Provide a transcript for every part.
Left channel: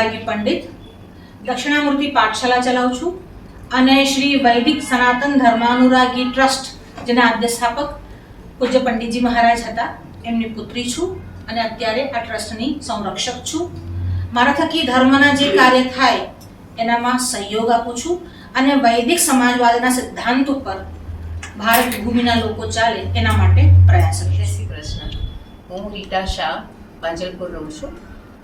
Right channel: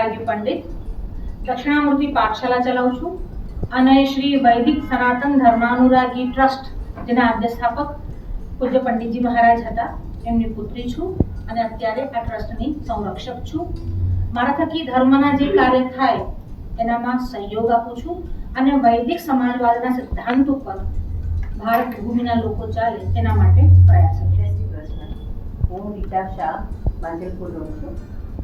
ગાર્ગી પંડિત, દક્ષિણામૂર્તિ પાઠશાલા ચલાવું છું અને શ્રી વૈદિક સનાતન ધર્માનુરાગી ટ્રસ્ટ જેના આદ્ય સ્થાપક પૂજ્ય પંડિતજી મહારાજ હતા એમની પુત્રી છું અને અત્યારે આ ટ્રસ્ટની સંરક્ષક છું. મારા થકી ધર્મના જે કાર્ય થાય એનામાં સહયોગ આપું છું અને વૈદિક સમાજવાદના સિદ્ધાંત ઉપર ભારત ભૂમિના લોકો ચાલે એના માટે પ્રયાસ કરું. જય શ્રી કૃષ્ણ. હું રીટા શાહ પાંજલપુર રહું છું.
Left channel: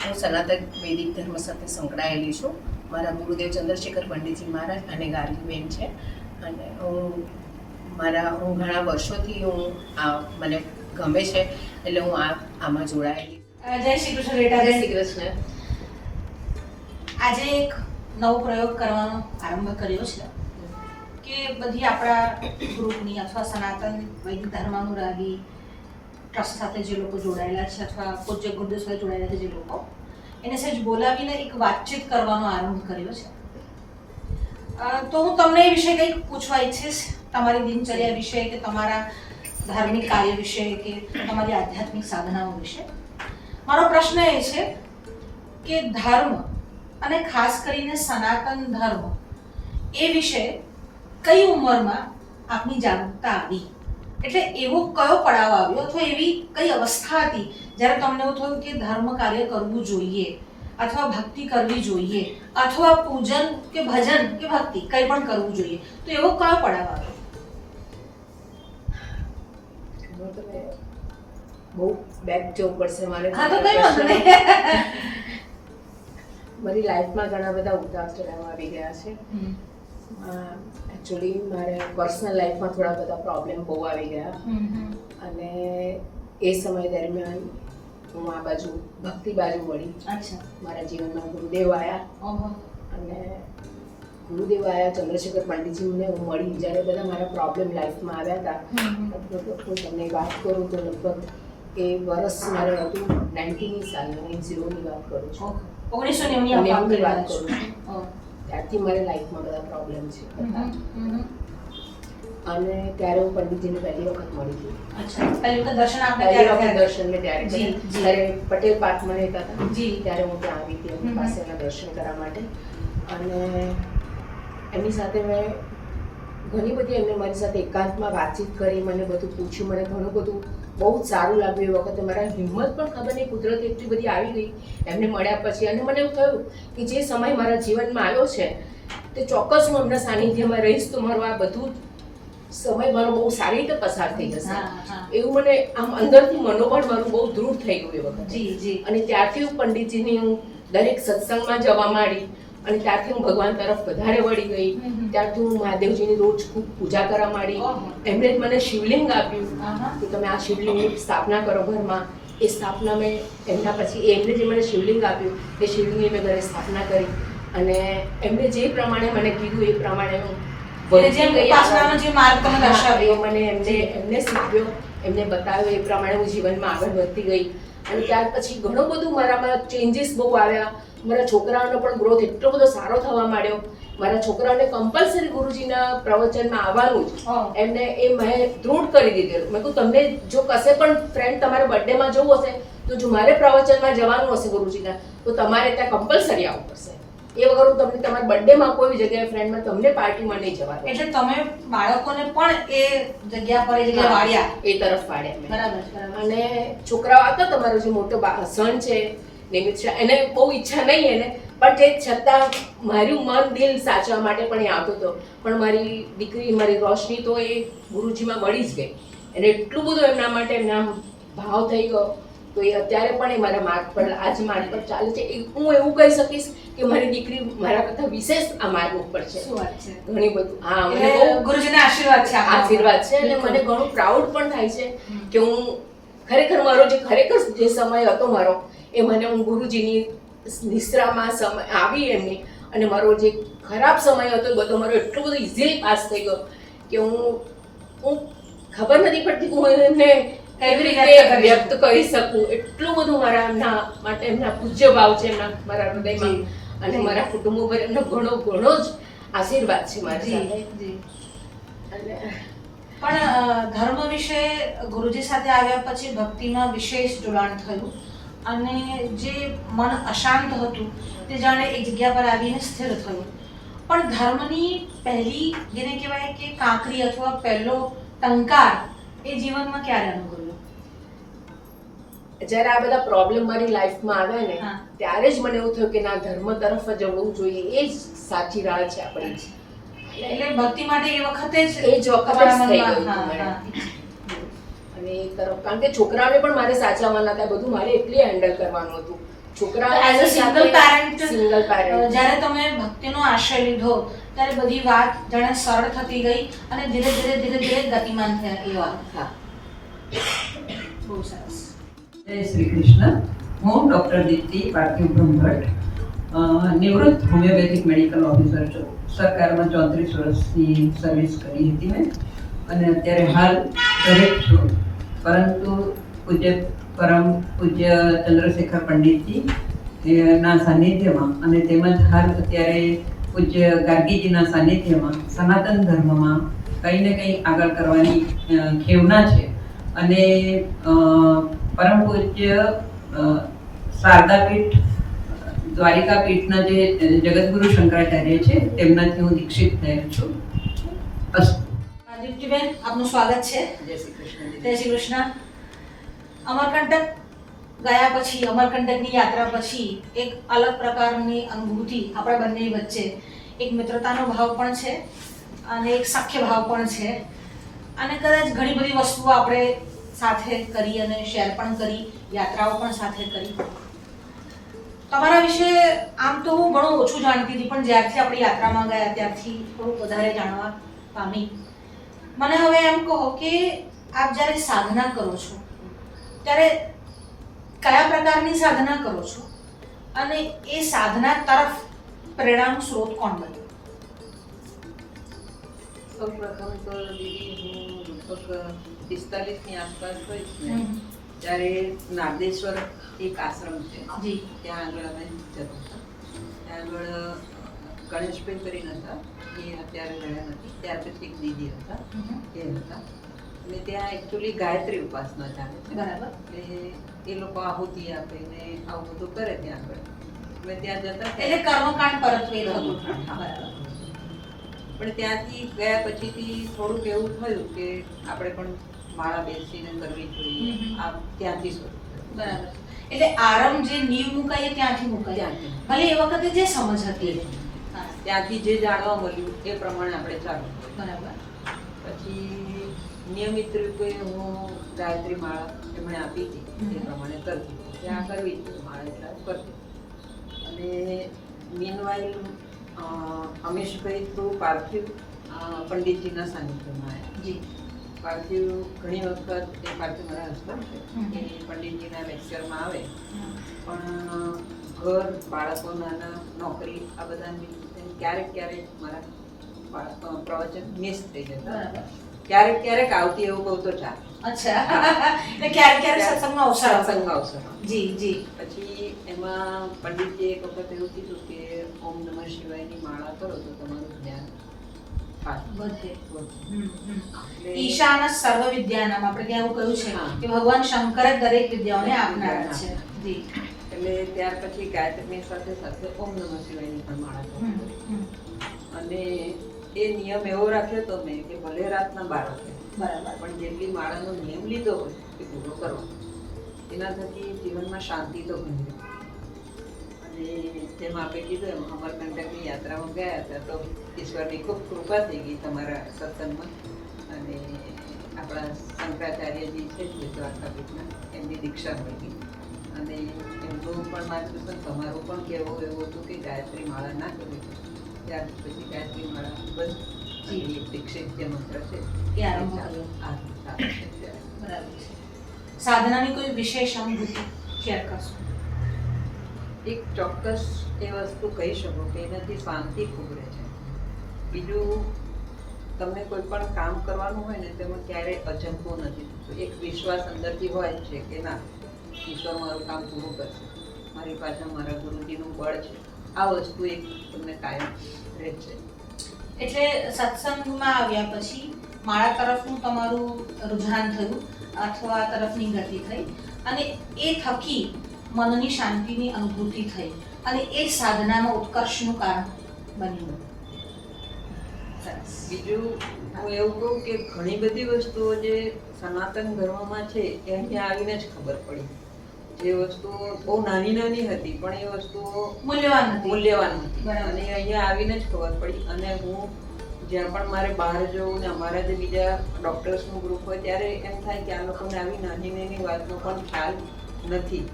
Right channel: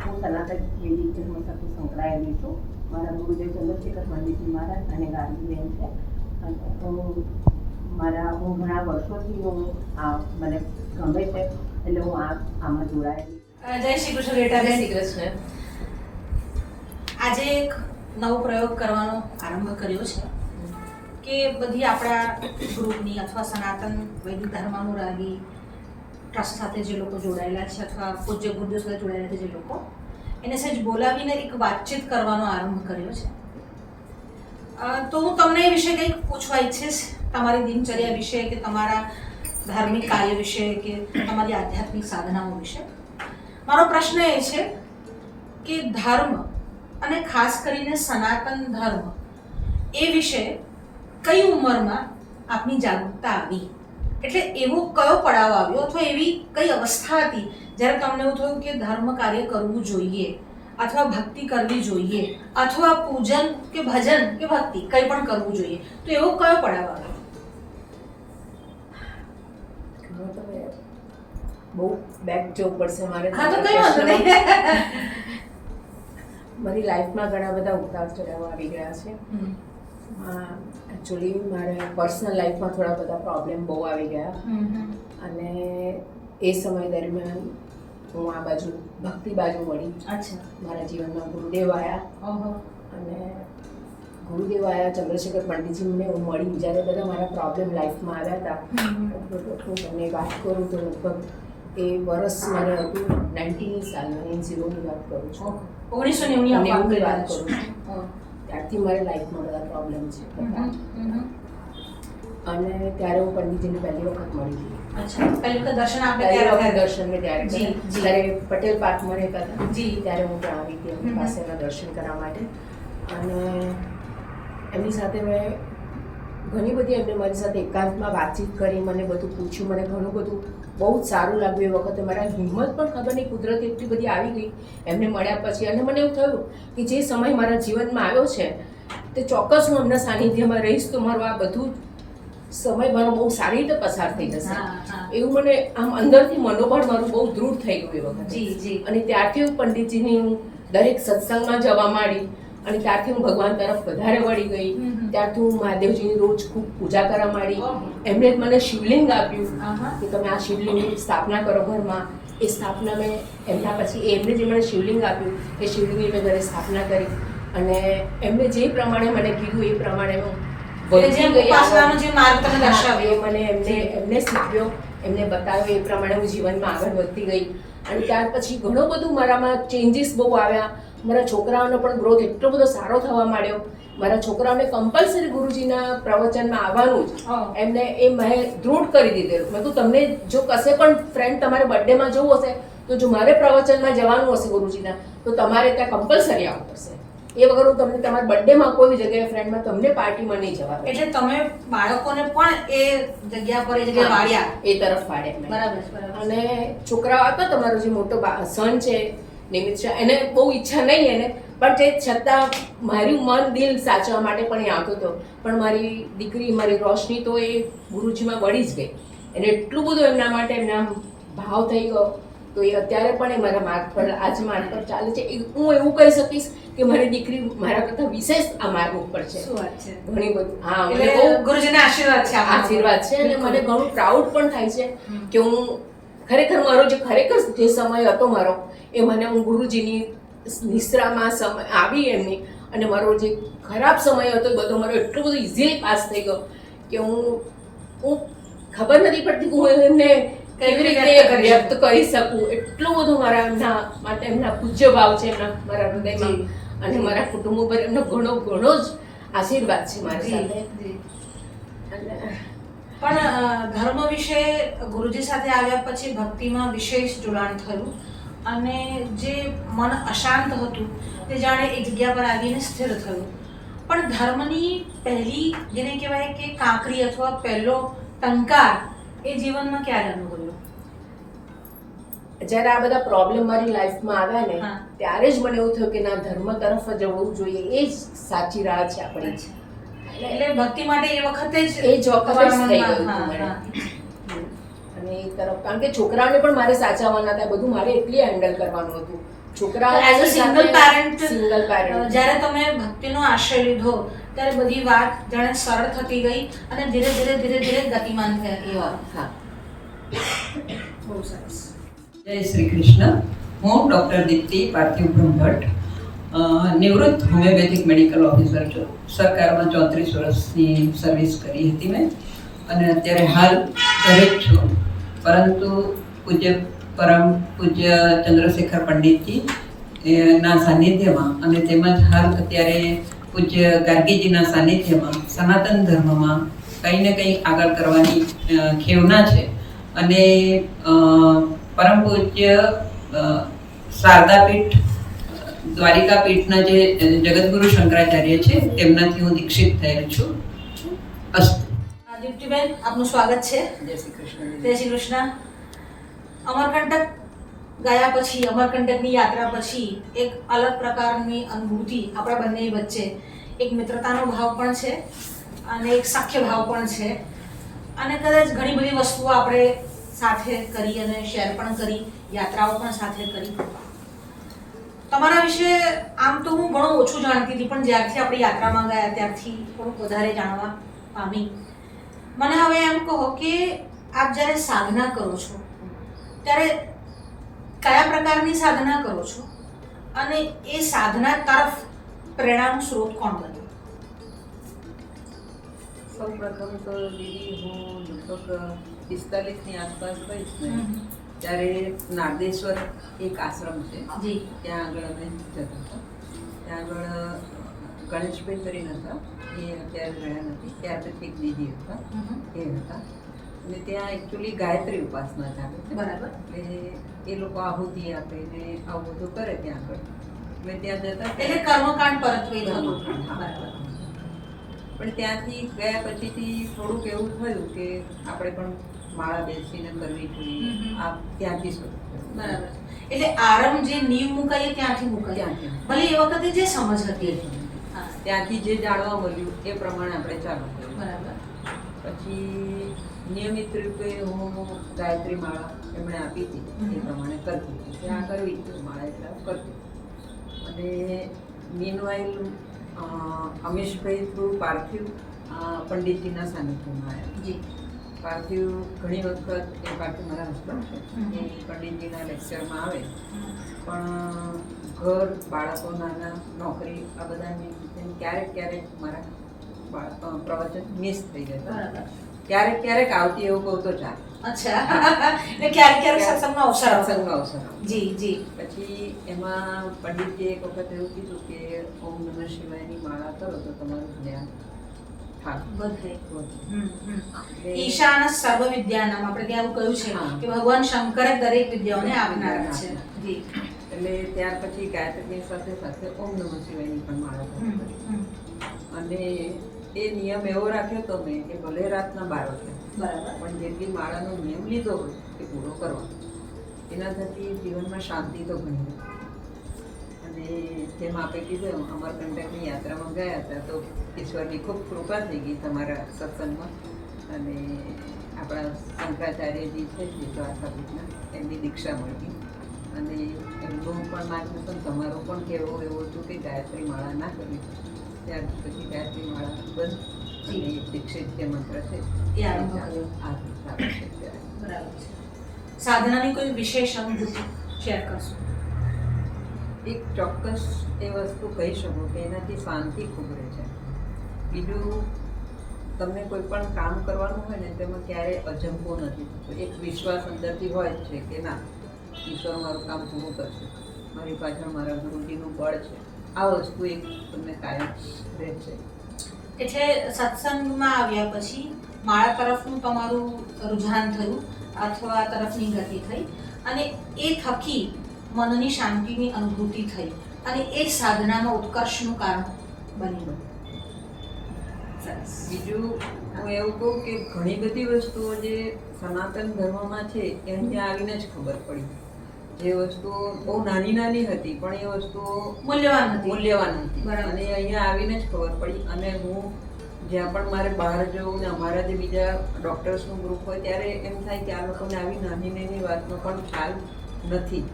હું સનાતન વૈદિક ધર્મ સાથે સંકળાયેલી છું. મારા ગુરુદેવ ચંદ્રશેખર પંડિતજી મહારાજ અને ગાર્ગીબેન છે અને હું ઘણા વર્ષોથી મને ગમે છે એટલે હું આમાં જોડાયેલી. જય શ્રી કૃષ્ણ રેટા. જય શ્રી કૃષ્ણ. આજે એક નવો પ્રયોગ કરવાનો આરંભ કર્યો છે કે બધી આપણા ગ્રુપની અથવા સનાતન વૈદિક ધર્માનુરાગી ટ્રસ્ટ સાથે જે લોકો જોડાયેલા છે અથવા પૂજ્ય ગુરુદેવ સાથે જોડાયેલા છે જે લોકો એને સહેજ બોલાવીને એક વાતચીત કરવાનો આરંભ કર્યો છે. તો હું તમને એ વિશે કંઈક પૂછવા ઈચ્છીશ, તમારી દિનચર્યા વિશે કે તમારા ધાર્મિક કાર્ય વિશે કે તમારી આધ્યાત્મિક સાધનાઓ વિશે. મારો પ્રશ્ન એ છે કે ધર્મ અને ખાસ કરીને સનાતન ધર્મ એ વિશે કઈ ઉંમરમાં આપની જાગૃતતા આવી? એટલે એવો કયો પડાવ આવ્યો અથવા એવી કઈ અવસ્થા હતી જ્યારે તમને એવું થયું કે ધર્મ કાર્ય કરવું જોઈએ અથવા ભક્તિ કરવી જોઈએ અથવા પૂજન કે ભજન કે ભક્તિ કંઈ પણ કરવું જોઈએ? તો એવો કયો પડાવ આવ્યો? બહુ બેક જવું પડશે મારે. હા તો કઈ વાંધો નહીં. મારી લાઈફમાં ઘણા બધા ઉતાર ચઢાવ આવી ગયા છે. એકચ્યુઅલી મારે પર્સનલ લાઈફમાં થોડા બધા પ્રોબ્લેમ બહુ આવી ગયા અને એ સમય દરમિયાન હું આ બાજુ ભક્તિ બાજુ વળી. અચ્છા. મારા જીવનમાં ગુરુદેવ આવ્યા અને ગુરુદેવ આવ્યા ચંદ્રશેખર પંડિતજીને હું મળી જ્યારે બધા મારા પ્રોબ્લેમ લાઈફમાં આવ્યા હતા. હું તમને વાત કરું તો લગભગ એ વર્ષ મારે હતું 90 સાલનું, 90ની વાત કરું છું. 1990ની વાત કરું છું. ત્યારથી મારે લાઈફમાં બધા પ્રોબ્લેમ છે અને ત્યારે હું પંડિતજીને પહેલી વખત મળી હતી. અચ્છા. પહેલી વખત દર્શન આપણે દર્શન મેં ત્યારે ત્યારે પટેલ પાર્કમાં રહેતા હતા ત્યારે હું ત્યાં આવી હતી એમની પાસે એના દર્શન કરવા માટે અને એમની સાથે મેં ઘણી બધી એમને મારી સાથે એકાંતમાં વાતચીત કરી, મને બધું પૂછ્યું, મને ઘણું બધું બહુ જ સારું લાગ્યું. એ વખતે મારા હિંમત પણ ખબર નહીં કુદરતી એટલી બધી આવી ગઈ એમને મળ્યા પછી અને મને એવું થયું કે જે સમય મારા જીવનમાં આવ્યો છે તે ચોક્કસ હું એમના સાનિધ્યમાં રહીશ તો મારું આ બધું સમય મારો બહુ સારી રીતે પસાર થઈ જશે એવું મને આમ અંદરથી મનોબળ મારું બહુ દૃઢ થઈ ગયું એ વખતે. અને ત્યારથી હું પંડિતજીની હું દરેક સત્સંગમાં જવા માંડી અને ત્યારથી હું ભગવાન તરફ વધારે વળી ગઈ. ત્યારથી હું મહાદેવજીની રોજ ખૂબ પૂજા કરવા માંડી. એમણે મને શિવલિંગ આપ્યું કે તમે આ શિવલિંગની સ્થાપના કરો ઘરમાં. એ સ્થાપના મેં એમના પછી એમણે જે મને શિવલિંગ આપ્યું એ શિવલિંગની મેં ઘરે સ્થાપના કરી અને એમણે જે પ્રમાણે મને કીધું એ પ્રમાણે હું વધી ગઈ. મને એમને શીખવ્યો, એમને બતાવ્યો, એ પ્રમાણે હું જીવનમાં આગળ વધતી ગઈ અને ત્યાર પછી ઘણું બધું મારામાં ચેન્જીસ બહુ આવ્યા. મારા છોકરાઓનો પણ ગ્રોથ એટલો બધો સારો થવા માંડ્યો. મારા છોકરાઓને કમ્પલસરી ગુરુજીના પ્રવચનમાં આવવાનું જ એમને એ મેં દૃઢ કરી દીધેલું. મેં કહ્યું તમને જો કશે પણ ફ્રેન્ડ તમારે બર્થડેમાં જવું હશે તો જો મારે પ્રવચનમાં જવાનું હશે ગુરુજીના તો તમારે ત્યાં કમ્પલસરી આવવું પડશે. એ વગર હું તમને તમારા બર્થડેમાં કોઈ જગ્યાએ ફ્રેન્ડમાં તમને પાર્ટીમાં નહીં જવા. એટલે તમે બાળકોને પણ એ જગ્યા પર એ જગ્યાએ વાળ્યા, એ તરફ વાળ્યા. બરાબર. અને છોકરાઓ આવતા, તમારો જે મોટો સન છે નિમિત છે એને બહુ ઈચ્છા નહીં એને પણ તે છતાં મારું મન દિલ સાચવા માટે પણ એ આવતો હતો. પણ મારી દીકરી મારી રોશની તો એ ગુરુજીમાં વળી જ ગઈ. એને એટલું બધું એમના માટે એમના ભાવ થઈ ગયો તો એ અત્યારે પણ એ મારા માર્ગ પર આજ માર્ગ પર ચાલે છે. હું એવું કહી શકીશ કે મારી દીકરી મારા કરતાં વિશેષ આ માર્ગ ઉપર છે. શું વાત છે? ઘણી બધું. હા, મને બહુ ગુરુજીના આશીર્વાદ છે. આશીર્વાદ છે અને મને ઘણું પ્રાઉડ પણ થાય છે કે હું ખરેખર મારો જે સમય હતો મારો એ મને હું ગુરુજીની નિશ્રામાં સમય આવી એમની અને મારો જે ખરાબ સમય હતો બધો મારો એટલો બધો ઇઝીલી પાસ થઈ ગયો કે હું ખબર નથી પડતી કે હું એમને કેવી રીતે વ્યક્ત કરી શકું. એટલું બધું મારા એમના માટે એમના પૂજ્ય ભાવ છે એમના મારા હૃદયમાં અને મારા કુટુંબ ઉપર એમનો ઘણો ઘણો જ આશીર્વાદ છે મારી સાથે. પણ ધર્મ વિશે ગુરુજી સાથે આવ્યા પછી ભક્તિમાં વિશેષ જોડાણ થયું અને જે મન અશાંત હતું તે જાણે એક જગ્યા પર આવીને સ્થિર થયું. પણ ધર્મની પહેલી જેને કહેવાય કે કાંકરી અથવા પહેલો ટંકાર એ જીવનમાં ક્યારે અનુભવ્યો? જ્યારે આ બધા પ્રોબ્લેમ મારી લાઈફમાં આવ્યા ને ત્યારે જ મને એવું થયું કે ના, ધર્મ તરફ જ જવું જોઈએ, એ જ સાચી રાહ છે આપણી. એટલે ભક્તિ માટે એ વખતે જ થઈ ગયું અને એ તરફ, કારણ કે છોકરાઓને પણ મારે સાચવવાના હતા, બધું મારે એકલી હેન્ડલ કરવાનું હતું. છોકરા as a single parent parent જ્યારે તમે ભક્તિનો આશ્રય લીધો ત્યારે બધી વાત જાણે સરળ થતી ગઈ અને ધીરે ધીરે ગતિમાન થયા. એ વાત હા, બહુ સરસ. જય શ્રી કૃષ્ણ. હું ડૉક્ટર દીપ્તિ પાર્થિવ બ્રહ્મભટ્ટ, નિવૃત્ત હોમિયોપેથિક મેડિકલ ઓફિસર છું. સરકારમાં 34 વર્ષની સર્વિસ કરી હતી મેં અને અત્યારે હાલ ઘરે જ છું. પરંતુ પરમ પૂજ્ય ચંદ્રશેખર પંડિતજી ના સાનિધ્યમાં અને તેમજ હાલ અત્યારે પૂજ્ય ગાર્ગીજીના સાનિધ્યમાં સનાતન ધર્મમાં કંઈ ને કંઈ આગળ કરવાની ખેવના છે. અને પરમ પૂજ્ય શારદાપીઠ દ્વારિકાપીઠના જે જગતગુરુ શંકરાચાર્ય છે તેમનાથી હું દીક્ષિત થયેલ છું. અસ્તુ. દીપ્તિબેન, આપનું સ્વાગત છે. જય શ્રી કૃષ્ણ. જય શ્રી કૃષ્ણ. અમરકંટક ગયા પછી, અમરકંટકની યાત્રા પછી એક અલગ પ્રકારની અનુભૂતિ આપણા બંને વચ્ચે, એક મિત્રતાનો ભાવ પણ છે અને એક સખ્ય ભાવ પણ છે. અને કદાચ ઘણી બધી વસ્તુઓ આપણે સાથે કરી અને શેર પણ કરી, યાત્રાઓ પણ સાથે કરી. તમારા વિશે આમ તો હું ઘણું ઓછું જાણતી હતી, પણ જ્યારથી આપણી યાત્રામાં ગયા ત્યારથી થોડુંક વધારે જાણવા પામી. મને હવે એમ કહો કે આપ જ્યારે સાધના કરો છો ત્યારે કયા પ્રકારની સાધના કરો છો અને એ સાધના તરફ પ્રેરણાનો સ્ત્રોત કોણ બન્યો? સૌ પ્રથમ તો દીદી, હું લગભગ 45ની આસપાસ થઈશ ને ત્યારે નારદેશ્વર એક આશ્રમ છે, ત્યાં આગળ અમે જતા હતા. ત્યાં આગળ ગણેશભાઈ કરીને હતા, એ અત્યારે રહ્યા નથી. ત્યાર પછી એક દીદી હતા, એ હતા. અને ત્યાં એકચ્યુઅલી ગાયત્રી ઉપાસના ચાલે છે. બરાબર. એટલે એ લોકો આહુતિ આપે ને આવું બધું કરે ત્યાં આગળ. અમે ત્યાં જતા એટલે કર્મકાંડ પરત્વે થતું. બરાબર. પણ ત્યાંથી ગયા પછીથી થોડુંક એવું થયું કે આપણે પણ માળા બેસીને કરવી જોઈએ. આ ત્યાંથી શરૂ થયું. બરાબર. એટલે આરંભ જે નીવ મુકાય ત્યાંથી મુકાય. ભલે એ વખતે જે સમજ હતી ત્યાંથી જે જાણવા મળ્યું એ પ્રમાણે આપણે ચાલુ કર્યું. બરાબર. પછી નિયમિત રૂપે હું ગાયત્રી માળા એમણે આપી હતી એ પ્રમાણે કરતી હતી. ત્યાં કરવી હતી માળા, એટલે કરતી. અને મીનવાઇલ અમીશભાઈ થ્રુ પાર્થિવ પંડિતજીના સાનિધ્યમાં આવ્યા. જી. પાર્થિવ ઘણી વખત, એ પાર્થિવ મારા હસબન્ડ છે, એ પંડિતજીના લેક્ચરમાં આવે, પણ ઘર, બાળકો નાના, નોકરી, આ બધાની ક્યારેક મારા પ્રવચન મિસ થઈ જતા. ક્યારેક આવતી એવું કહું તો ચાલે. અચ્છા. એટલે ક્યારેક સત્સંગમાં અવસર. જી જી. પછી એમાં પંડિતજીએ એક વખત એવું કીધું કે ઓમ નમઃ શિવાયની માળા કરો તો તમારું જ્ઞાન વધે. ઈશાન સર્વ વિદ્યાનામ, આપણે ત્યાં એવું કહ્યું છે કે ભગવાન શંકર દરેક વિદ્યાઓને આપનારા છે. જી. એટલે ત્યાર પછી ગાયત્રીની સાથે સાથે ઓમ નમઃ શિવાયની પણ માળા કરી. અને એ નિયમ એવો રાખ્યો તો મેં કે ભલે રાતના 12 વાગે, બરાબર, પણ જેટલી માળાનો નિયમ લીધો હોય એ પૂરો કરવાનો. એના થકી જીવનમાં શાંતિ તો ઘણી રહે. અને જેમ આપણે કીધું એમ અમરકંટકની યાત્રામાં ગયા હતા તો ઈશ્વરની ખૂબ કૃપા થઈ ગઈ તમારા સત્સંગમાં. અને આપણા શંકરાચાર્યજી છે જે દ્વારકાપીઠના, એમની દીક્ષા મળી ગઈ. અને એમનું પણ માર્ગદર્શન, તમારું પણ કહેવું એવું હતું કે ગાયત્રી માળા ના કરવી. ત્યાર પછી ગાયત્રી માળા બસ દીક્ષિત જે મંત્ર છે એ આરંભ કર્યો. બરાબર છે. સાધનાની કોઈ વિશેષ અનુભૂતિ શેર કરશો? એક ચોક્કસ એ વસ્તુ કહી શકો કે એનાથી શાંતિ ખૂબ રહે છે. બીજું, તમને કોઈ પણ કામ કરવાનું હોય ને તેમાં ક્યારેય અજંપો નથી થતો. એક વિશ્વાસ અંદરથી હોય જ છે કે ના, ઈશ્વર મારું કામ પૂરું કરશે, મારી પાછળ મારા ગુરુજીનું બળ છે. આ વસ્તુ એક તમને કાયમ રહે છે. એટલે સત્સંગમાં આવ્યા પછી માળા તરફનું તમારું રુઝાન થયું અથવા તરફની ગતિ થઈ અને એ થકી મનની શાંતિની અનુભૂતિ થઈ અને એ જ સાધનામાં ઉત્કર્ષનું કારણ બન્યું. સરસ. બીજું હું એવું કહું કે ઘણી બધી વસ્તુઓ જે સનાતન ધર્મમાં છે એ અહીંયા આવીને જ ખબર પડી. જે વસ્તુઓ બહુ નાની નાની હતી પણ એ વસ્તુઓ મૂલ્યવાન હતી. મૂલ્યવાન હતી બરાબર. અને અહીંયા આવીને જ ખબર પડી. અને હું જ્યાં પણ મારે બહાર જવું ને અમારા જે બીજા ડૉક્ટર્સનું ગ્રુપ હોય ત્યારે એમ થાય કે આ લોકોને આવી નાની નાની વાતનો પણ ખ્યાલ નથી.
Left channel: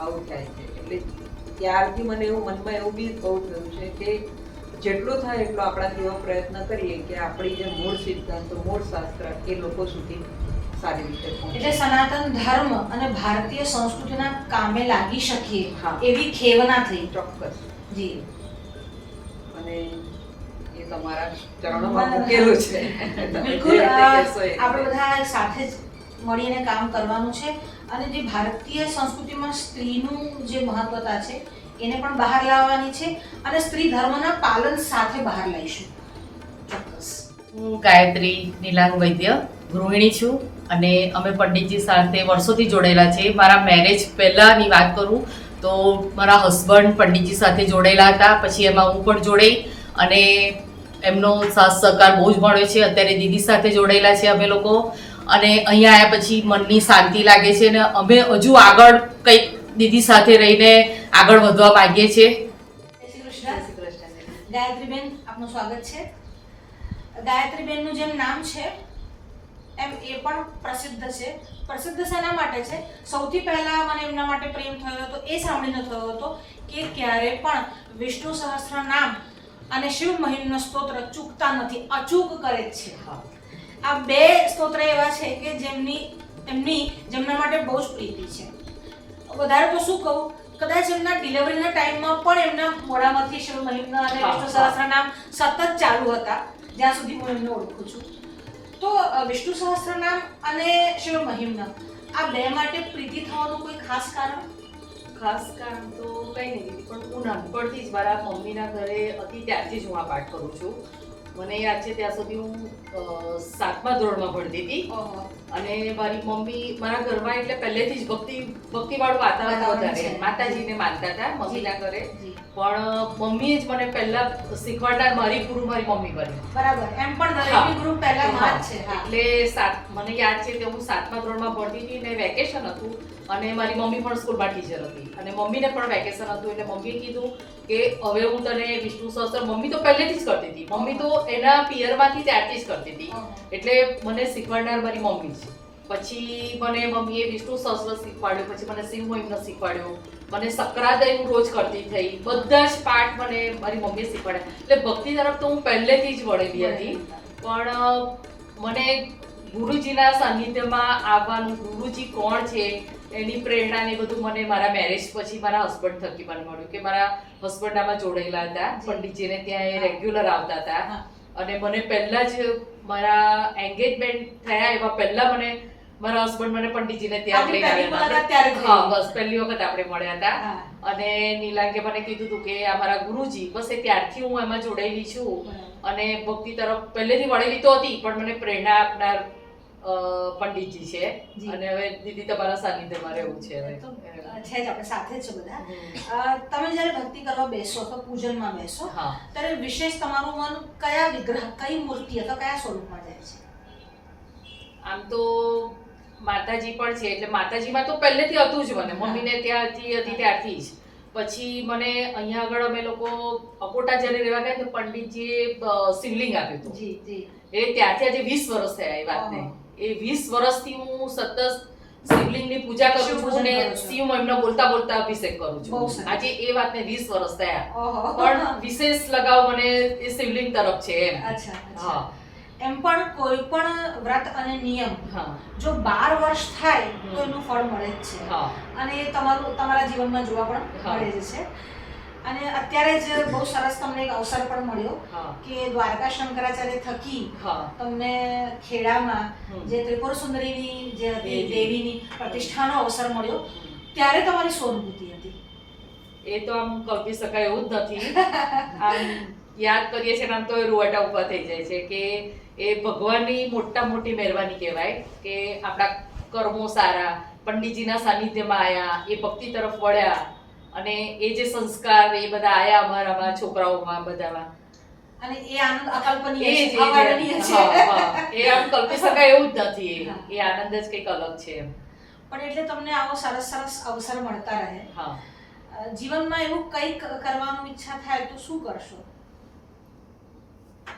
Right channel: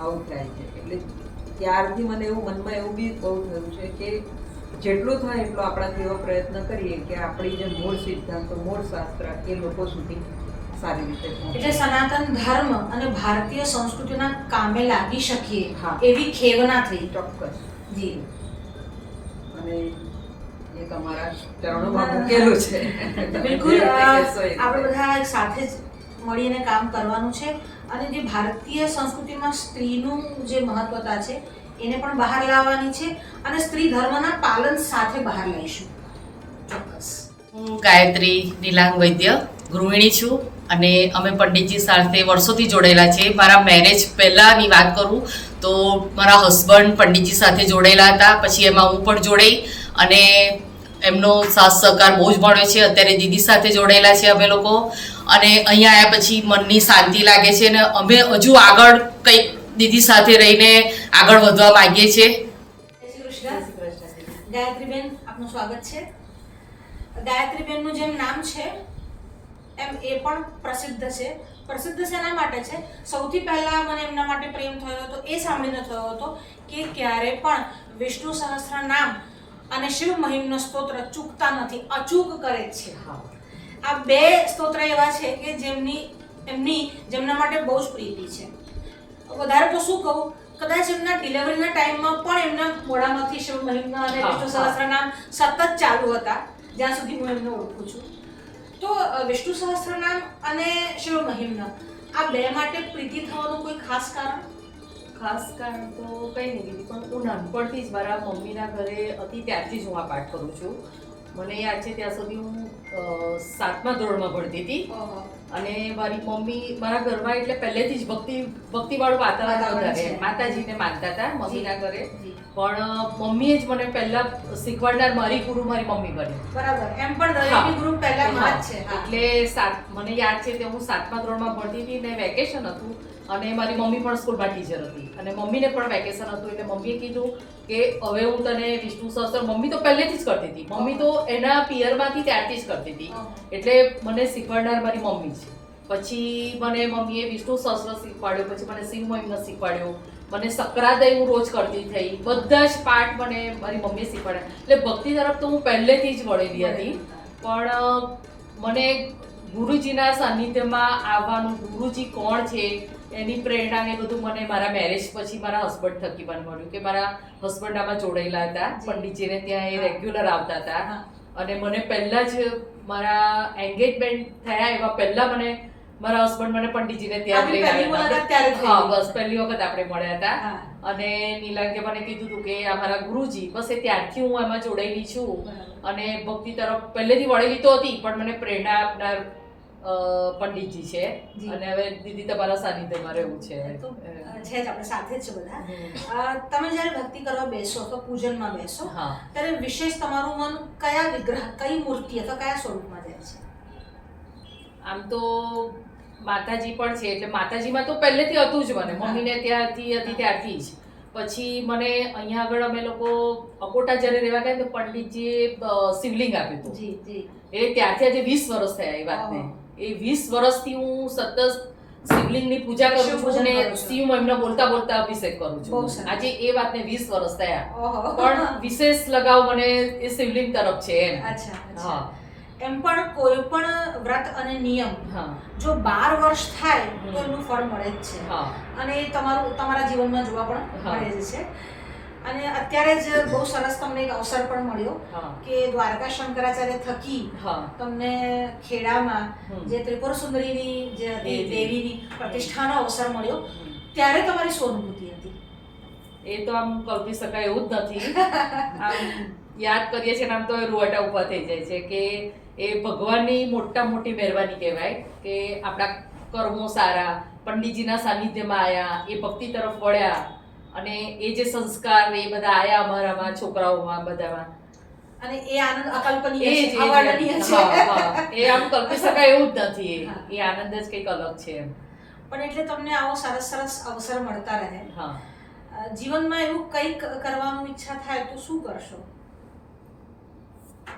આવું થાય છે એટલે ત્યારથી મને એવું મનમાં એવું બી બહુ થયું છે કે જેટલું થાય એટલો આપણાથી એવો પ્રયત્ન કરીએ કે આપણી જે મૂળ સિદ્ધાંતો મૂળ શાસ્ત્ર એ લોકો સુધી સારી રીતે પહોંચે. એટલે સનાતન ધર્મ અને ભારતીય સંસ્કૃતિના કામે લાગી શકીએ હા. એવી ખેવના થઈ. ચોક્કસ. જી. અને એ તમારા ચરણોમાં મૂકેલું છે. બિલકુલ. જે રીતે કહેશો એ આપણે બધા સાથે જ મળીને કામ કરવાનું છે અને જે ભારતીય સંસ્કૃતિમાં સ્ત્રીનું જે મહત્વતા છે એને પણ બહાર લાવવાની છે અને સ્ત્રી ધર્મના પાલન સાથે બહાર લાવીશું. ચોક્કસ. હું ગાયત્રી નીલાંગ વૈદ્ય ગૃહિણી છું અને અમે પંડિતજી સાથે વર્ષોથી જોડાયેલા છે. મારા મેરેજ પહેલાંની વાત કરું તો મારા હસબન્ડ પંડિતજી સાથે જોડાયેલા હતા, પછી એમાં હું પણ જોડાઈ અને એમનો સાથ સહકાર બહુ જ મળ્યો છે. અત્યારે દીદી સાથે જોડાયેલા છે અમે લોકો અને અહીંયા આવ્યા પછી મનની શાંતિ લાગે છે અને અમે હજુ આગળ કંઈક દીદી સાથે રહીને આગળ વધવા માંગીએ છીએ. જય શ્રી કૃષ્ણ. ગાયત્રીબેન, આપનું સ્વાગત છે. ગાયત્રીબેનનું જેમ નામ છે એમ એ પણ પ્રસિદ્ધ છે. પ્રસિદ્ધ શેના માટે છે? સૌથી પહેલા મને એમના માટે પ્રેમ થયો હતો એ સાંભળીને થયો હતો કે ક્યારે પણ વિષ્ણુ સહસ્ત્ર નામ અને શિવ મહિમનો સ્તોત્ર ચૂકતા નથી, અચૂક કરે છે. આ બે સ્તોત્ર એવા છે કે જેમના માટે બહુ જ પ્રીતિ છે. વધારે તો શું કહું, કદાચ એમના ડિલિવરીના ટાઈમમાં પણ એમના મોઢામાંથી શિવ મહિમના અને વિષ્ણુ સહસ્ત્ર નામ સતત ચાલુ હતા જ્યાં સુધી હું એમને ઓળખું છું. તો વિષ્ણુ સહસ્ત્ર નામ અને શિવ મહિમના આ બે માટે પ્રીતિ થવાનું કોઈ ખાસ કારણ? ખાસ કારણ તો કંઈ નહીં, પણ હું નાનપણથી જ મારા મમ્મીના ઘરે હતી ત્યારથી જ હું આ પાઠ કરું છું. મને યાદ છે ત્યાં સુધી હું 7મા ધોરણમાં ભણતી હતી અને મારી મમ્મી મારા ઘરમાં એટલે પહેલેથી જ ભક્તિવાળું વાતાવરણ વધારે, માતાજીને માનતા હતા મમ્મીના ઘરે. પણ મમ્મીએ જ મને પહેલા શીખવાડનાર મારી ગુરુ મારી મમ્મી બની. બરાબર. એમ પણ દરેકની ગુરુ પહેલા માં જ છે. એટલે મને યાદ છે કે હું 7મા ધોરણમાં ભણતી હતી ને વેકેશન હતું અને મારી મમ્મી પણ સ્કૂલમાં ટીચર હતી અને મમ્મીને પણ વેકેશન હતું એટલે મમ્મીએ કીધું કે હવે હું તને વિષ્ણુ સહસ્ત્ર, મમ્મી તો પહેલેથી જ કરતી હતી, મમ્મી તો એના પિયરમાંથી ત્યારથી જ કરતી હતી એટલે મને શીખવાડનાર મારી મમ્મી છે. પછી મને મમ્મીએ વિષ્ણુ સહસ્ત્ર શીખવાડ્યું, પછી મને શિવ મહિમનો શીખવાડ્યો, મને સક્રાદય હું રોજ કરતી થઈ, બધા જ પાઠ મને મારી મમ્મીએ શીખવાડ્યા. એટલે ભક્તિ તરફ તો હું પહેલેથી જ વળેલી હતી. પણ મને ગુરુજીના સાનિધ્યમાં આવવાનું, ગુરુજી કોણ છે એની પ્રેરણા ને બધું મને મારા મેરેજ પછી મારા હસબન્ડ થકી મને મળ્યું કે મારા હસબન્ડ આમાં જોડાયેલા હતા, પંડિતજીને ત્યાં એ રેગ્યુલર આવતા હતા અને મને પહેલાં જ મારા એન્ગેજમેન્ટ થયા એવા પહેલાં મને મારા હસબન્ડ મને પંડિતજીને ત્યાં લઈને આવ્યા હતા. હા, બસ પહેલી વખત આપણે મળ્યા હતા અને નીલાંગે મને કીધું હતું કે આ મારા ગુરુજી, બસ એ ત્યારથી હું એમાં જોડાયેલી છું અને ભક્તિ તરફ પહેલેથી વળેલી તો હતી પણ મને પ્રેરણા આપનાર પંડિતજી છે અને હવે દીદી તમારા સાનિધ્યમાં રહેવું છે. તો છે જ, આપણે સાથે જ છે બધા. તમે જ્યારે ભક્તિ કરવા બેસો અથવા પૂજનમાં બેસો ત્યારે વિશેષ તમારું મન કયા વિગ્રહ, કઈ મૂર્તિ અથવા કયા સ્વરૂપમાં જાય છે? આમ તો માતાજી પણ છે એટલે માતાજીમાં તો પહેલેથી હતું જ મને, મમ્મીને ત્યાંથી હતી ત્યારથી જ. પછી મને અહીંયા આગળ અમે લોકો અકોટા જ્યારે રહેવા ગયા તો પંડિતજીએ શિવલિંગ આપ્યું હતું. એ ત્યારથી આજે 20 વર્ષ થયા એ વાતને. એ 20 વર્ષથી હું સતત શિવલિંગની પૂજા કરું છું અને શિવ મહિમનો બોલતા બોલતા અભિષેક કરું છું. આજે એ વાતને 20 વર્ષ થયા પણ વિશેષ લગાવ મને એ શિવલિંગ તરફ છે એમ. હા. એમ પણ કોઈ પણ વ્રત અને નિયમ જો 12 વર્ષ થાય તો એનું ફળ મળે જ છે અને તમારા જીવનમાં જોવા પણ મળે જ છે. અને અત્યારે જ બહુ સરસ તમને એક અવસર પણ મળ્યો કે દ્વારકા શંકરાચાર્ય થકી તમને ખેડામાં જે ત્રિપુર સુંદરીની જે હતી દેવીની પ્રતિષ્ઠાનો અવસર મળ્યો, ત્યારે તમારી શું અનુભૂતિ હતી? એ તો આમ કલ્પી શકાય એવું જ નથી. આમ યાદ કરીએ છીએ આમ તો એ રૂવાટા ઊભા થઈ જાય છે કે એ ભગવાનની મોટા મોટી મહેરબાની કહેવાય કે આપણા કર્મો સારા, પંડિતજીના સાનિધ્યમાં આવ્યા, એ ભક્તિ તરફ વળ્યા અને એ જે સંસ્કાર એ બધા આયા અમારામાં, છોકરાઓમાં, બધામાં. અને એ આનંદ અકલ્પનીય એ છે, અવર્ણનીય છે. એ આમ કલ્પી શકાય એવું જ નથી. એ આનંદ જ કંઈક અલગ છે. પણ એટલે તમને આવો સરસ સરસ અવસર મળતા રહે. હા, જીવનમાં એવું કંઈક કરવાનું ઈચ્છા થાય તો શું કરશો?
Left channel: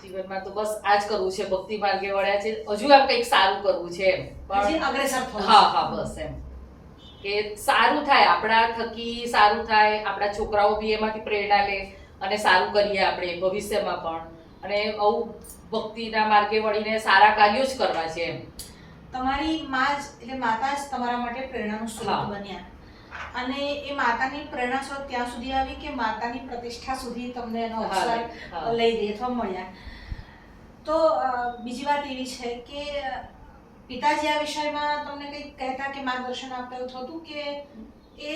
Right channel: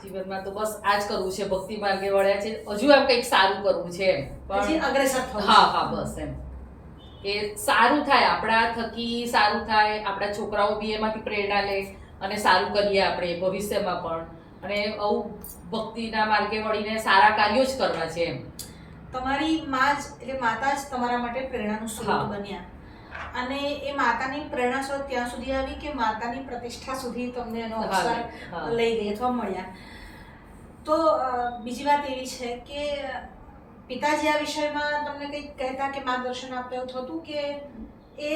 જીવનમાં તો બસ આ જ કરવું છે, ભક્તિ માર્ગે વળ્યા છે, હજુ આમ કંઈક સારું કરવું છે એમ. હજી અગ્રેસર થવું છે. હા, બસ એમ કે સારું થાય, આપણા થકી સારું થાય, આપણા છોકરાઓ બી એમાંથી પ્રેરણા લે અને સારું કરીએ આપણે ભવિષ્યમાં પણ. અને આવું ભક્તિના માર્ગે વળીને સારા કાર્યો જ કરવા છે એમ. તમારી માં જ એટલે માતા જ તમારા માટે પ્રેરણાનું સ્ત્રોત હા. બન્યા, અને એ માતાની પ્રેરણા સ્ત્રોત ત્યાં સુધી આવી કે માતાની પ્રતિષ્ઠા સુધી તમને એનો અવસર હા. લઈ ગઈ અથવા મળ્યા. તો બીજી વાત એવી છે કે પિતાજી આ વિષયમાં તમને કંઈક કહેતા કે માર્ગદર્શન આપતા એવું થતું કે એ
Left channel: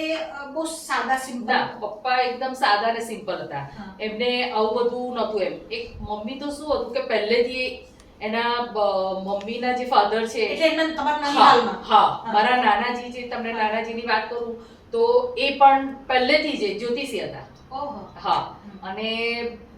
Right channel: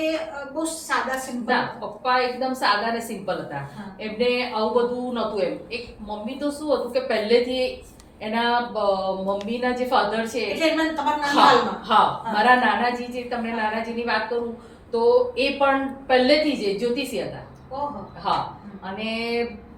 બહુ સાદા સિમ્પલ? ના, પપ્પા એકદમ સાદા ને સિમ્પલ હતા. હા. એમને આવું બધું નહોતું એમ. એક મમ્મી તો શું હતું કે પહેલેથી એના મમ્મીના જે ફાધર છે, એટલે એમને તમારા હા, નાનપણમાં? હા, મારા નાનાજી, જે તમને નાનાજીની વાત કરું તો એ પણ પહેલેથી જ જ્યોતિષી હતા. ઓહો. હા, અને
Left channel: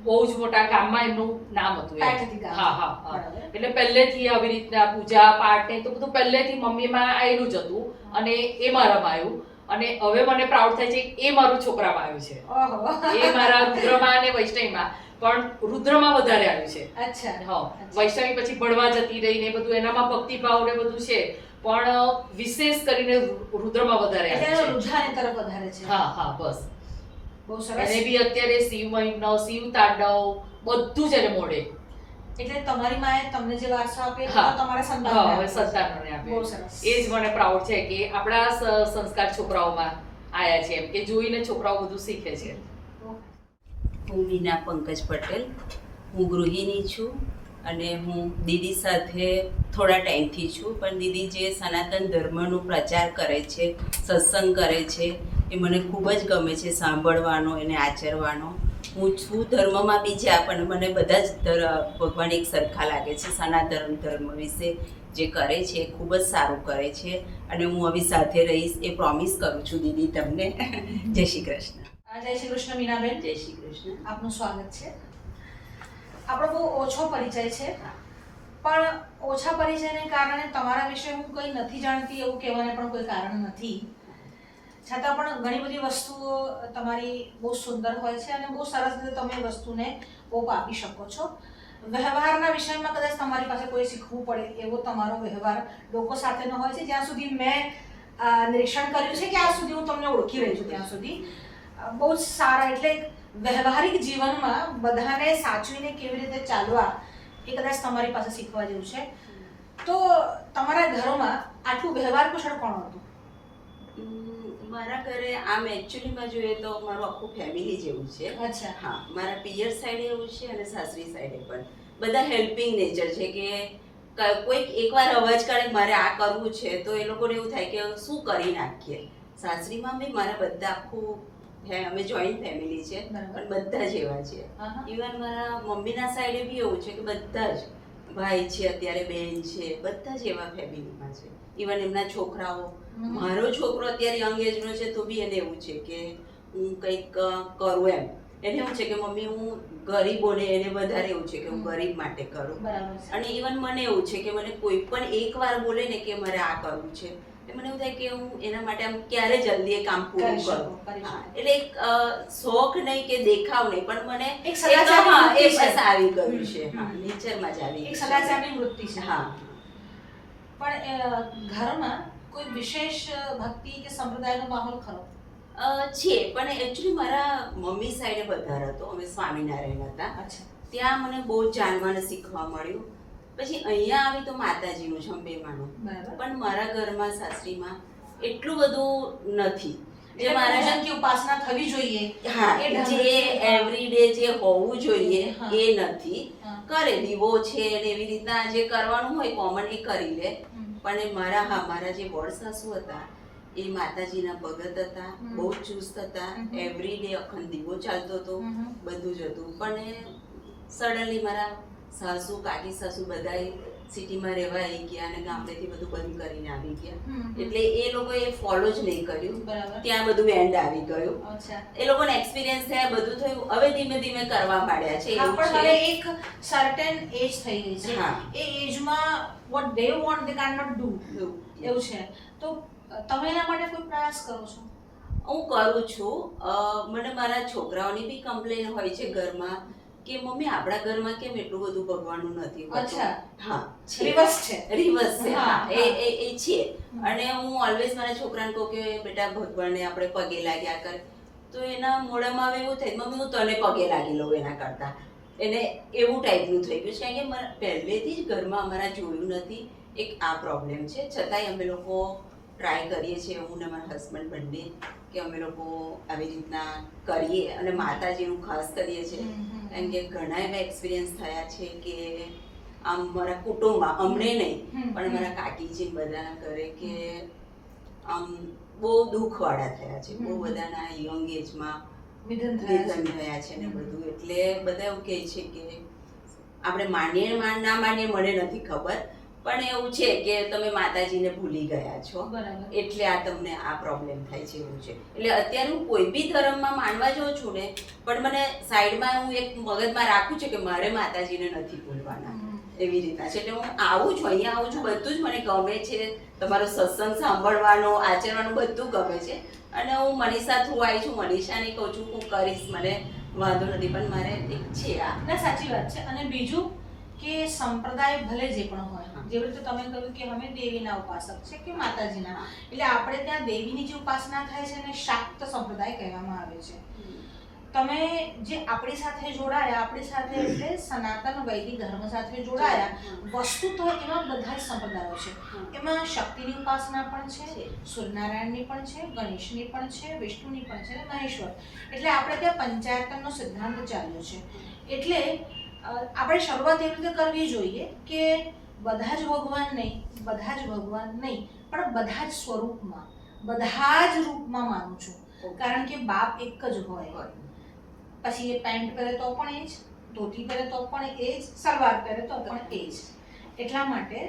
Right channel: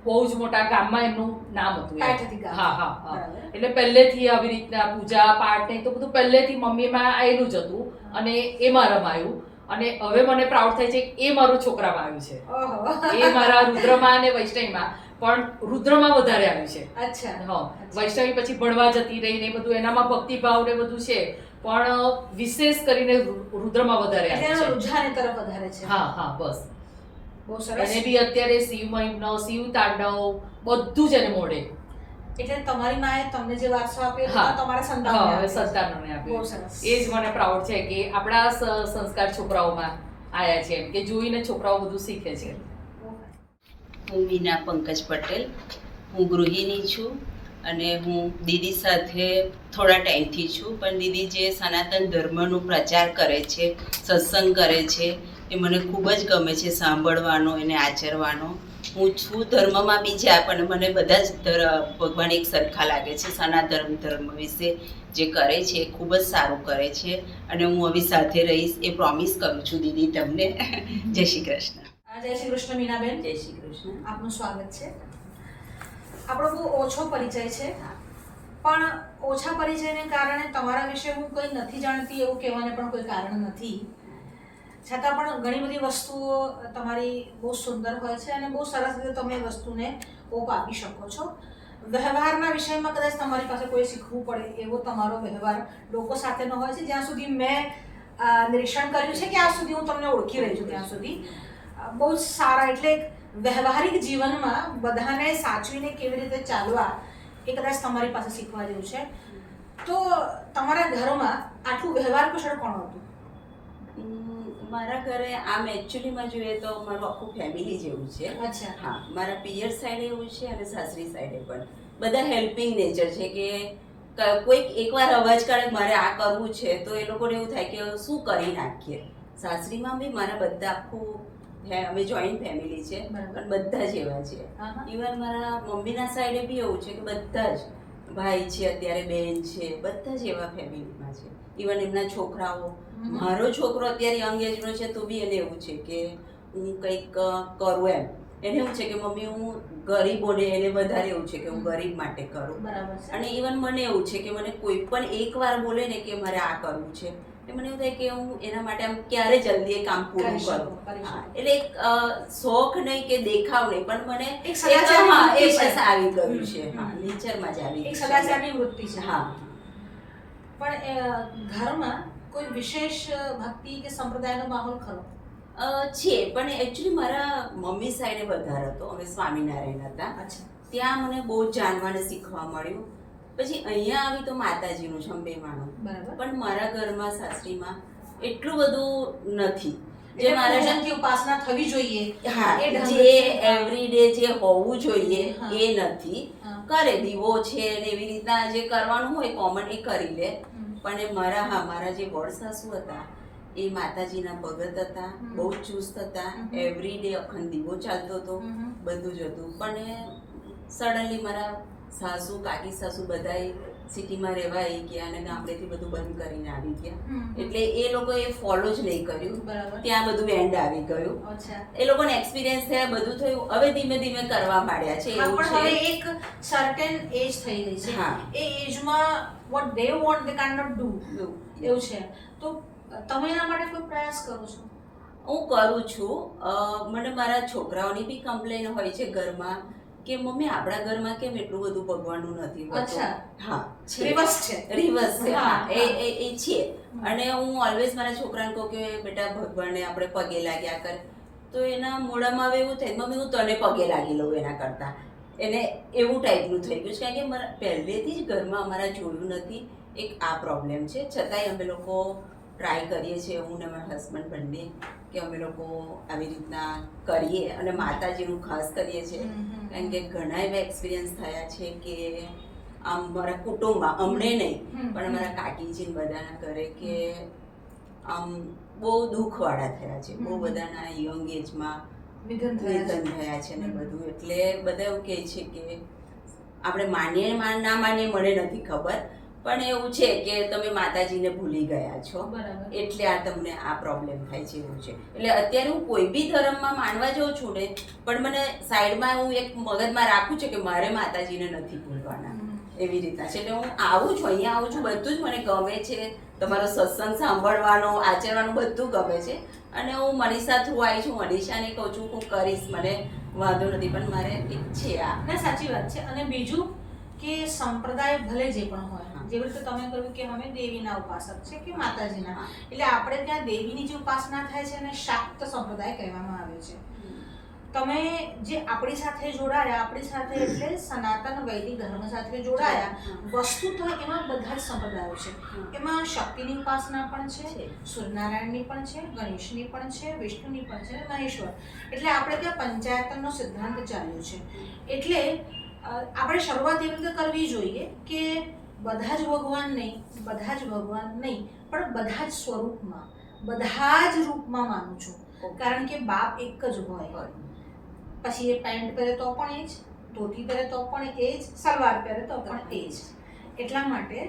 બહુ જ મોટા ગામમાં એમનું નામ હતું એમ. પેઠથી ગામ. હા, હા, હા. બરાબર. એટલે પહેલેથી આવી રીતના પૂજા પાઠ ને તો બધું પહેલેથી મમ્મીમાં આવેલું જ હતું અને એ મારામાં આવ્યું. અને હવે મને પ્રાઉડ થાય છે કે એ મારું છોકરામાં આવ્યું છે. ઓહો. એ મારા રુદ્રમાં અને વૈષ્ણવીમાં, પણ રુદ્રમાં વધારે આવ્યું છે. અચ્છા. હા, વૈષ્ણવી પછી ભણવા જતી રહી ને બધું, એનામાં ભક્તિભાવ ને બધું છે, પણ વિશેષ કરીને રુદ્રમાં વધારે એટલે આવ્યું એનો છે. રુઝાન એ તરફ વધારે છે. હા, હા, બસ. બહુ સરસ. એને બી અત્યારે શિવ મહિમ્ન, શિવ તાંડવ બધું જ એને મોડે. એટલે તમારી માએ તમને જે વારસો આપ્યો એ હા. તમારા હા, સંતાનને હવે આપ્યો. સંતાનોને બહુ આપ્યું. સરસ. એ જ મને પ્રાઉડ છે કે આપણા સંસ્કાર છોકરાઓમાં આયા છે એમ, કે જોઈને છોકરાઓ બધું શીખે છે. હું વીના પંકજ પટેલ, હું ગૃહિણી છું અને હું દીદી સાથે થોડા ટાઈમથી છું. પણ દીદી જે સનાતન ધર્મનો પ્રચાર કરે છે, સત્સંગ કરે છે, એ મને ખૂબ જ ગમે છે સાંભળવાનો, એને આચરવાનો. હું છું ધર્મમાં બીજા, પણ મને બધા જ ભગવાન એક સરખા લાગે છે. સનાતન ધર્મ વિશે જે કરે છે એ ખૂબ જ સારું કરે છે અને હું હવે સાથે રહીશ એ પ્રોમિસ કરું છું દીદી તમને. જય શ્રી કૃષ્ણ. જય શ્રી કૃષ્ણ મીનાબેન. જય શ્રી કૃષ્ણ. આપનું સ્વાગત છે. આપણો બહુ ઓછો પરિચય છે, પણ ઓછા પરિચયને કારણે તમારા વિશે હું કંઈ નથી જાણતી એવું કહેવાને પણ કોઈ કારણ નથી. છતાં પણ ઘણી બધી વસ્તુઓ તમારી બહુ સુંદર હોય છે અને બહુ સરસ રીતે તમે એ વસ્તુને ઓપ આપી શકો છો. વ્યવહારના વિષયમાં કદાચ તમારી પાસે કોઈ શીખવું પડે એવો તમારો વ્યવહાર લોકો સાથેનો હોય છે. જ્યાં સુધી મેં નિરીક્ષણ કર્યું છે કે આ સુધી હું તમને ઓળખી રહી છું ત્યાં સુધી બહુ જ સારા, એટલે વ્યવહારિક જીવનમાં બધાને સાચવીને કેવી રીતે ચાલવા એ કદાચ તમારી પાસે શીખવા જેવું છે. તો તમારા ઘરોમાં આટલું વ્યવહાર કુશળ કોણ હતું? મારા ઘરે આમ એકચ્યુઅલીમાં જોઈએ તો મારું આખું ફેમિલી જેવું છે. અચ્છા. હા, મારા પિયર સાઈડે એવું છે અને સાસરી સાઈડે પણ બધા હેલ્પિંગ નેચર છે કે કોઈક એકવાર અવાજ કાઢે મારે આ કરવું છે તો એ લોકોને એવું થાય કે શું કરી નાખીએ. સાસરીમાં બી મારા બધા આખું અમે જોઈન્ટ ફેમિલી છે પણ બધા જ એવા છે. ઇવન મારા મમ્મીના સાઈડે બી એવું છે કે બધા જ ભાઈ છે, અત્યારે બેન છે, બધા જ એવા ફેમિલીમાં છે. ઇવન એમના છોકરાઓ, મારો છોકરો અત્યારે યંગ એજનો છે તો બી એને એવું છે કે હું કંઈક કરું એમ. એને એવું છે કે મમ્મી હું ગરીબોને, એને વધારે એવું છે કે હું ગરીબ માટે કરું. અને ઇવન મને એવું છે કે મને કોઈ પણ એકવાર બોલે ને કે મારે આ કરવું છે, એટલે મને એવું થાય કે હું એના માટે આમ ક્યારે જલ્દી એ કામ પૂરું કરું. એટલે એક શોખ નહીં કે દેખાવ નહીં, પણ મને એક સદાચારની વૃત્તિ છે. આવી ગયું છે. હા, નેચરમાં જ આવી એક સદાચારની વૃત્તિ છે. હા. પણ ઘરમાં કોઈ વિશેષ ભક્તિ કે સંપ્રદાયનો માહોલ ખરો? છે, પણ એકચ્યુઅલી મારા મમ્મી સાઈડે વધારે હતો. અમે સ્વામિનારાયણ હતા. અચ્છા. ત્યાં મને બહુ જ જાણવાને શીખવા મળ્યું. પછી અહીંયા આવી તો માતાજીનું છે, અંબેમાનું. પણ મારા ઘરમાં સાસરીમાં એટલું બધું નથી. જે મારા ઉપાસના થવી જોઈએ, હા, જે એવરીડે જે હોવું જોઈએ એ નથી. કરે દીવો છે ને એવી રીતના જે કરવાનું હોય કોમન એ કરી લે. પણ મારા જે વડ સાસુ હતા એ માતાજીના ભગત હતા, બહુ જ ચુસ્ત હતા. એવરીડે અખંડ દીવો ચાલતો હતો, બધું જ હતું. પણ સડનલી મારા સાસુ, કાકી સાસુ બધાએ સિટીમાં રહેવા આવી ગયા અને ગામડેથી બધું બંધ કરીને આવી ગયા. હમ. એટલે એ લોકોએ ફોલો જ નહીં કર્યું. બરાબર. ત્યાં બધું બેન્ડ આવી ગયું. અચ્છા. એ લોકોને એક્સપિરિયન્સ થયા, બધું થયું. હવે ધીમે ધીમે કરવા માંડ્યા છે. હા, એવું પણ હવે છે. એક સર્ટેન એજ થઈ ગઈ છે. હા. એ એજમાં what they want they can not do એવું છે. તો તમે એના માટે કોઈ પ્રયાસ કરો છો? હું કરું છું. મને મારા છોકરાઓની બી કમ્પ્લેન હોય છે ઘરમાં કે મમ્મી આપણા ઘરમાં કેમ એટલું બધું ભગવાનનું નથી હોતું. અચ્છા. હા, રિવર્સ છે. રિવર્સ છે. હા, હા, એ છે. અને હું ઓલવેઝ મારા છોકરાને કહું કે બેટા ભગવાનને આપણે પગે લાગ્યા કર. તો એના મોઢામાં હવે એવું થાય મમ્મી હું તને પગે લાગી લઉં એના કરતા. એને એવું ટાઈપનું થઈ ગયું છે કારણ કે મારા પહેલેથી જ ઘરમાં અમારા જોયું નથી. એક આ પ્રોબ્લેમ છે. છતાંય અમે લોકો ટ્રાય કરીએ છીએ, હું ને મારા હસબન્ડ બંને, કે અમે લોકો આવી રીતના કરીએ અને માતાજીનું ખાસ કરીએ છીએ. કારણ કે ઘણા એવા એક્સપિરિયન્સ થયા છે કે આમ મારા કુટુંબમાં, અમને નહીં પણ મારા કાકીજી બધાના ઘરે કે આમ બહુ દુઃખવાળા થયા છે. બહુ બધાના યંગ એજમાં નિધન થયા છે ને બધું. એટલે બધા એવું કહે છે કે આપણે માનીએ ના માનીએ મને નથી ખબર, પણ એવું છે કે તમે માતાજીને ભૂલી ગયા છો. બરાબર. એટલે આ તમને આ પ્રોબ્લેમ થાય છે એવું છે. એટલે અત્યારે હું કોઈ બી ધર્મમાં માનવા જાઉં છું ને, પણ મને સાઈડમાં હું એક મગજમાં રાખું છું કે મારે માતાજીને નથી ભૂલવાના. એવી રીતના છે. એટલે હું આવું છું, અહીંયા આવું છું, બધું જ મને ગમે છે. તમારો સત્સંગ સાંભળવાનો, આચરવાનું બધું ગમે છે. અને હું મનીષા થ્રુ આવી છું. મનીષાને કહું છું હું કરીશ, મને વાંધો નથી, પણ મારે એક છે આ. ના, સાચી વાત છે. અને બીજું કે સંપ્રદાય ભલે જે પણ હોય, જેવી રીતે તમે કહ્યું કે અમે દેવીના ઉપાસક છે કે માતાજીના, એટલે આપણે ત્યાં દેવીની જે ઉપાસના થાય છે એને શાક્ત સંપ્રદાય કહેવામાં આવે છે. તમે જે આપણી સાથે જોડાયા, આપણી સાથે એટલે સનાતન વૈદિક ધર્મ સાથે જોડાયા, વસ્તુ તો એમાં બધા જ સંપ્રદાયો છે. એમાં શક્તિની ઉપાસના પણ છે, સૂર્યનારાયણની પણ છે, ગણેશની પણ છે, વિષ્ણુની પણ છે અને મહેશ્વર. એટલે આપણે ત્યાં પંચાયતનનો સિદ્ધાંત ચાલ્યો છે. એટલે આપણે શરૂઆત એવી રીતે કરવી જોઈએ કે બધા જ ભગવાન નહીં, પણ બધા જ સ્વરૂપમાં, બધા જ રૂપમાં માનું છું. કારણ કે બાપ એક જ હોય. પછી એ પેન્ટ પહેરે તો પણ એ જ, ધોતી પહેરે તો પણ એ જ, સલવાર પહેરે તો પણ એ જ. એટલા માટે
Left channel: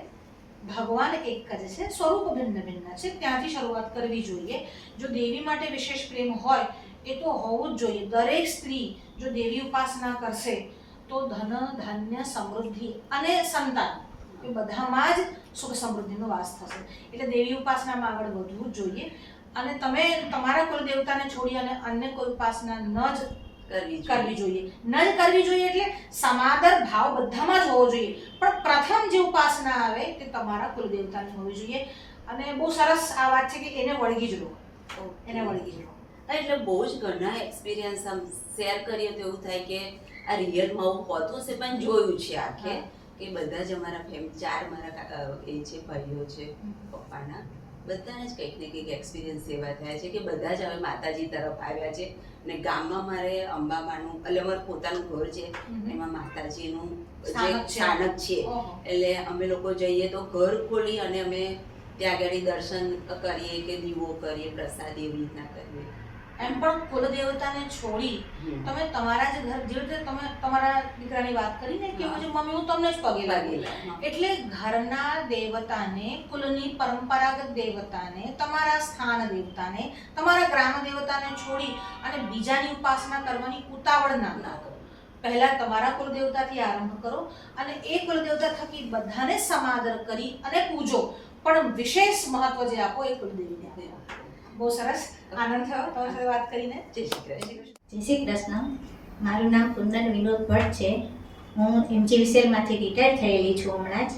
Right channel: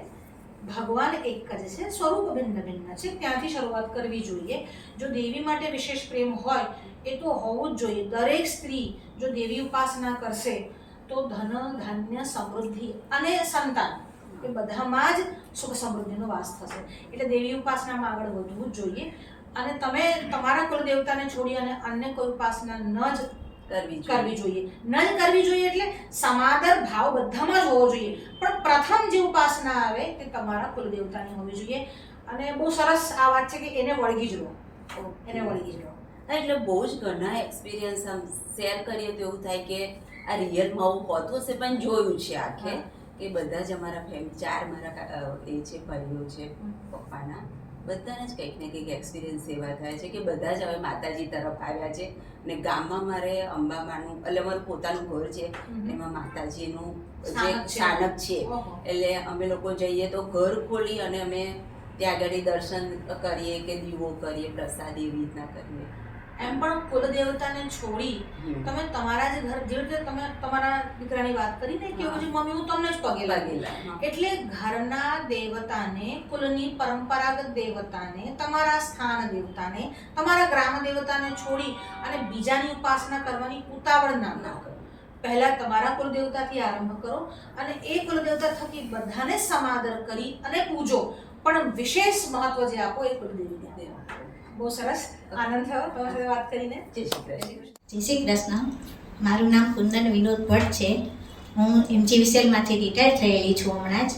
ભગવાન એક જ છે, સ્વરૂપ ભિન્ન ભિન્ન છે. ત્યાંથી શરૂઆત કરવી જોઈએ. જો દેવી માટે વિશેષ પ્રેમ હોય એ તો હોવું જ જોઈએ. દરેક સ્ત્રી જો દેવી ઉપાસના કરશે તો ધન, ધાન્ય, સમૃદ્ધિ અને સંતાન એ બધામાં જ સુખ સમૃદ્ધિનો વાસ થશે. એટલે દેવી ઉપાસનામાં આગળ વધવું જ જોઈએ. અને તમે તમારા કુલદેવતાને છોડી અને અન્ય કોઈ ઉપાસના ન જ કરવી જોઈએ. ન જ કરવી જોઈએ એટલે સમાદર ભાવ બધામાં જ હોવો જોઈએ. પણ પ્રથમ જે ઉપાસના આવે તે તમારા કુલદેવતાની હોવી જોઈએ. અને બહુ સરસ આ વાત છે કે એને વળગી જ રહો, એને વળગી જ રહો. એટલે બહુ જ ઘણા એક્સપિરિયન્સ આમ શેર કરીએ તો એવું થાય કે આ રિયલમાં આવું હોતું હશે, પણ જોયું છે આખે કે બધા જ અમારા ફેમિલી, 4 મારા એ છે ભાઈઓ છે પપ્પાના, બધાને જ કંઈક ને કંઈક એક્સપિરિયન્સ એવા થાય છે કે બધા જ હવે માતાજી તરફ આવ્યા છે. અને ગામમાં મારે અંબામાનું, એટલે અમારું પોતાનું ઘર છે, એમાં માતાજીનું જે સ્થાનક છે. એટલે અમે લોકો જઈએ તો ઘર ખોલી અને અમે ત્યાં આગળ દર્શન કરીએ કે દીવો કરીએ, પ્રસાદ એવી રીતના કરીએ. એમ પણ કુલદેવતાને છોડી તમે તમારા જ ઘર, જે રીતે તમે તમારા દીકરાની વાત કરીને કે મમ્મી હું તમને જ પગે લાગી, એટલે ઘરના દેવતાને, કુલની પરંપરાગત દેવતાને, તમારા સ્થાન દેવતાને, તમારા ગ્રામ દેવતાને છોડી અને બીજાની ઉપાસના કરવાની ઉતાવળ ના કરો. પહેલા તમારા કુલદેવતાથી આરંભ કરો અને એ કુલદેવતા થકી બધાને સમાદર કરી અને પૂજો, પણ વિશેષ મહત્વ જે આપો એ કુલદેવીને આપો. બહુ સરસ, આનંદ થયો તમારી સાથે વાત કરીને. જય શ્રી કૃષ્ણ. જય શ્રી કૃષ્ણ. મારું નામ કુંદન વિનોદ ભટ્ટ છે. હું MGVCLમાંથી રિટાયર થયેલી છું હમણાં જ.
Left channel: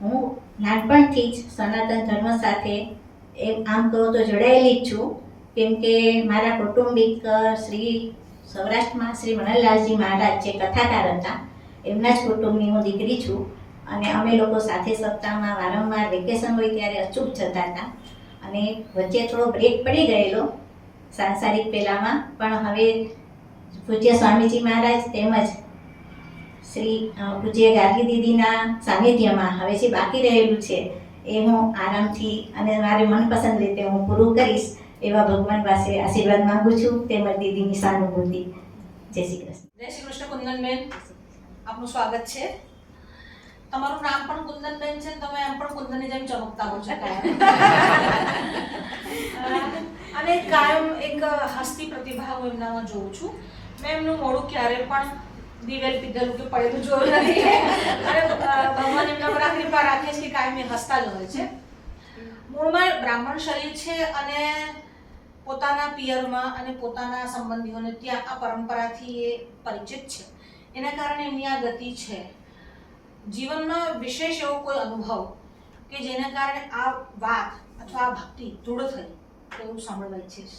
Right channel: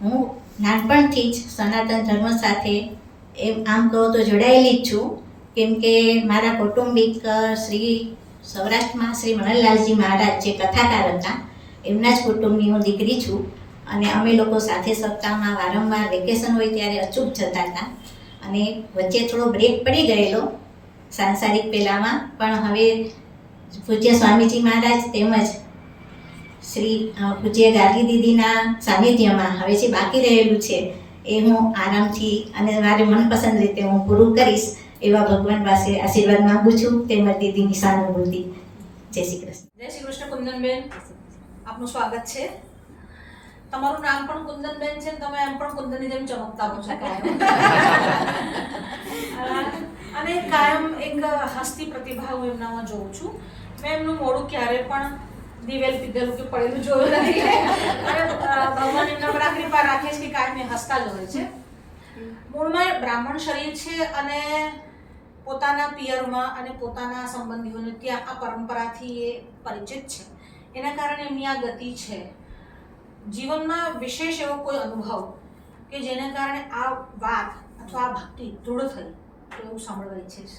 હું નાનપણથી જ સનાતન ધર્મ સાથે આમ કહો તો જોડાયેલી જ છું, કેમ કે મારા કૌટુંબિક શ્રી સૌરાષ્ટ્રમાં શ્રી મણનલાલજી મહારાજ જે કથાકાર હતા એમના જ કુટુંબની હું દીકરી છું. અને અમે લોકો સાથે સપ્તાહમાં વારંવાર વેકેશન હોય ત્યારે અચૂક જતા હતા. અને વચ્ચે થોડો બ્રેક પડી ગયેલો સાંસારિક પહેલામાં, પણ હવે પૂજ્ય સ્વામીજી મહારાજ તેમજ શ્રી પૂજ્ય ગાર્ગી દીદીના સાનિધ્યમાં હવે જે બાકી રહેલું છે એ હું આરામથી અને મારી મનપસંદ રીતે હું પૂરું કરીશ એવા ભગવાન પાસે આશીર્વાદ માંગુ છું, તેમજ દીદીની સહાનુભૂતિ. જય શ્રી કૃષ્ણ. જય શ્રી કૃષ્ણ કુંદનબેન, આપનું સ્વાગત છે. તમારું નામ પણ કુંદનબેન છે ને તમે એમ પણ કુંદનની જેમ ચમકતા હો છો કાયમ. અને કાયમ એક હસ્તી પ્રતિભા હું એમનામાં જોઉં છું. મેં એમનું મોઢું ક્યારે પણ દિવેલ પીધેલું કે પડેલું જોયું નથી. અને ભગવાન એમના પર આ કૃપા રાખે છે કે કાયમ એ હસતા જ હોય છે. મૂળમાં બ્રાહ્મણ શરીર છે અને પોતાના પિયરમાં અને પોતાના સંબંધીઓને ત્યાં આ પરંપરાથી એ પરિચિત છે. એના કારણે એમની આ ગતિ છે. જીવનમાં વિશેષ એવો કોઈ અનુભવ કે જેના કારણે આ વાત અથવા આ ભક્તિ દૃઢ થઈ તો એવું સાંભળવા ઈચ્છીશ.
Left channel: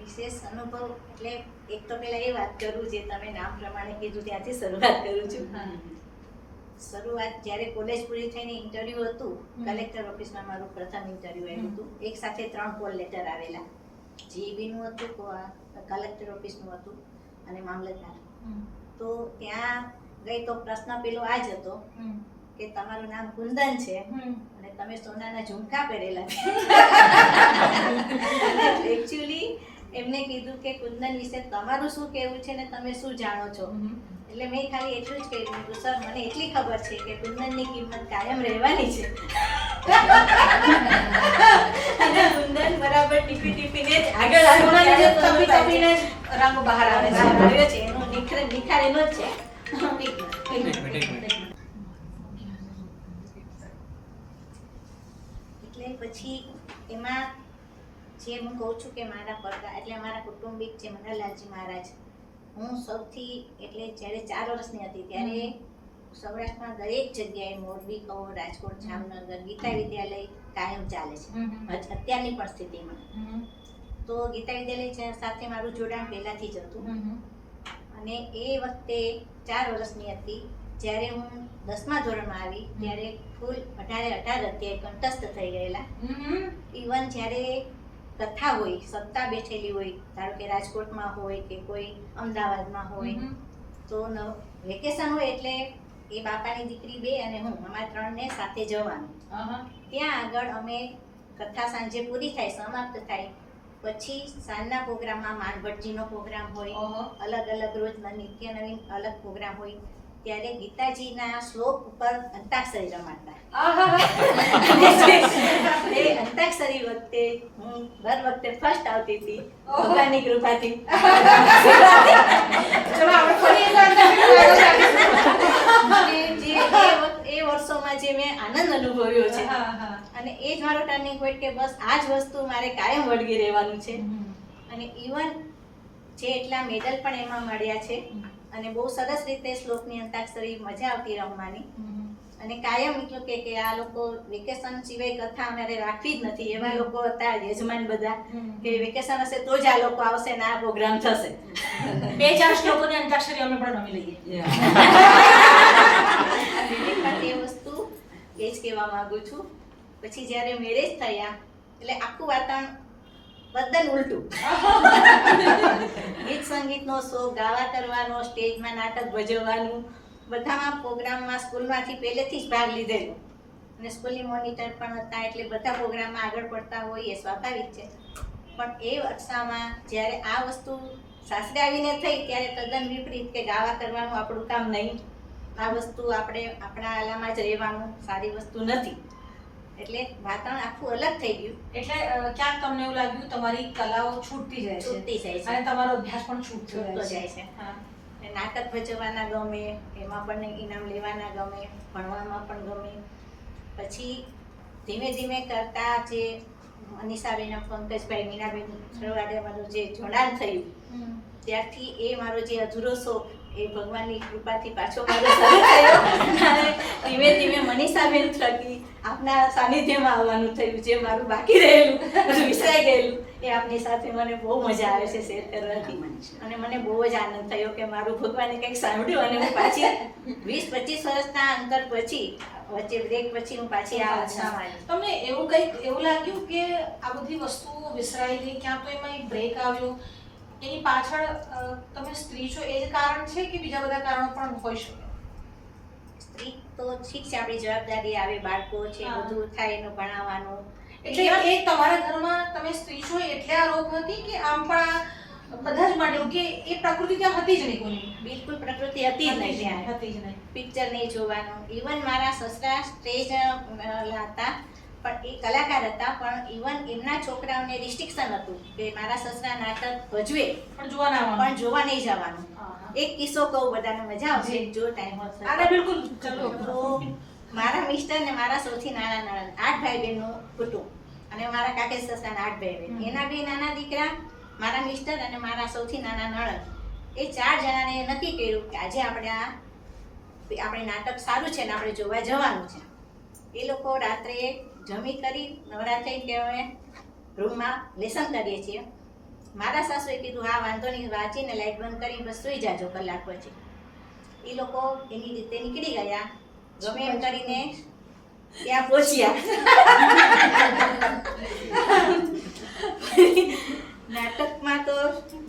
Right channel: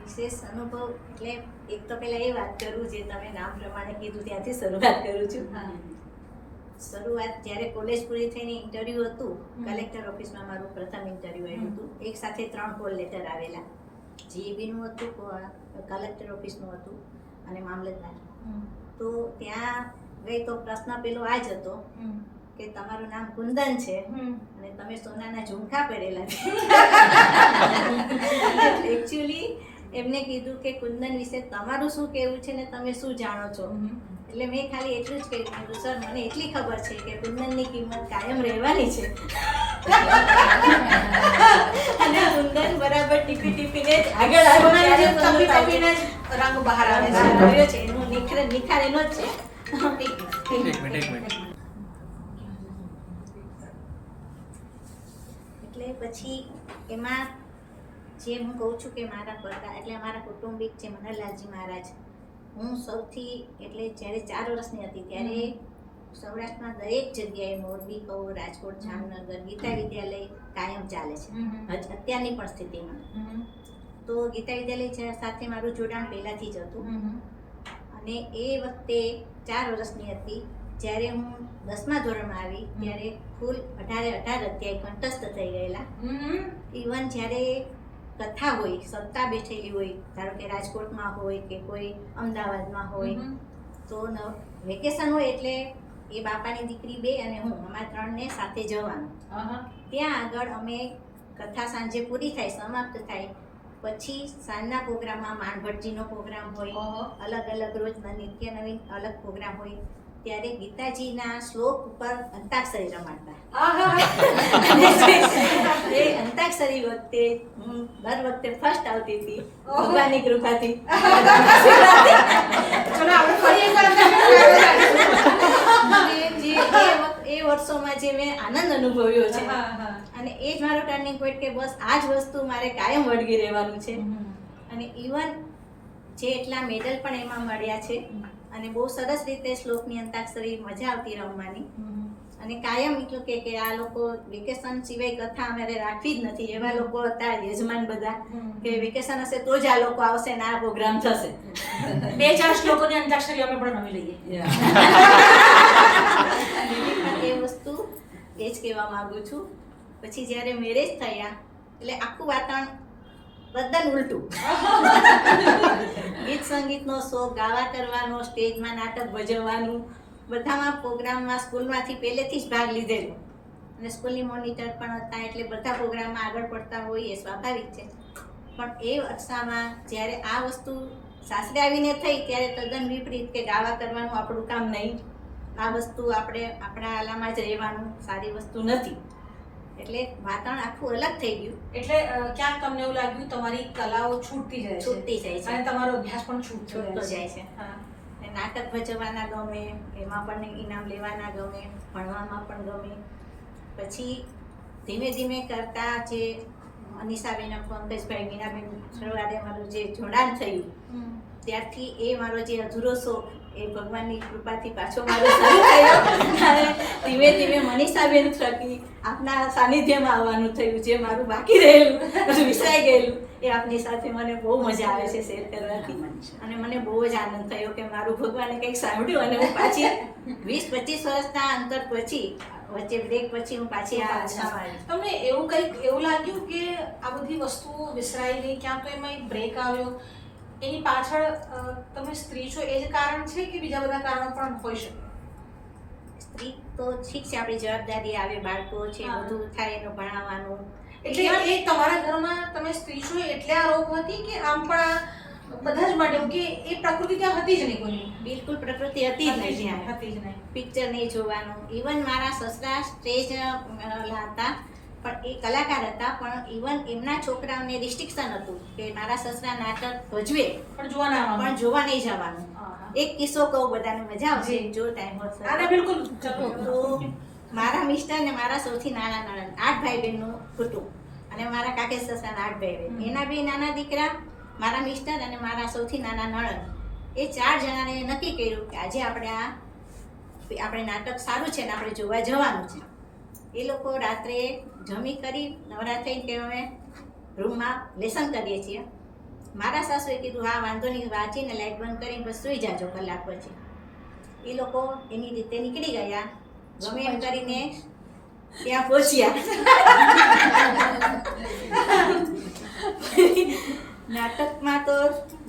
વિશેષ અનુભવ એટલે એક તો પહેલા એ વાત કરું જે તમે નામ પ્રમાણે કીધું ત્યાંથી શરૂઆત કરું છું. શરૂઆત જ્યારે કોલેજ પૂરી થઈને ઇન્ટરવ્યૂ હતું, કલેક્ટર ઓફિસમાં મારું પ્રથમ ઇન્ટરવ્યૂ આવ્યું હતું. એક સાથે 3 કોલ લેટર આવેલા. જીઈબીનું હતું, કલેક્ટર ઓફિસનું હતું અને મામલતદાર. તો ત્યાં ગઈ તો પ્રશ્ન પેલો આ જ હતો કે તમારું નામ કુંદન છે અને તમે સોનાના ઝુમખા પહેરેલા છે. એકચ્યુઅલી એમને કીધું કે કુંદન વિશે તમારું શું કહેવું છે ને તમે શું જાણો છો. એટલે મેં ખાલી એટલું જ કહી દીધું, સર મને એટલી ખબર છે કે કુંદનની કિંમત કાયમ રહેવાની છે. અને કુંદન બરાબર ટીપી ટીપીને જ આગળ તપીને રંગ બહાર આવે છે. આવ્યો છે એનો નિખાર એનો જ છે. એટલે પછી એમાં જે હું કહું છું કે મારા પડદા એટલે અમારા કુટુંબિક છે મનહરલાલજી મહારાજ. હું સૌથી એટલે જ્યારે 4 વર્ષની હતી ત્યારે સૌરાષ્ટ્રમાં દરેક જગ્યાએ મોરબી કહો, રાજકોટ, જામનગર ગીતા વિદ્યાલય કાયમ ચાલે છે અત્યારની પણ સ્થિતિમાં. તો ગીતા વિદ્યાલય સાથે મારું જોડાણ પહેલાંથી જ હતું. અને એ વખતે 4 વર્ષની હતી જ્યારે હું 10મા ધોરણમાં આવી ત્યારે ફૂલ 18 અધ્યાય કંઠસ્થ થઈ ગયેલા. ઇવન જ્યારે કથા હોય, સપ્તાહ બેઠેલી હોય, ધારો કે રાજકોટમાં હોય કે કોઈ અમદાવાદમાં હોય, તો વેકેશન હોય એટલે એ બાપાની દીકરી 2 અને હું અમારા 3 ને સાથે જવાનું. ત્યાં આગળ અમે કથા સાંજે પૂરી થાય, સમાપ્ત થાય પછી સાંજના પ્રોગ્રામમાં માણભટ્ટજીનો પ્રોગ્રામ હોય, અલગ અલગ રોજના નિત્ય નવીન અલગ પ્રોગ્રામ હોય, ત્યારે ગીતાજીના શ્લોક ઉપર અંતાક્ષરી રમાડતા. એ અંતાક્ષરી વખતે હું દર વખતે ફર્સ્ટ આવતી હતી ભગવાનની કૃપાથી. એ વર્ષોમાં જે મેં આનંદ અનુભવ્યો છે અને એ જ મારો ટર્નિંગ પોઈન્ટ કે બસ આ જ વસ્તુ મારે કાયમ વળગી રહેવાનું છે. અને ઇવન જે એટલા મેડલ પણ એમાં મળ્યા છે અને બહુ સરસ રીતે શ્લોકની અંતાક્ષરી મજા આવતી રમવાની. અને કાયમ એટલું કે આ લોકો વેકેશન સિવાય કથા અમારે રાખવી જ નથી એવા લોકો હતા યજમાન બધા કે વેકેશન હશે તો જ આ લોકો આવશે ને આ પ્રોગ્રામ થશે. 2-4 શ્લોકોની અંતાક્ષરી અમે પણ રમી લઈએ. એ વસ્તુ એ જ કહેવા માંગુ છું. પછી જ્યારે મેરેજ થયા એટલે આખું વાતાવરણ બધન ઉલટું. ગીત સંગીતનો શોખ, ગાવા કરવાનો, સ્ટેજમાં નાટક ભજવવાનું, બધામાં પ્રોગ્રામમાં સ્કૂલમાંથી પહેલેથી જ ભાગ લીધેલો અને સ્કૂલની મોનિટર પણ હતા એટલે બધા પ્રોગ્રામમાં આગળ પડતા હોય એ સ્વાભાવિક છે. પણ એ અરસામાં જ્યારે આ વસ્તુ સાસરે આવીને થઈ ત્યારે તદ્દન વિપરીત કે ગાવા કરવાનું આપણું કામ નહીં, આ વસ્તુ આપણે આપણા આલામાં જ રહેવાનું, સારી વસ્તુ નથી. એટલે વાતાવરણ આખું અલગ થઈ ગયું. એટલે ક્યાંક તમને એવું લાગ્યું તમારી કલાઓ છૂટતી જાય છે અને તમારો અભ્યાસ પણ છૂટતો જાય છે. નાટક ભજવવાના ગમે, એમાં પણ ઇનામ લેવાના ગમે, ભણવામાં પણ ગમે. પછી ધીમે ધીમે કરતા જે અનિશાબેન, પંકજભાઈ, મીનાબેન શરૂઆતે મારું જે જોડાણ થયું ત્યારથી એ મારો જે અધૂરો શોખ એ ભગવાનની કૃપાથી પાછો મારો શરૂ થયો. અને ધીમે ધીમે મનીષાબેન થકી આપના સાનિધ્યમાં આવવાનું થયું. જે મારું બાકી રહેલું, વિસરાઈ ગયેલું, એ આપની સાથે મને બહુ મજા આવે છે શેર કરવાથી. અને મને બહુ જ આનંદ થયો કે મારું ભગવાને કંઈક સાંભળ્યું અને હું પાછી 20-25 વર્ષના અંતર પછી વચ્ચે બ્રેક પછી હું પાછી આ તમને એવું લાગ્યું કે આ બધી વસ્તુઓ વિસરાઈ ગઈ, ક્યાં તો એમાં એક બ્રેક આવ્યો, એની પાછળ તમે સ્ત્રી છો એ જ કારણ છે કે બીજા બધા કારણો પણ હોઈ શકે? સ્ત્રી તો ઠીક છે, આપણી જવાબદારી આવે, બાળકો છે, બધું થાય એનું ભણાવવાનું. એટલે એ તમારા ઘરમાં તમે સ્ત્રી છો એટલે આ રોગ હતી કે આમ પણ બધા જ માટે એવું કે એ પ્રકૃતિ ત્યાં હતી જ નહીં કોઈની. બિલકુલ પ્રકૃતિ હતી જ નહીં ત્યાં. હતી જ નહીં. પિક્ચર નહીં જોવાનું. ઇવન મારા સસરા સ્ટેજ હતા પણ એ કલાકાર હતા, પણ ઇવન એમના છોકરાઓને રિસ્ટ્રિક્શન હતું કે મારા સસરા નાટક ભજવે પણ જોવા ના આવવાનું. પણ જોવા નહીં જવાનું. હા, હા. એક કિસ્સો કહું, બધાને મજા આવશે જી. જો ટાઈમ હશે આને બિલકુલ ચલો. તો મારા મિસ્ટર ને મારા સૌથી નાના નણંદ 8 ભાઈ બહેનનું કુટુંબ અને મારા કાકેશ સસરાના 8 ભાઈ બહેન, એના બે નાના દીકરા, મારા મિસ્ટર અને મારા સૌથી નાના નણંદ, એ 4 જણાને નક્કી કર્યું કે આજે આપણે નાટક સારું છે ને આપણે જોવા જવાનું છે. એ લોકો રાત્રે જમી કરી નવરા થઈને કે અમે રૂમમાં લેસન કરીએ છીએ. મારા સાસુએ કીધું હા વાંધો નહીં, વાંચીને લાઇટ બંધ કરીને બસ સૂઈ જાજો કલાક પછી. એ લોકો એની રીતે નીકળી ગયા, ગમે એમ કરીને ત્યાં પહોંચ્યા. નાટકમાં તો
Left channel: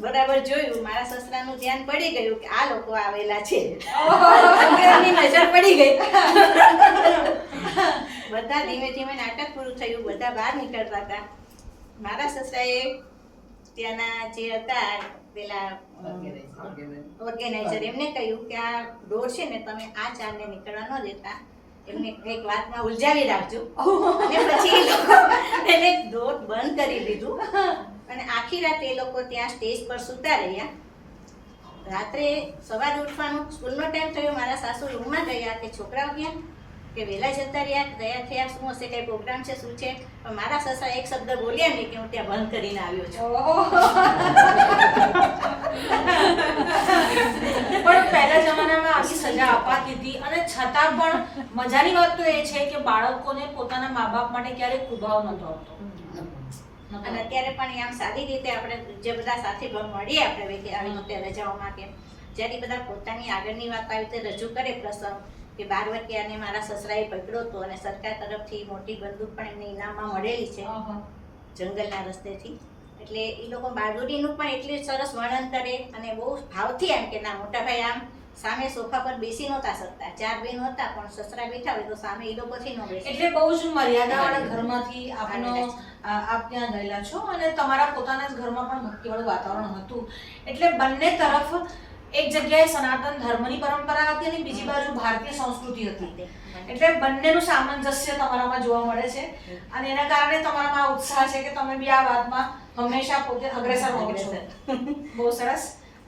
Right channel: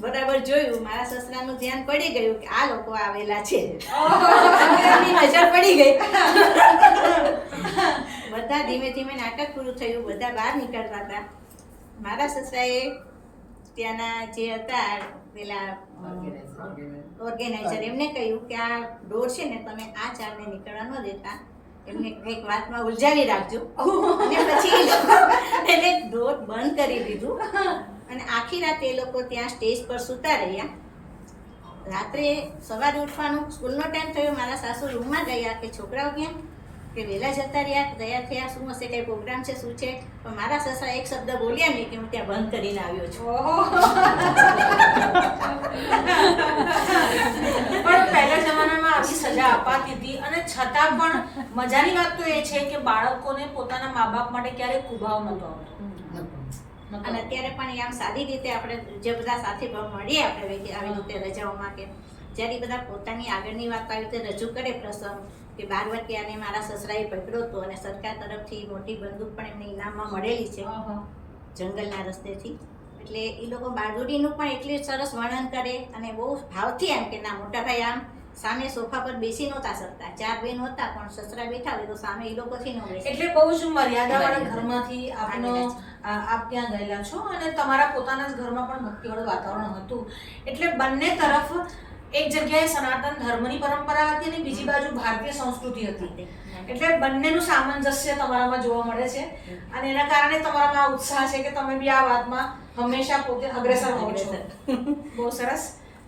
બરાબર જોયું, મારા સસરાનું ધ્યાન પડી ગયું કે આ લોકો આવેલા છે. એમની નજર પડી ગઈ. બધા ધીમે ધીમે નાટક પૂરું થયું, બધા બહાર નીકળતા હતા. મારા સસરાએ ત્યાંના જે હતા પેલા ઓર્ગેનાઇઝર એમને કહ્યું કે આ ડોર છે ને તમે આ 4ને નીકળવા ન દેતા, એમને કંઈક વાતમાં ઉલઝાવી રાખજો. અને પછી એ લોકો એને ડોર બંધ કરી દીધું અને આખી રાત એ લોકો ત્યાં સ્ટેજ પર સૂતા રહ્યા. રાત્રે સવારે ઉઠવાનું સ્કૂલનો ટાઈમ થયો, મારા સાસુ રૂમમાં ગયા કે છોકરાઓ ક્યાં, કે વહેલા જતા રહ્યા, ગયા થયા, શું હશે, કંઈ પ્રોગ્રામ છે, શું છે. પણ મારા સસરા એક શબ્દ બોલ્યા નહીં કે હું ત્યાં બંધ કરીને આવ્યો છું. પણ પહેલા જમાનામાં આવી સજા અપાતી હતી અને છતાં પણ મજાની વાત તો એ છે કે બાળકોને પોતાના મા બાપ માટે ક્યારેય કુભાવ નતો આવતો. અને અત્યારે પણ આમ સારી રીતે આપણે જે બધા સાથે મળીએ આપણે આવી રીતે રજાઓમાં કે જ્યારે બધા પોતાની આગળની વાત આવી રીતે રજૂ કરે પ્રસંગ કે 12 વાગ્યાને મારા સસરાએ પકડ્યો હતો અને સરકાર તરફથી મોટી બંદૂક પણ એમને ઇનામમાં મળેલી છે જંગલના રસ્તેથી. એટલે એ લોકો બહાદુરીનું પણ એટલું સરસ વર્ણન કરે અને બહુ ભાવથી એમ કે ના મોટા ભાઈ આમ સામે સોફા પર બેસી નહોતા શકતા, 4 બહેનો હતા પણ સસરા બેઠા હોય તો સામે એ લોકોથી ન બેસે. એટલે બહુ જ મર્યાદાવાળા ઘરમાંથી આપ ત્યાં ગયેલા છો અને તમારા પોતાના જ ઘરમાં પણ ભક્તિવાળું વાતાવરણ હતું. એટલે બંને તરફ એક જગ્યાએ સનાતન ધર્મની પરંપરા હતી અને બીજી બાજુ ભારતીય સંસ્કૃતિ હતી. એટલે બંનેનું સામંજસ્ય તમારામાં જોવા મળે છે અને એના કારણે તમારામાં આ ઉત્સાહ છે કે તમે બી આ વાતમાં હંમેશા પોતે અગ્રેસર રહો છો. બહુ સરસ,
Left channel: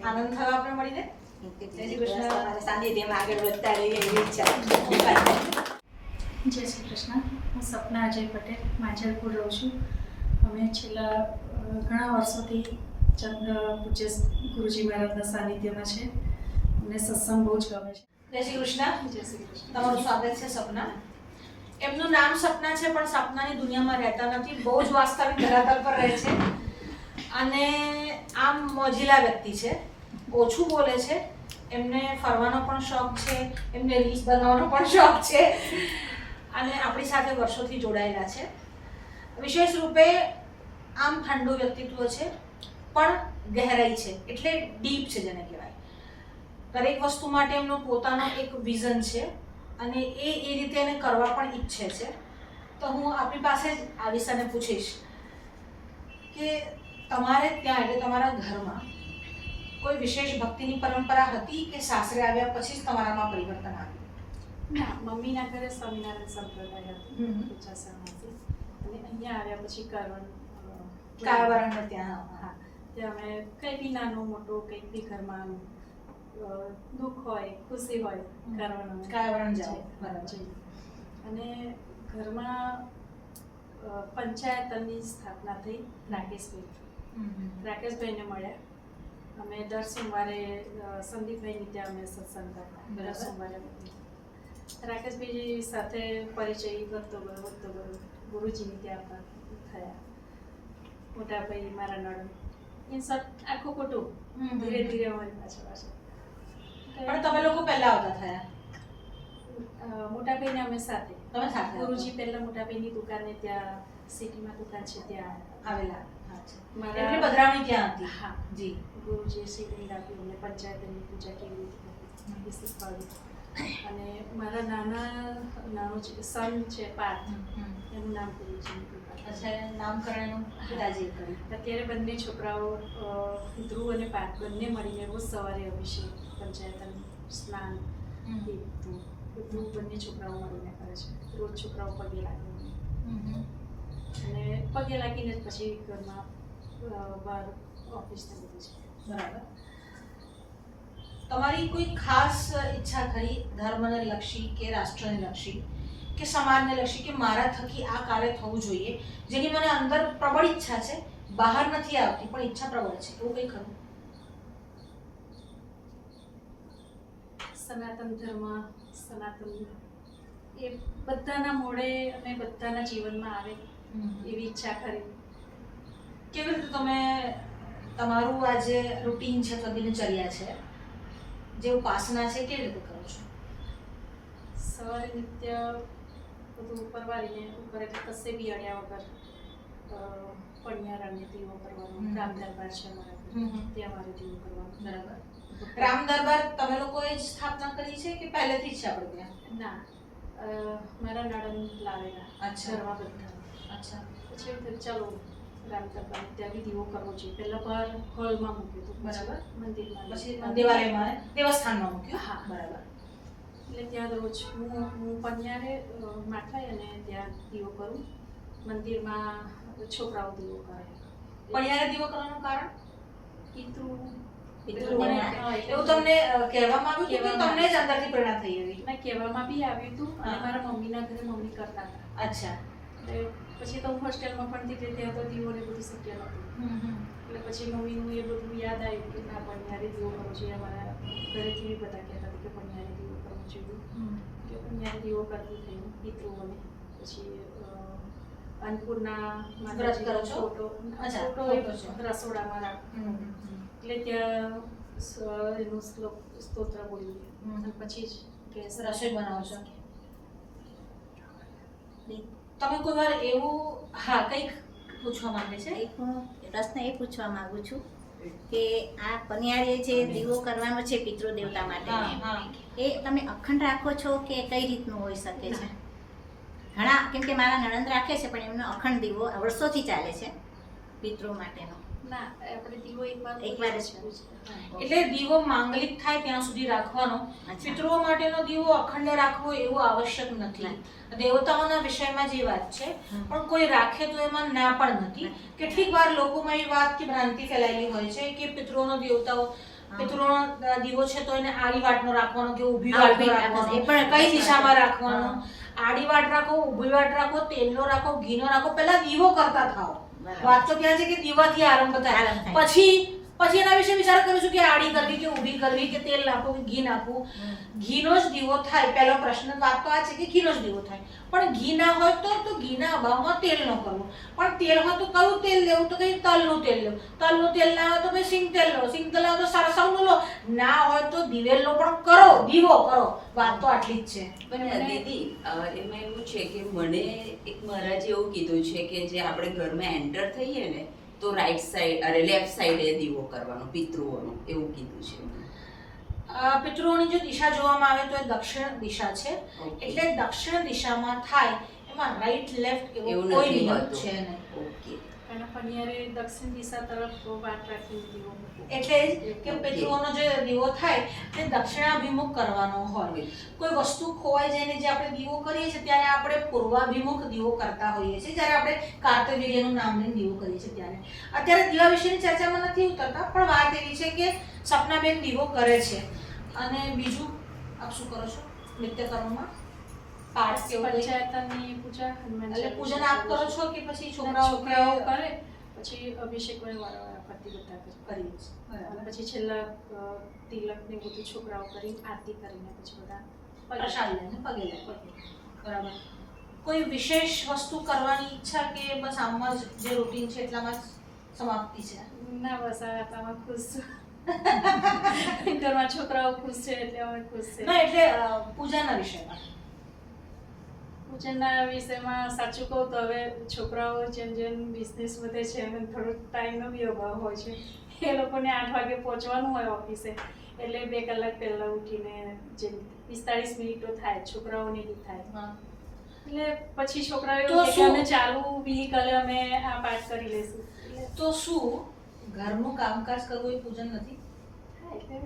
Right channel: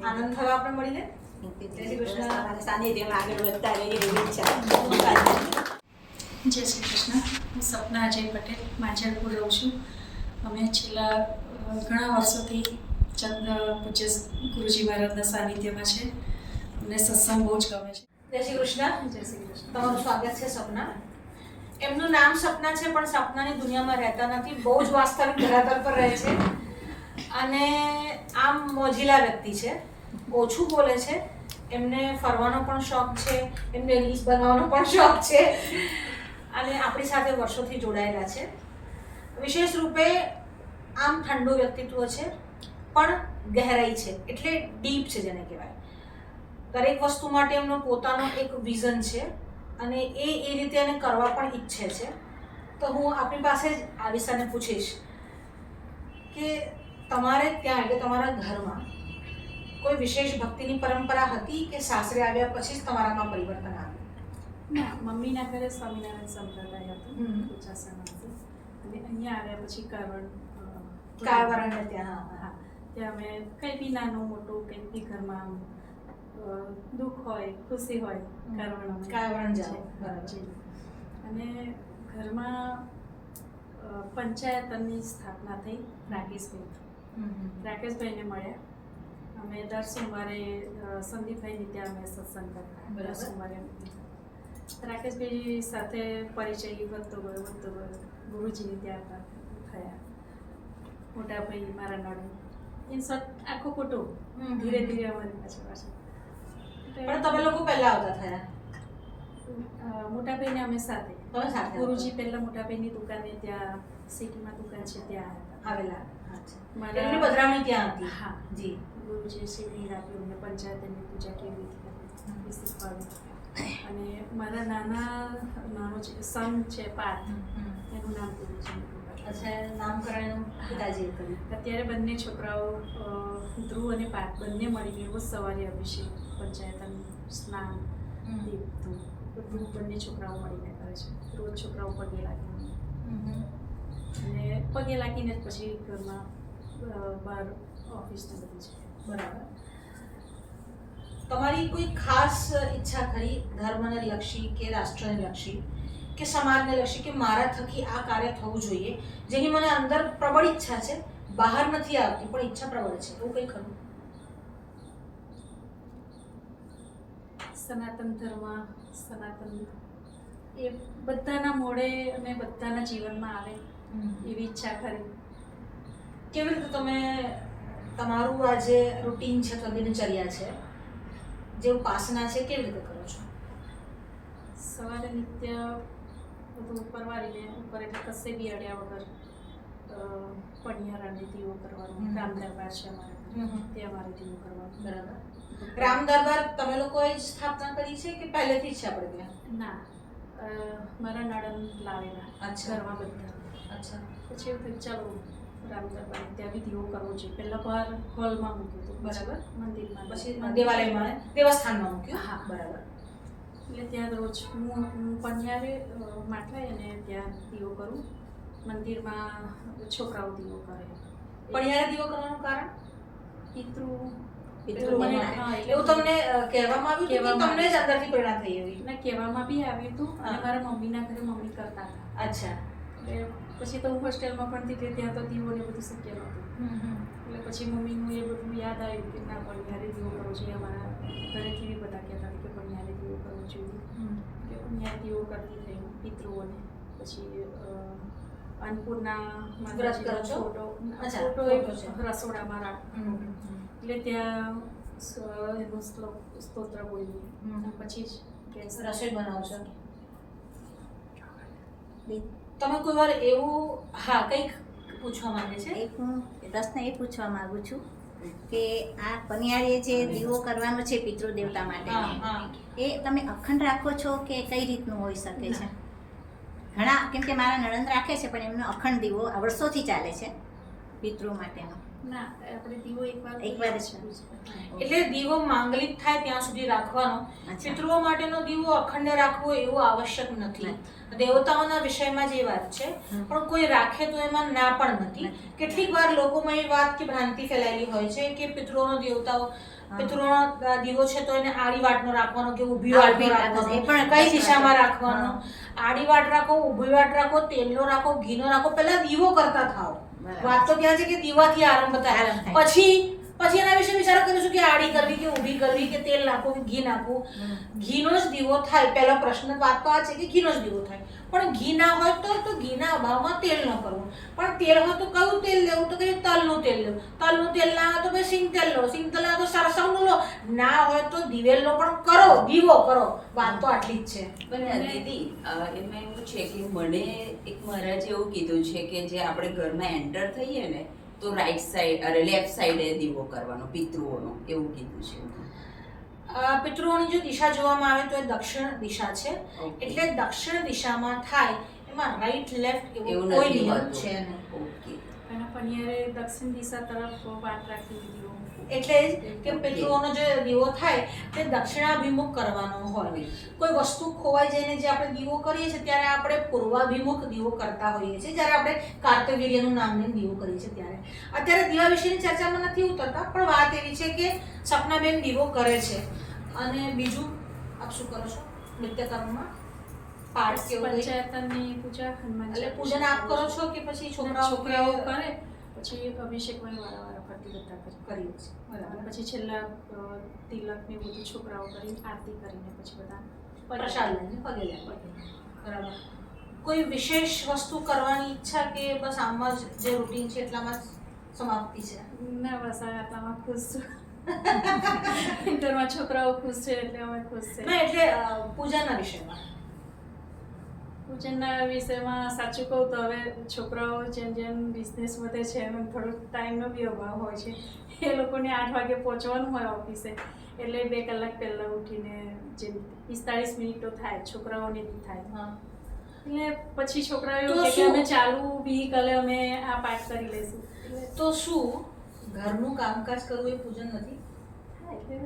આનંદ થયો આપણે મળીને. જય શ્રી કૃષ્ણ. સાનિધ્યમાં આગળ વધતા રહીએ એવી ઈચ્છા. જય શ્રી કૃષ્ણ. હું સપના અજય પટેલ માંજલપુર રહું છું. અમે છેલ્લા ઘણા વર્ષોથી પૂજ્ય ગુરુજી મહારાજના સાનિધ્યમાં છે. અમને સત્સંગ બહુ જ ગમે છે. જય શ્રી કૃષ્ણ. જય શ્રી કૃષ્ણ. તમારું સ્વાગત છે સપના. એમનું નામ સપના છે પણ સપનાની દુનિયામાં રહેતા નથી, બહુ જ વાસ્તવિક ધરાતલ પર રહે છે અને આમ મોજીલા વ્યક્તિ છે, ઓછું બોલે છે. એમને ફરવાનો પણ શોખ છે, એમને રીલ્સ બનાવવાનો પણ શોખ છે અને આપણી સાથે વર્ષોથી જોડાયેલા છે. વિશેષ રૂપે આમ ઠંડુ વ્યક્તિત્વ છે પણ ગહેરાઈ છે, એટલે ડીપ છે જેને કહેવાય. દરેક વસ્તુ માટે એમનો પોતાનો એક વિઝન છે અને એ રીતે એને કરવા પણ ઈચ્છે છે. તો હું આપણી પાસે જ આ વિષયને પૂછીશ કે તમારે ત્યાં એટલે તમારા ઘરમાં કોઈ વિશેષ ભક્તિની પરંપરા હતી કે સાસરે આવ્યા પછી જ તમારામાં પરિવર્તન આવ્યું? ના, મમ્મીના ઘરે સ્વામિનારાયણ સંપ્રદાય હતો, ઉચ્ચાસણમાંથી, અને અહીંયા આવ્યા પછી કારવરણ ત્યાં હા, ત્યાં અમે કંઈ બી નાનું મોટું કંઈક બી ઘરમાં દુઃખ હોય ખુશી હોય કારવરણ જાઓ. બરાબર. અને ઘરમાં પંચાયતની સ્થાપના થઈ રાકેશભાઈને મળ્યા. અમે દર સોમવારે સંદીપભાઈની ત્યાં અમે સત્સંગ કરતા, દર સોમવારે. રાકેશભાઈ સાથે પરિચય વધતો ગયો ગુરુજીની ત્યાં થયા. મોટાભાઈ મારા નણંદ, ઇન શોર્ટ આખું કુટુંબ ધીરે ધીરે અમારી પાછળ. પણ તમે લોકો પહેલા આવતા થયા? મોટાભાઈને અમે સાથે. તમે સાથે ગુરુજી પહેલા મોટાભાઈની દુકાને ત્યાં સિટીમાં દુકાન છે ત્યાં આવેલા. મારા એમની પધરામણી ત્યાં હતી. હા જી. ગુરુજીએ શિવલિંગ આપ્યું, અમને પંચાયતની પૂજા કેવી રીતે કરવી એ શીખવાડ્યું. અને મારા નાનો જે સન છે પાર્થ, એનું નામ ગુરુજીની કૃપા. અચ્છા, નામકરણ પિતાજીએ કર્યું. અત્યારે બંને છોકરાઓ ધ્રુવ અને પાર્થ બંને મળીને રોજ સવારે અભિષેક, પંચાયતન, સ્નાન, દીપ, બધું બંને છોકરાઓ મળીને કરે છે. રોજ છોકરાઓ પગે લાગીને અને પગે લાગીને જ પછી ઘરમાં બહાર ઓફિસને બધી છે. બરાબર. તમારી કોઈ ખાસ ઈચ્છા ખરી ધર્મને લક્ષી કે રાષ્ટ્રને લક્ષી કે સમાજને લક્ષી કે મારા થકી આ કાર્ય થવું જોઈએ, જેની મને અંદર પ્રબળ ઈચ્છા છે, બહાર નથી આવતી પણ ઈચ્છા પ્રબળ છે, એવું કંઈ ખરું? સનાતન ધર્મ, સનાતન એ બધાના મોડે અને બધાના જીવનમાં આવે એવી ઈચ્છા ખરી. કેવી રીતે તમે તમારું આ જે રૂટીન છે અથવા દિનચર્યા છે, જે ઉપાસના છે, કેવી રીતે કરો છો? સવારે નિત્ય બધું પરવારીને ઉપર એટલે કશે બી અડ્યા વગર પણિયારાને દીવો કરવાનું. રામ દરબાર છે અમારે, ત્યાં અમારે દીવો કરવાનું. બરાબર. રામ દરબાર તમે લોકોએ જ સ્થાપના કરી છે કે પહેલેથી જ છે આપણે ત્યાં? ના, મારા નણંદ લાવેલા. અચ્છા. ઘરમાં બધા. અચ્છા. પછી એવું થયું ચાલો રામ દરબાર ત્યાં બી દીવો કરવો જોઈએ. પહેલાં બહાર હોલમાં મૂક્યું હતું, બરાબર. મંદિરમાં, પછી દેવાલયમાં, દેવસ્થાનમાં મૂક્યું? હા. બરાબર. એટલે ત્યાં રોજ હું પણિયારે માટલાય અને ત્યાં દીવો કરું. મંદિરમાં છોકરાઓ દીવો કરે. પણ યારે દીવો કરવાનું કારણ? પિતૃ એવું તમને કહેવામાં આવ્યું કે તમને જ અંદરથી પ્રેરણા થઈ એવી? ના, કહેવામાં બી આવ્યું હતું અને મારા મમ્મીના ઘરે મમ્મી કરતા હતા. અચ્છા. એટલે પછી તો હું હોસ્ટેલમાં ભણતી હતી, ત્યાં તો દીવો ને બધું શક્ય નહોતું. એટલે પછી મમ્મીનું એ બધું યાદ આવ્યું કે ના, પણિયારે દીવો કરવો જોઈએ. અમારા ઘરેથી બી બધા કહેતા હતા કે પણિયારે દીવો કરવો જોઈએ. કે પણિયારે દીવો કરવું થયું પિતૃઓને. પછી અન્નપૂર્ણા વ્રત કરો છો? ફોટો અચ્છા, ફોટો ફોટો છે. રસોડામાં રાખું. એટલે ત્યાં એનું સ્તોત્ર બોલીએ અને પછી જ ગેસ રસોઈ બનાવો છો? તમે કોઈ વાર એવું, હા, કંઈક પૂછવા માંગે છે? એક હું પ્રશ્ન એ પૂછવા માંગુ છું કે આ પનિયારીએ જે દીવો કરવાનો છે પિતૃ દેવતા માટે, એ તમે અખંડ રાખો છો કે કઈ રીતનું હોઈ શકે છે? ઘણા, કેમ કે મારા નણંદ રાખે છે પણ એમનો અખંડ દીવો વર્ષોથી ચાલે છે પિતૃ માટેનો. ના, આપણે દીવો એકવાર જ એટલે દીવો માંગલિક થાય ત્યાં સુધી રાખવાનો. પિતૃઓ માટેનો દીવો અખંડ રાખવો એવું આવશ્યક નથી. દેવતાઓના વિષયમાં જે વાત છે, પણ કોઈ રાખે તો એમાં ના પણ નથી. કેટલીક વાર લોકોમાં એ વાત કે ભ્રાંતિ ફેલાયેલી હોય છે કે પિતૃઓનો પિતૃઓનો દીવો છે તો એને આડી વાટનો રાખવાનો કે ઊભી વાટનો રાખવાનો, એ પણ કઈ દિશામાં રાખવાનો? આડી વાટ રાખો, ઊભી વાટ રાખો, તેલનો રાખો, ઘીનો રાખો, પહેલા દીવો કરતા થાઓ. વાત તો ત્યાં છે કે દીવાથી આરંભ થાય. પછી એના વિશે વિચાર કરીશું કે આડી કરવી કે ઊભી કરવી કે તેલ નાખવું કે ઘી નાખવું. ઘીનો જ દીવો થાય. પહેલો પ્રશ્ન વાત તો આ છે કે ઘીનો જ દીવો થાય. પણ ઘી ના હોય તો ઘીના અભાવમાં તેલ ન કરવું. પણ તેલ હોય તો કયું તેલ લેવું? તો કઈ તલનું તેલ લેવું. તલનું તેલ ના હોય તો ભાઈ સિંગ તેલ લો. સિંગ તેલ ના હોય તો સરસવનું લો. ના હોય તો દિવેલનો પણ કરો, દીવો કરો. વાત તો આટલી જ છે. પણ દીદી, એમાં એવું છે કે મને એક મહારાજે એવું કીધું છે કે જે આપણે ઘરમાં એન્ટર થઈએ ને તો રાઈટ સાઈડ અરે લેફ્ટ સાઈડે દીવો કરવાનો પિતૃઓનો, એવું કીધું છે. પિતૃઓની જો દિશા જોવામાં આવે તો એ દક્ષિણ દિશા છે. એટલે દક્ષિણ દિશામાં થાય. એમાં રાઈટ લેફ્ટ એવું કોઈ નિયમ છે નહીં. ઓકે. અને પનિયારે દક્ષિણ દિશા તરફ વાટ રાખી દીવો. એટલે જ કે પિતૃઓનો જે દીવો થાય તે દક્ષિણાભિમુખ કરવાનો હોય. કોઈ વસ્તુ ખોવાઈ જઈને જે આપણે દીવો કરીએ છીએ ત્યારે આપણે પૂર્વાભિમુખ દીવો કરતા હોઈએ છીએ. જ્યારે આપણે કાર્તવીર્યનું નામ લઈને દીવો કરીએ છીએ ત્યારે. અત્યારે દીવા વિશેની ચર્ચામાં નથી ઉતરતા, પણ વાત એવી છે કે સપનાબેન દીવો કરે છે. અને બીજું આપ શું કરો છો નિત્યકર્મમાં? પાઠ કેવું? પંચાયતની પૂજા, હનુમાન એટલે પૂજન આપ કરો છો કે પછી છોકરાઓ કરે? પછી અભિષેક વારંવાર ફરતી બધા કરીએ છીએ. અને પછી છેલ્લા તિલક ને બધું છોકરાઓ કરી આરતી કરીને પછી બધા પ્રસાદ લઈને પગે લાગે. બરાબર. કોઈ વિશેષ વસ્તુ કરવાની ઈચ્છા કે બસ આમાં જ જે રૂટીન છે એટલામાં જ સમાપ્તિ છે? ના, બસ હવે આટલામાં ખુશ છું. ઘરમાં છોકરાઓ ખુશ છે એટલે અમે ખુશ છે. ના, એટલે પૂજાના વિષયમાં. પૂજનના વિષયમાં સાચું કહું તો હવે છોકરાઓ જેમ જેમ બિઝનેસ વધે છે એમ થોડોક ટાઈમનો બી અભાવ હોય છે. એ લોકોને 8 વાગે પહોંચવાનું હોય ઓફિસે, એટલે 2 કલાક પહેલાં ઉઠીને જેમ 45 મિનિટ તો થાય, છોકરાઓને બી થાય. એટલે પછી છોકરાઓ તો એવું કે શું? અમે ચાલુ વ્હીકલે અમે આ પાઠ કરી લેશું એટલે તો શું ઘરનું કામકાજ કરવું એ પૂજન નથી? હા, એટલે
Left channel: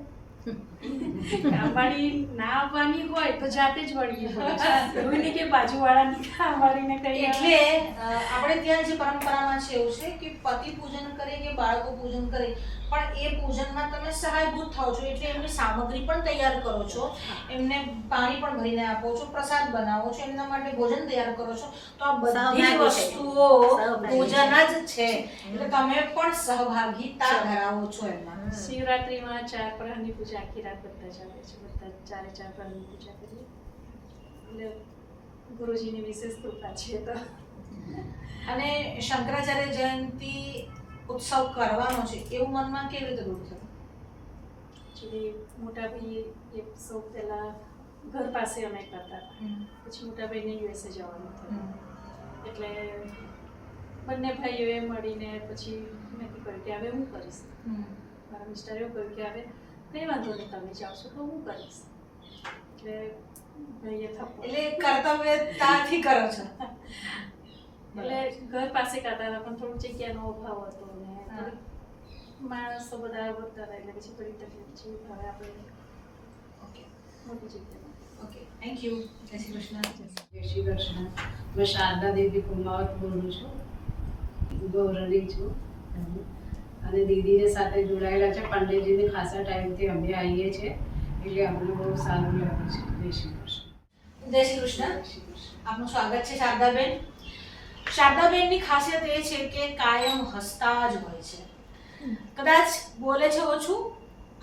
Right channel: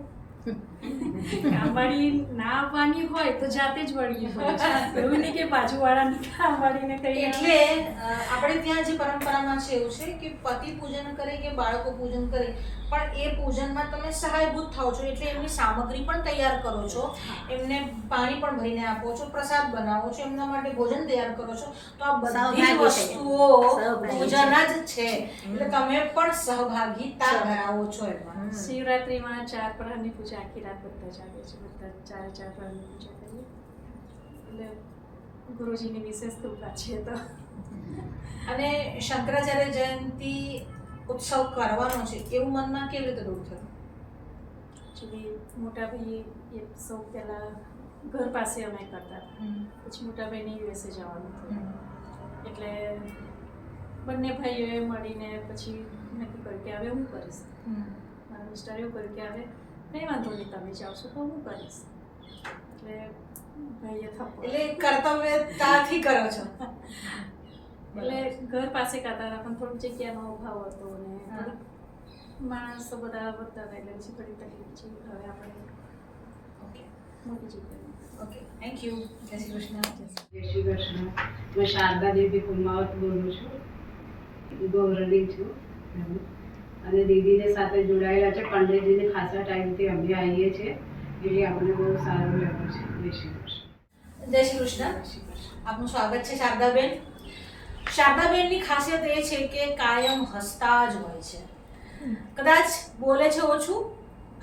કામવાળી ના આવવાની હોય તો જાતે જ વળગી પડે. એવું નહીં કે બાજુવાળાની કામવાળીને કહીએ એટલે આપણે ત્યાં જે પરંપરામાં છે એવું છે કે પતિ પૂજન કરે કે બાળકો પૂજન કરે, પણ એ પૂજનમાં તમે સહાયભૂત થાઓ છો. એટલે એમની સામગ્રી પણ તૈયાર કરો છો, એમને પાણી પણ ભરીને આપો છો, પ્રસાદ બનાવો છો, એમના માટે ભોજન તૈયાર કરો છો. તો આ બધી જ સહભાગી છે. વસ્તુઓ સહભાગી પૂજન જ છે. એટલે તમે પણ સહભાગીતા ધરાવો છો એમાં. શિવરાત્રિમાં 4 પ્રહરની પૂજા આખી રાત બધા જ આવે છે. બધા 4 પ્રહરની પૂજા કરીએ એટલે ગુરુજીની વિશેષ કૃપા છે. તો અને શંકરાચાર્ય જયંતિ ઉત્સવ કરવાનો છે એવું મનમાં કેવી રીતે દૂર થયું? એકચ્યુઅલી મોટા ભાઈ એ સૌ પહેલાં ઘર પાસે અમે કરતા હતા, પછી મોટા ભાઈને યુએસએ જવાનું થયું એટલે બંને ભાઈઓએ મળીને પછી નક્કી કર્યું કે હવે હું કરીશ. મારા મિસ્ટરે એવું કર્યું કે હવે કંઈ વાંધો નહીં, તમે જાઓ છો તો હું કરીશ. એટલે ભાઈએ થપ્પો એટલે કર્તવ્યતાથી કરો છો. એટલે ઘર પાસે કરતા હતા પણ થોડીક જગ્યાનો અભાવ હતો ને થોડીક માણસો બધા વધતા હતા એટલે પછી થોડી તકલીફ છે. હવે આપણે ઓકે મોટી જગ્યામાં ઓકે, થેન્ક યુ. જય શ્રી કૃષ્ણ. જય શ્રી કૃષ્ણ. હું શારદા દેવી કુમાવત બોલું છું, ગૌરણી છું અને દીદીને સાથે જોડાયેલા છે. પંડિતજીને ખાસા ટાઈમથી અમે આવીએ છીએ એટલે અમને બહુ સારું લાગ્યું છે. જય શ્રી કૃષ્ણ. જય શ્રી કૃષ્ણ. જય શ્રી કૃષ્ણ. આપનું સ્વાગત છે શારદાબેન. શારદાબેનની ખાસિયત એ છે કે કાયમ હસતા જ હોય છે. કદાચ બોલે છે ઓછું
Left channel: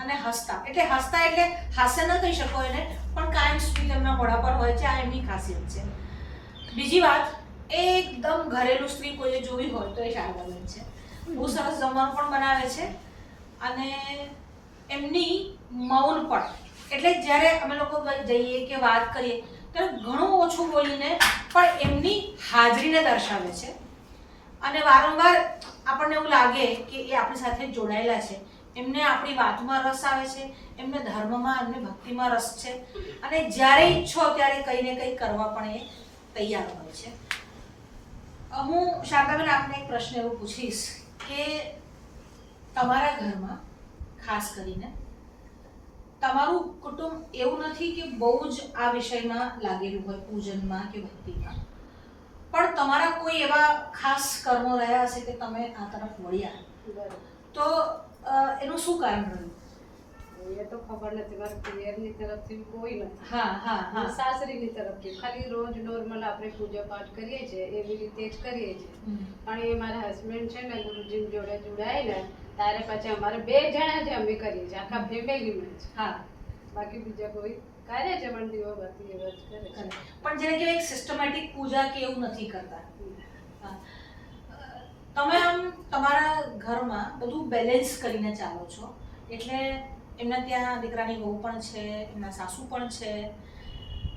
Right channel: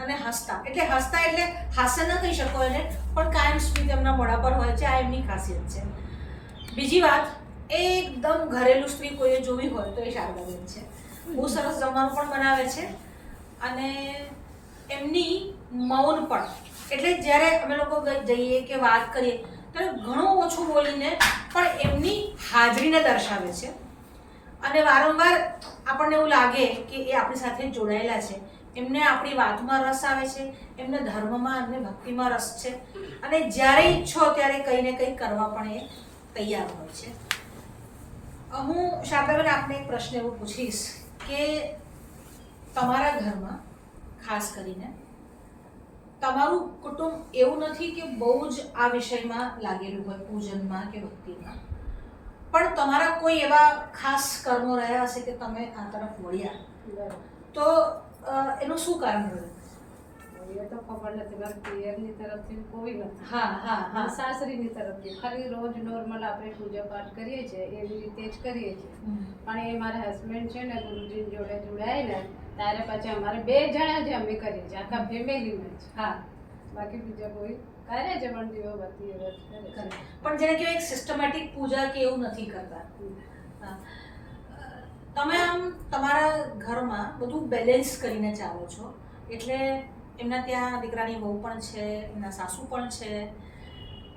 અને હસતા, એટલે હસતા એટલે હાસ્ય ન કહી શકો એને, પણ કાયમ સ્મિત એમના મોઢા પર હોય છે. આ એમની ખાસિયત છે. બીજી વાત, એકદમ ઘરેલું સ્ત્રી કોઈએ જોવી હોય તો એ શારદાબેન છે. બહુ સરસ જમવાનું પણ બનાવે છે અને એમની મૌન પણ, એટલે જ્યારે અમે લોકો જઈએ કે વાત કરીએ ત્યારે ઘણું ઓછું બોલીને પણ એમની હાજરીને દર્શાવે છે. અને વારંવાર આપણને એવું લાગે કે એ આપણી સાથે જોડાયેલા છે, એમને આપણી વાતમાં રસ આવે છે, એમને ધર્મમાં, એમને ભક્તિમાં રસ છે અને જ્યારે ઈચ્છો ત્યારે કંઈ ને કંઈ કરવા પણ એ તૈયાર હોય છે. હું શારદાબેન આપને એક પ્રશ્ન એવો પૂછીશ કે તમારા ઘરમાં ખાસ કરીને તમારું કુટુંબ એવું નથી કે બહુ જ આ વિષયમાં લાગેલું હોય, પૂજનમાં કે ભક્તિમાં, પણ તમારા કોઈ એવા ખાસ કર્મો રહ્યા હશે કે તમે આ તરફ વળ્યા, તો એનું શું કારણ રહ્યું? એ તો ખબર નથી, મારા પિયરની તરફથી કોઈ નથી. હા હા હા. સાસરીની તરફથી ખાલી રોજ નોર્મલ આપણે પૂજા પાઠ કરીએ છીએ એવી રીતે જ કરીએ છીએ. પણ એ મારા હસબન્ડ છે ને ગુરુજી જોડે જોડાયેલા ત્યારે પછી અમારે 2 જણા જ અમે કરીએ છીએ, આખા ફેમિલીમાં જ. હા, બાકી બીજા કોઈ કરે છે પણ દીવાબત્તી એવા જ કરે છે. પણ જેને કહેવાય એક સિસ્ટમેટિક પૂજા કે એવું નથી કરતા. હા. તમે આમ તમારા ઘરમાં બધું બેલેન્સ કરીને ચાલો છો, એટલે એમના ત્યાં દીકરાની વહુ પણ છે, એમના સાસુ પણ છે,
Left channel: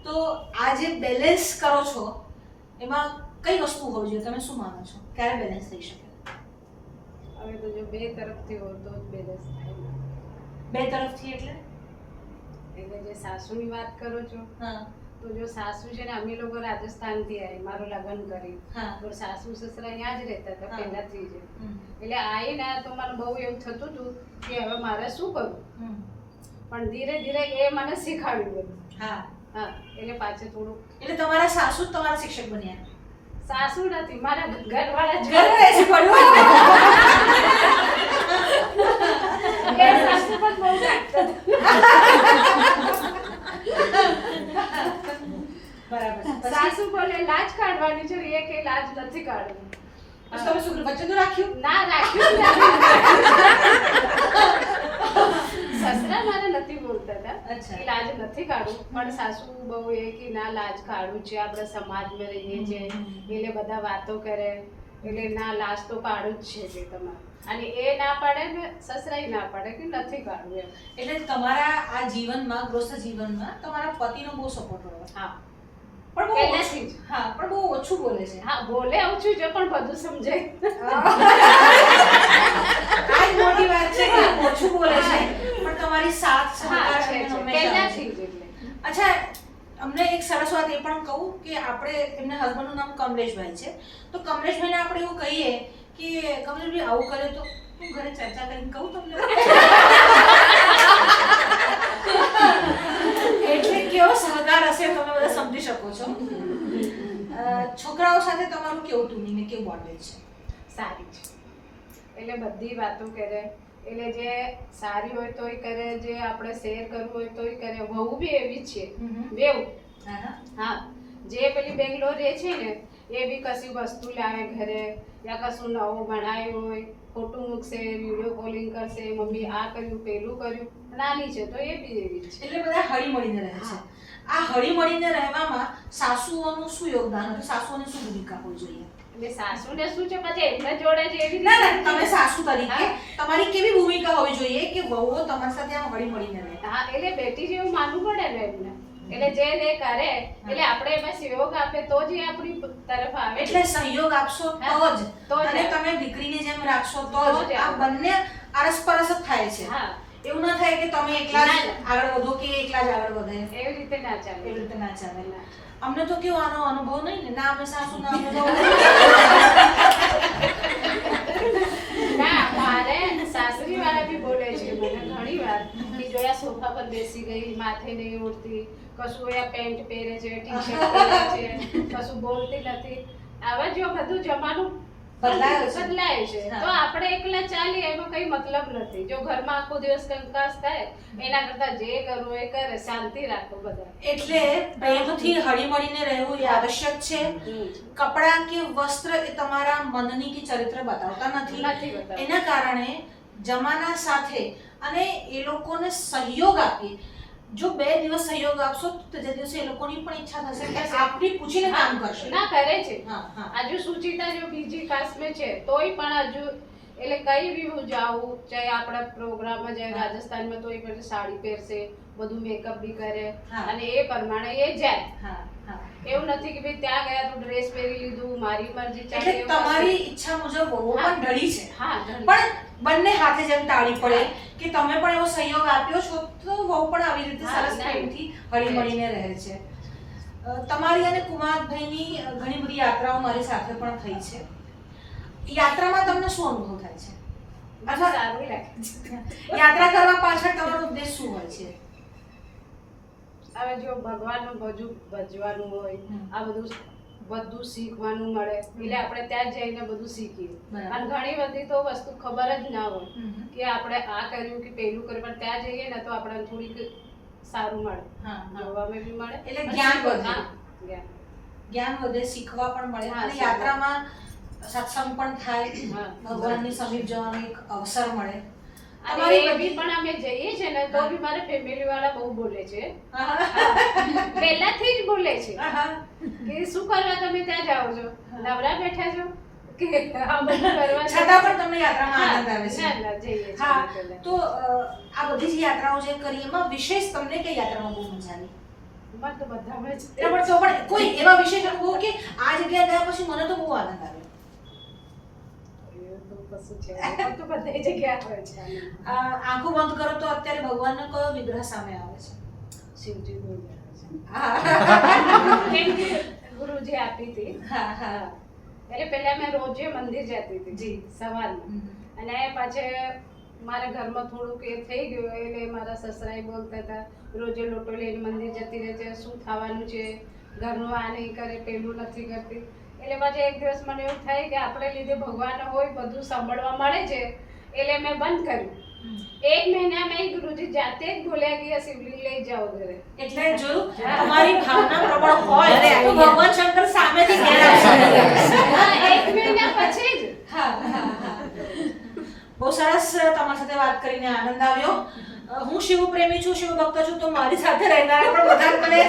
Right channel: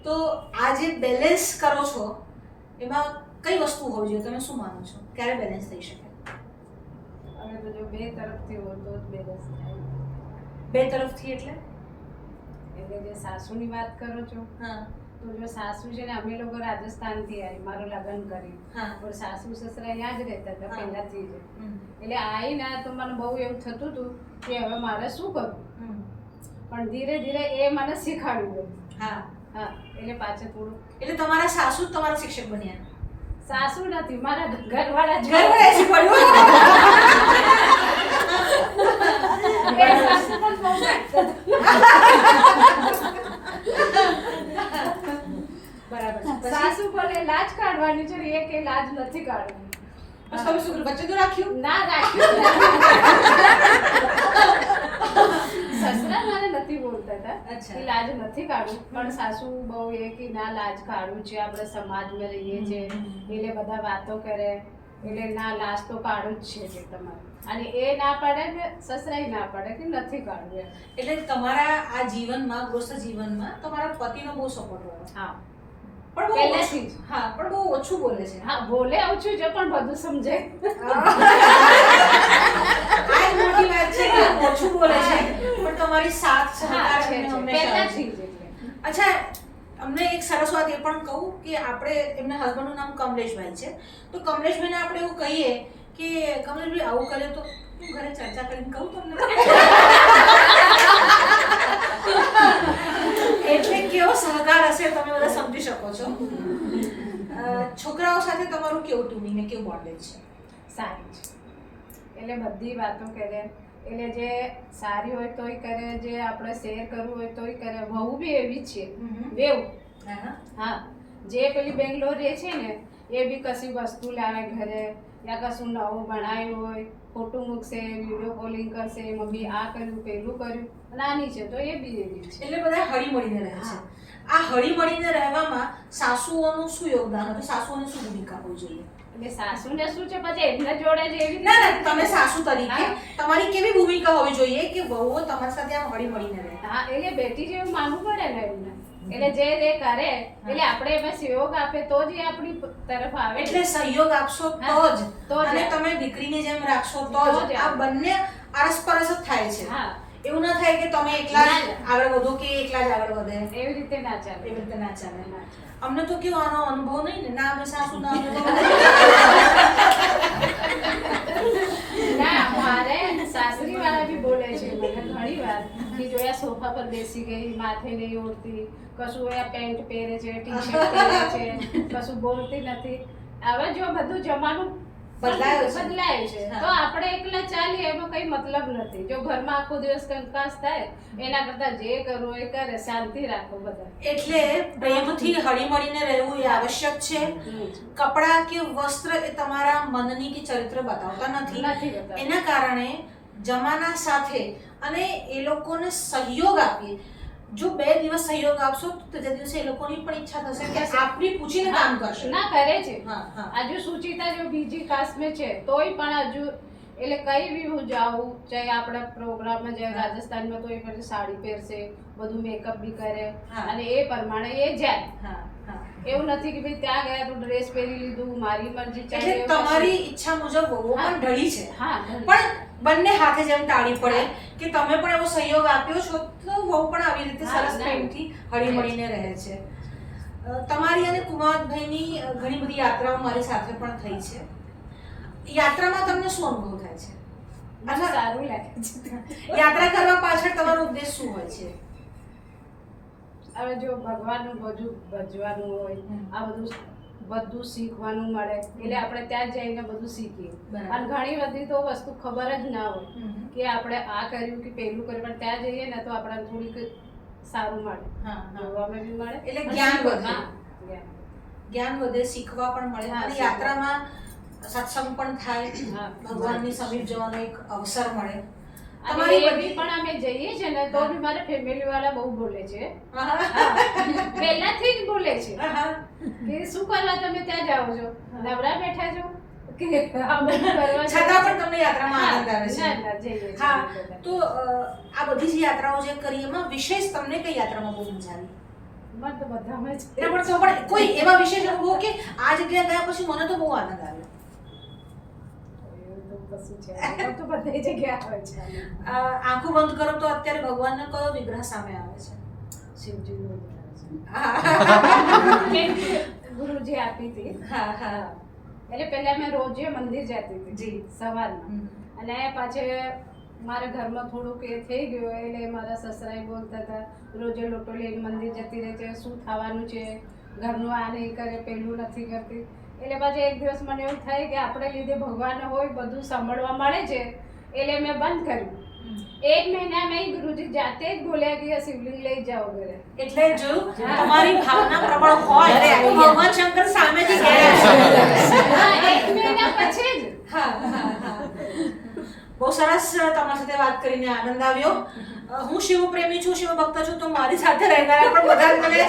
તો આ જે બેલેન્સ કરો છો એમાં કઈ વસ્તુ હોવી જોઈએ? તમે શું માનો છો ક્યારે બેલેન્સ થઈ શકે? હવે તો જો 2 તરફથી હોય તો જ બેલેન્સ થાય. 2 તરફથી એટલે જે સાસુની વાત કરો છો, હા તો જો સાસુ છે ને અમે લોકો રાજસ્થાનથી આવી, મારું લગ્ન કરી હા પણ સાસુ સસરા અહીંયા જ રહેતા હતા હા. પહેલાથી જ. એટલે આવીને તો મને બહુ એવું થતું હતું કે હવે મારે શું કરવું, પણ ધીરે ધીરે એ મને શીખવાડ્યું બધું. હા. હા, એટલે પાછળ થોડું. એટલે તમારા સાસુ જ તમારા શિક્ષક બન્યા? સાસુ નથી, મારા ઘરવાળા જ. ઘરવાળાએ શીખવાડ્યું? એ સાસુ પણ બહુ રાખતા હતા. બરાબર. સાસુ બોલે લાજ કાઢવાની છે ને એ કે લાજ નથી કાઢવાની. પછી તમે શું બચ્ચું તો રાખ્યું? ના રાખ્યું સસરા મને નથી બોલતા હતા અચ્છા. કે લાજ નથી કાઢવું, પણ સાસુ બહુ એ કે ના લાજ કાઢવું છે, આપણે સમાજમાં રહીએ છીએ એટલે બધા વાતો કરે એટલે ના લાજ તો કાઢવું જ છે તમારે. અને એ ના પાડે ને સસરાય ના પાડે કે નથી કાઢવું એમ. એટલે તમારા આ જીવનમાં, ગૃહસ્થ જીવનમાં તમારા પતિનો બહુ સપોર્ટ રહ્યો? હા, પણ બહુ પહેલેથી જ. હા, પણ બહુ ઓછું બોલે છે. હા બોલે ઓછું છે પણ બધું સમજે. આ જ મોટી વાત છે કે ઓછું બોલે છે પણ તમારી સાથ હા સહકાર છે એમને છે હંમેશા પહેલાથી છે. જ એટલે. અચ્છા, અમને એક સરસ વાત એ પણ કહું કે આપણે એમના હસબન્ડનું નામ કમલેશભાઈ છે, તો કમલેશભાઈને આપણે એવું કહીએ કે કમલેશભાઈ આવું કર્યું તો હું ઘરે ચર્ચા કરીને કહું તમને. એટલે કેવો સહકાર હશે તમે બધા સમજી શકો છો. છોકરાઓ સાથે તમારું કેવું ટ્યુનિંગ ને કેવું બોન્ડેજ છે? સારી છે, એટલે બધી વાતો કરે, એટલે જે સારી હોય તોય કરે, જે આપણે શેર કરવું હોય તોય કરે. વહુ બી એવી જ છે, બેવ. હા, જે પેલી બેંગ્લોર રહે છે ને એ બી કશી વસ્તુ લાવે ઘરે, યા કશું નવું બનાવ્યું હોય, ફોટો મૂકશે, વિડીયો કોલિંગ કરશે, મમ્મી આ કર્યું પેલું કર્યું. નાની છે તો એ બી એવી છે. એટલે બધા હળી મળીને રહે છે. આ હળી મળીને રહેવામાં સાસુઓનું શું યોગદાન હતું? સાસુઓની શું ભૂમિકા હોવી જોઈએ? એટલે સાસુને શું છે પછી એમને જોડે જ એવી ના ના, તમે સાસુ તરીકે તમારી કેવી ભૂમિકા હોવી જોઈએ કે વહુઓ તમારી સાથે આમ હળી મળીને રહે? હા, એટલે બેટી જેવું માનવું પડે ને એમને. એટલે જે કરે એટલે આપણે એમાં સહયોગ આપે તો જ એ આપણી તરફ આવે. એટલે સહયોગ આપશો તો જ, અને તમે દીકરીની જેમ રાખશો તો જ. આ બંને આરસપરસ જ થાય છે. હા, એવું ના થાય કે તમે એકલા જ આગળ વધો કે એકલા જ આગળ વધે. એવી રીતે ના ચાલે. એવી રીતે ના ચાલે. અમને તો કેવો આનો અનુભવ નહીં ને, ના અમે સાસુ ના અનુભવ. ના, મારે સાસરી વાળા બી બોલે છે મને ઘણી વાર કે જોયા સોફા પર બેસી ગઈ, માથે નહીં ઓઢતી, કશું આ પેન્ટ પહેરે છે, ટી શર્ટ પહેરે છે, કશું બોલતી નથી. હવે જો બધું જમાનું બદલાયું છે તો આપણે એકલા ચાલીએ એનો કઈ મતલબ નથી. જો ઘરમાં આખો દિવસ કંકાસ થાય એના કરતા જે કરવું એ કરે, શાંતિ રાખો બધા. એટલે પ્રેમથી હળી મળીને રહેવું એ આવશ્યક છે. કપડાં કે વસ્ત્ર એ તમારા મનની કે ચરિત્ર બતાવતા નથી. એના કારણે જમાના સાથે અને એ લોકોને સહયોગ આપીએ. જો 2 દિવસ સહયોગ આપશો તો ત્રીજા દિવસે એ લોકોની પણ ઈચ્છા થશે કે આપણી પૂછીને કામ કરશે. ના કરે છે. હા, હજુ સુચિતા જો બીજી કાસ્ટ में છે તોય પણ હજુ એટલે કઈ બી હું જાઉં, ચાહે આપણા પ્રોગ્રામમાં જાય રાજસ્થાનમાં તો એ પછી સાડી પહેરશે, બધું મેકઅપ બી કરે અને એ પ્રમાણે એ જાય. એવું નથી કે ભાઈ ત્યાં ગયા તો ડ્રેસ પહેરી લીધું, મારી મરજી ચાલે. એટલે તમારી ઈચ્છા મુજબ વહુ પણ ઢળી છે. હા, પણ બંને હાથે જેમ તાળી પડે કે તમે પણ એવો સહયોગ આપ્યો છો તો વહુ પણ આવી રીતે સરસ પ્રેમથી હળી મળીને રહે છે. તમારી અને કુમારભાઈની ઘણી બધી યાત્રાઓ મારી સાથે પણ થઈ છે. યાત્રામાં તમને શું અનુભવ થાય છે? સારું લાગે છે. યાત્રા કરવા પાછળ તમારો ઉદ્દેશ શું હોય છે? હવે જો ભગવાનનું બધું ભજવાનું હોય, આ બધું શીખવાનું મળે, એટલે આપણે ત્યાં જઈને બધું શીખીએ. અને ઘણી બધી તો વસ્તુ ખબર જ ના હોય કે આપણે આ કર્યું કે પેલું કર્યું, પણ ત્યાં જઈએ ને તો આપણને થોડીક સારું મળે, જોવામાં બી મળે, એટલે જ્ઞાન વધે. જ્ઞાન વધે, શીખવા પણ મળે. અને યાત્રામાં સત્સંગ પણ થાય, ભગવાનની સમીપ જવાનો એક અવસર મળે. અને એ બી પણ અમે જઈએ છે ને તો બી મારા ફેમિલી વાળા બહુ બોલે છે, પહેલાથી જ બોલે છે કે શું કરવા તમે ત્યાં જાઓ છો, નવરા બેઠા છો કે છતાં પણ તમને યાત્રામાં આનંદ આવે છે. હા, તો આ બધી જ યાત્રાઓ જે કરી એમાં વિશેષ તમને કઈ યાત્રામાં બહુ મજા આવી? મને તો બધામાં જ. તો પણ કોઈ એવા વિશેષ અનુભવ કે આ જગ્યાએ ગયા પછી મને તો બહુ આનંદ આવ્યો? આંખો બંધ કરો તો અત્યારે ભગવાનનો કયો વિગ્રહ સામે આવે છે? શિવજી ગુરુજી આપી હતી. એટલે પહેલા મેં રોજે મંદિર જતી હતી સવારમાં, અને પાછળ મારા ઘરમાં થોડુંક એ થઈ ગયું એટલે મારા સસરાએ બોલતા હતા રોજે લોટો લઈને મંદિર જતી રહે છે, શું થવાનું છે, ઘરનું આ નહીં કરે, પેલું નથી કરતી. એટલે પછી એક દિવસ મને એવું થાય કે આપણે લીધે ભગવાન હોય બધું સાંભળવા મળે છે, એટલે મેં બંધ કર્યું. 1 મહિનામાં ગુરુજી જાતે જ બોલ્યા કે શિવલિંગ લઈ જાઓ ઘરે. એટલે જોયું, તમારી ભાવના પ્રબળ હોય તો ભગવાન શંકર સામેથી ગયા છે. 1 મહિના પછી જ. બહુ સરસ તમારી સાથે વાત કરીને આનંદ આવ્યો. હું શિવ પ્રેમી છું, શિવ ભક્ત છું, તો મારી સાથે રહેનારા પણ બધા મને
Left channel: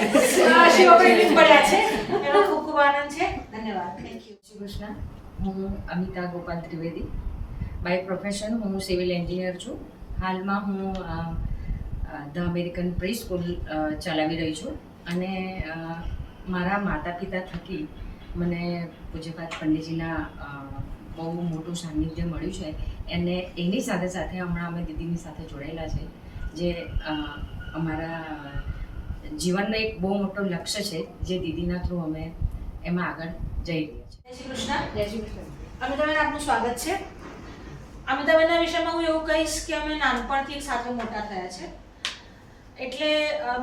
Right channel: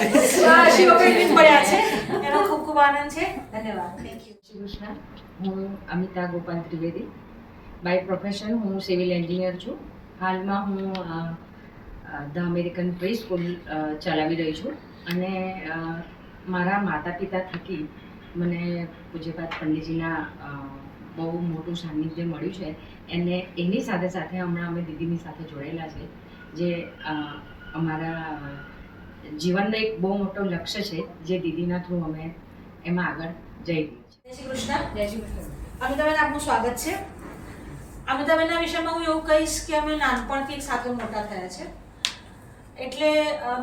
શિવ પ્રેમી પડ્યા છે, એનો ખૂબ ખૂબ આનંદ છે. ધન્યવાદ. Thank you. શ્રી કૃષ્ણ. હું અમિતા ગોપાલ ત્રિવેદી. બાય પ્રોફેશન હું સિવિલ એન્જિનિયર છું. હાલમાં હું ધ અમેરિકન પ્રી સ્કૂલ ચલાવી રહી છું, અને મારા માતા પિતા થકી મને પૂજ્યપાદ પંડિતજીના બહુ મોટું સાનિધ્ય મળ્યું છે. અને એની સાથે સાથે હમણાં અમે દીદીની સાથે જોડાયેલા છે, જે અમારા જીવનનો એક બહુ મોટો લક્ષ્ય છે જે દીદીના થ્રુ અમે એમાં આગળ જઈ રહ્યા જય શ્રી કૃષ્ણ. છીએ. જય શ્રી કૃષ્ણ. અમિતાબેન, આપનું સ્વાગત છે. અમિતાબેનના વિષયમાં હું એવું કહીશ કે અમે નાનપણથી એક સાથે મોટા થયા છે. એટલે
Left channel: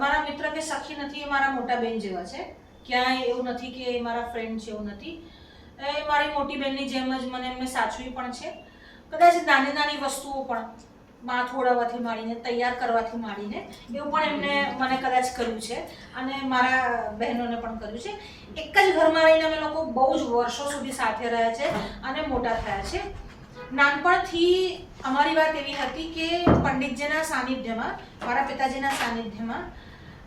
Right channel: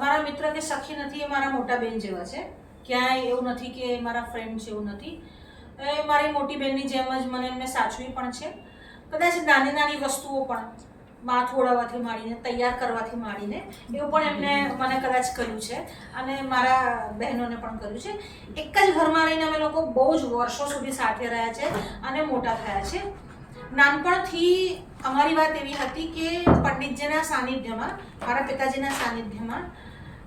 મારા મિત્ર કે સખી નથી, એ મારા મોટા બેન જેવા છે. ક્યાંય એવું નથી કે એ મારા ફ્રેન્ડ છે, એવું નથી. એ મારી મોટી બેનની જેમ જ મને એમને સાચવી પણ છે. કદાચ નાની નાની વસ્તુઓ પણ માથું ઓળવવાથી માંડીને, તૈયાર કરવાથી માંડીને એવું પણ એમને મને કદાચ કર્યું છે, અને મારા બહેનોને પણ કર્યું છે. એક જ ઘરમાં રહીને અમે લોકો બહુ જ વર્ષો સુધી સાથે રહ્યા છે અને મોટા થયા છે. નાનપણથી અમારી વાત એવી હતી કે પંડિતજીના સાનિધ્યમાં, મારા પિતાજીના સાનિધ્યમાં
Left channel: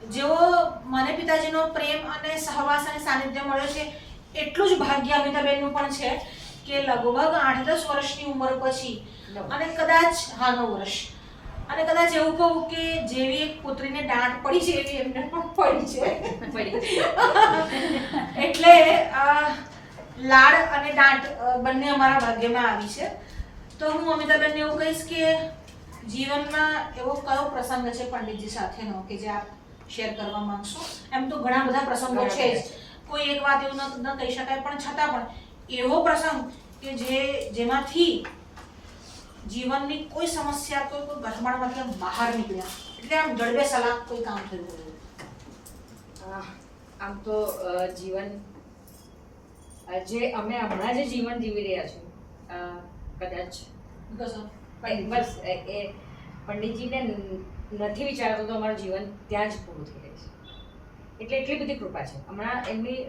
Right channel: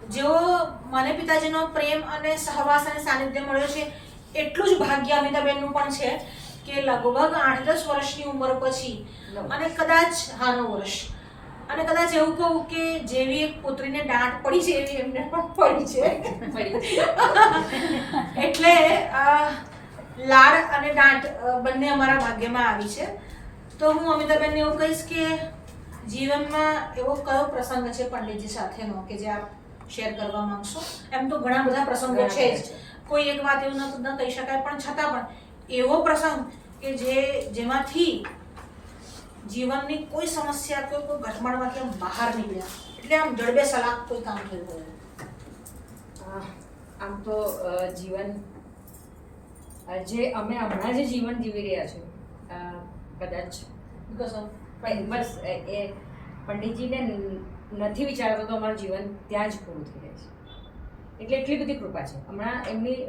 જેવો મને પિતાજીનો પ્રેમ અને સહવાસ અને સાનિધ્ય મળ્યો છે, એટલું જ ભાગ્ય અમિતાબેનનું પણ છે કે લગભગ 8-10 વર્ષની ઉંમર પછી, અને કદાચ 9 વર્ષ, અને કદાચ એવું કહું કે જેવી એક પુત્રીને દાંત પડી છે એવી એમને પણ પડી છે. એટલે લાડ અને દાંત બંને અમારા ભાગ્યમાં આવી છે. તો હું અમિતાબેનને એવું કહીશ કે જીવનમાં એવો કયો પ્રસંગ છે પંડિતજી સાથેનો કે જે આપ શેર કરવા માંગશો? એમ તો ઘણા બધા પ્રસંગો છે જ, કોઈ એક વાત એવું ન કહી શકાય, પણ છતાં પણ એવો પ્રસંગ કે જેમાંથી જીવનની કોઈ સમસ્યા, કોઈ ગઠમાણમાંથી આમ બહાર નીકળ્યા, એટલે આમ જડબે સલાક કોઈ કામ થયું હોય. આમ તો જીવન જે અમે હમણાં જે જીવન જીવી રહ્યા છીએ, કદાચ બસ એ પંડિતજીને નથી વિચારતો તો અમારું જીવન ત્યાં જ પૂરું થઈ જાય છે. એટલે એટલી બધી કૃપા છે. હમણાં એમની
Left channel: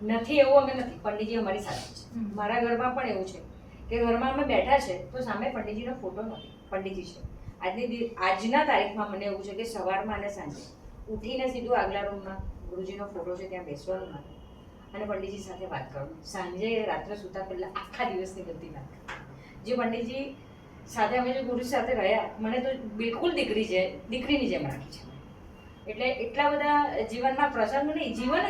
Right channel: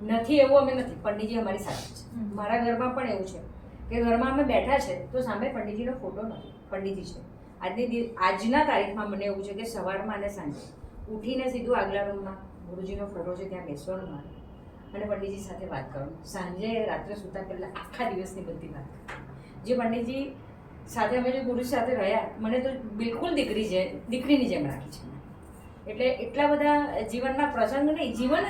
નથી એવું અમે નથી, પંડિતજી અમારી સાથે છે. મારા ઘરમાં પણ એવું છે કે ઘરમાં અમે બેઠા છે તો સામે પંડિતજીનો ફોટો નથી, પંડિતજી છે. આજના તારીખમાં મને એવું છે કે સવારમાં અને સાંજે ઉઠીને સીધું આગલા રૂમમાં ગુરુજીનો ફોટો છે ત્યાં બેસવાનું મારે અને પંડિતજી સાથે વાત કરવાનું. સાંજે રાત્રે સૂતા પહેલાં આખા દિવસની બધી વાત. જે પંડિતજી સાથે અમે જે ગુરુ સાથે રહ્યા, મને તો બિલકુલ દીકરીની જેમ રાખી છે. એટલે એટલા બધા જીવનના પ્રસંગ નહીં, જીવન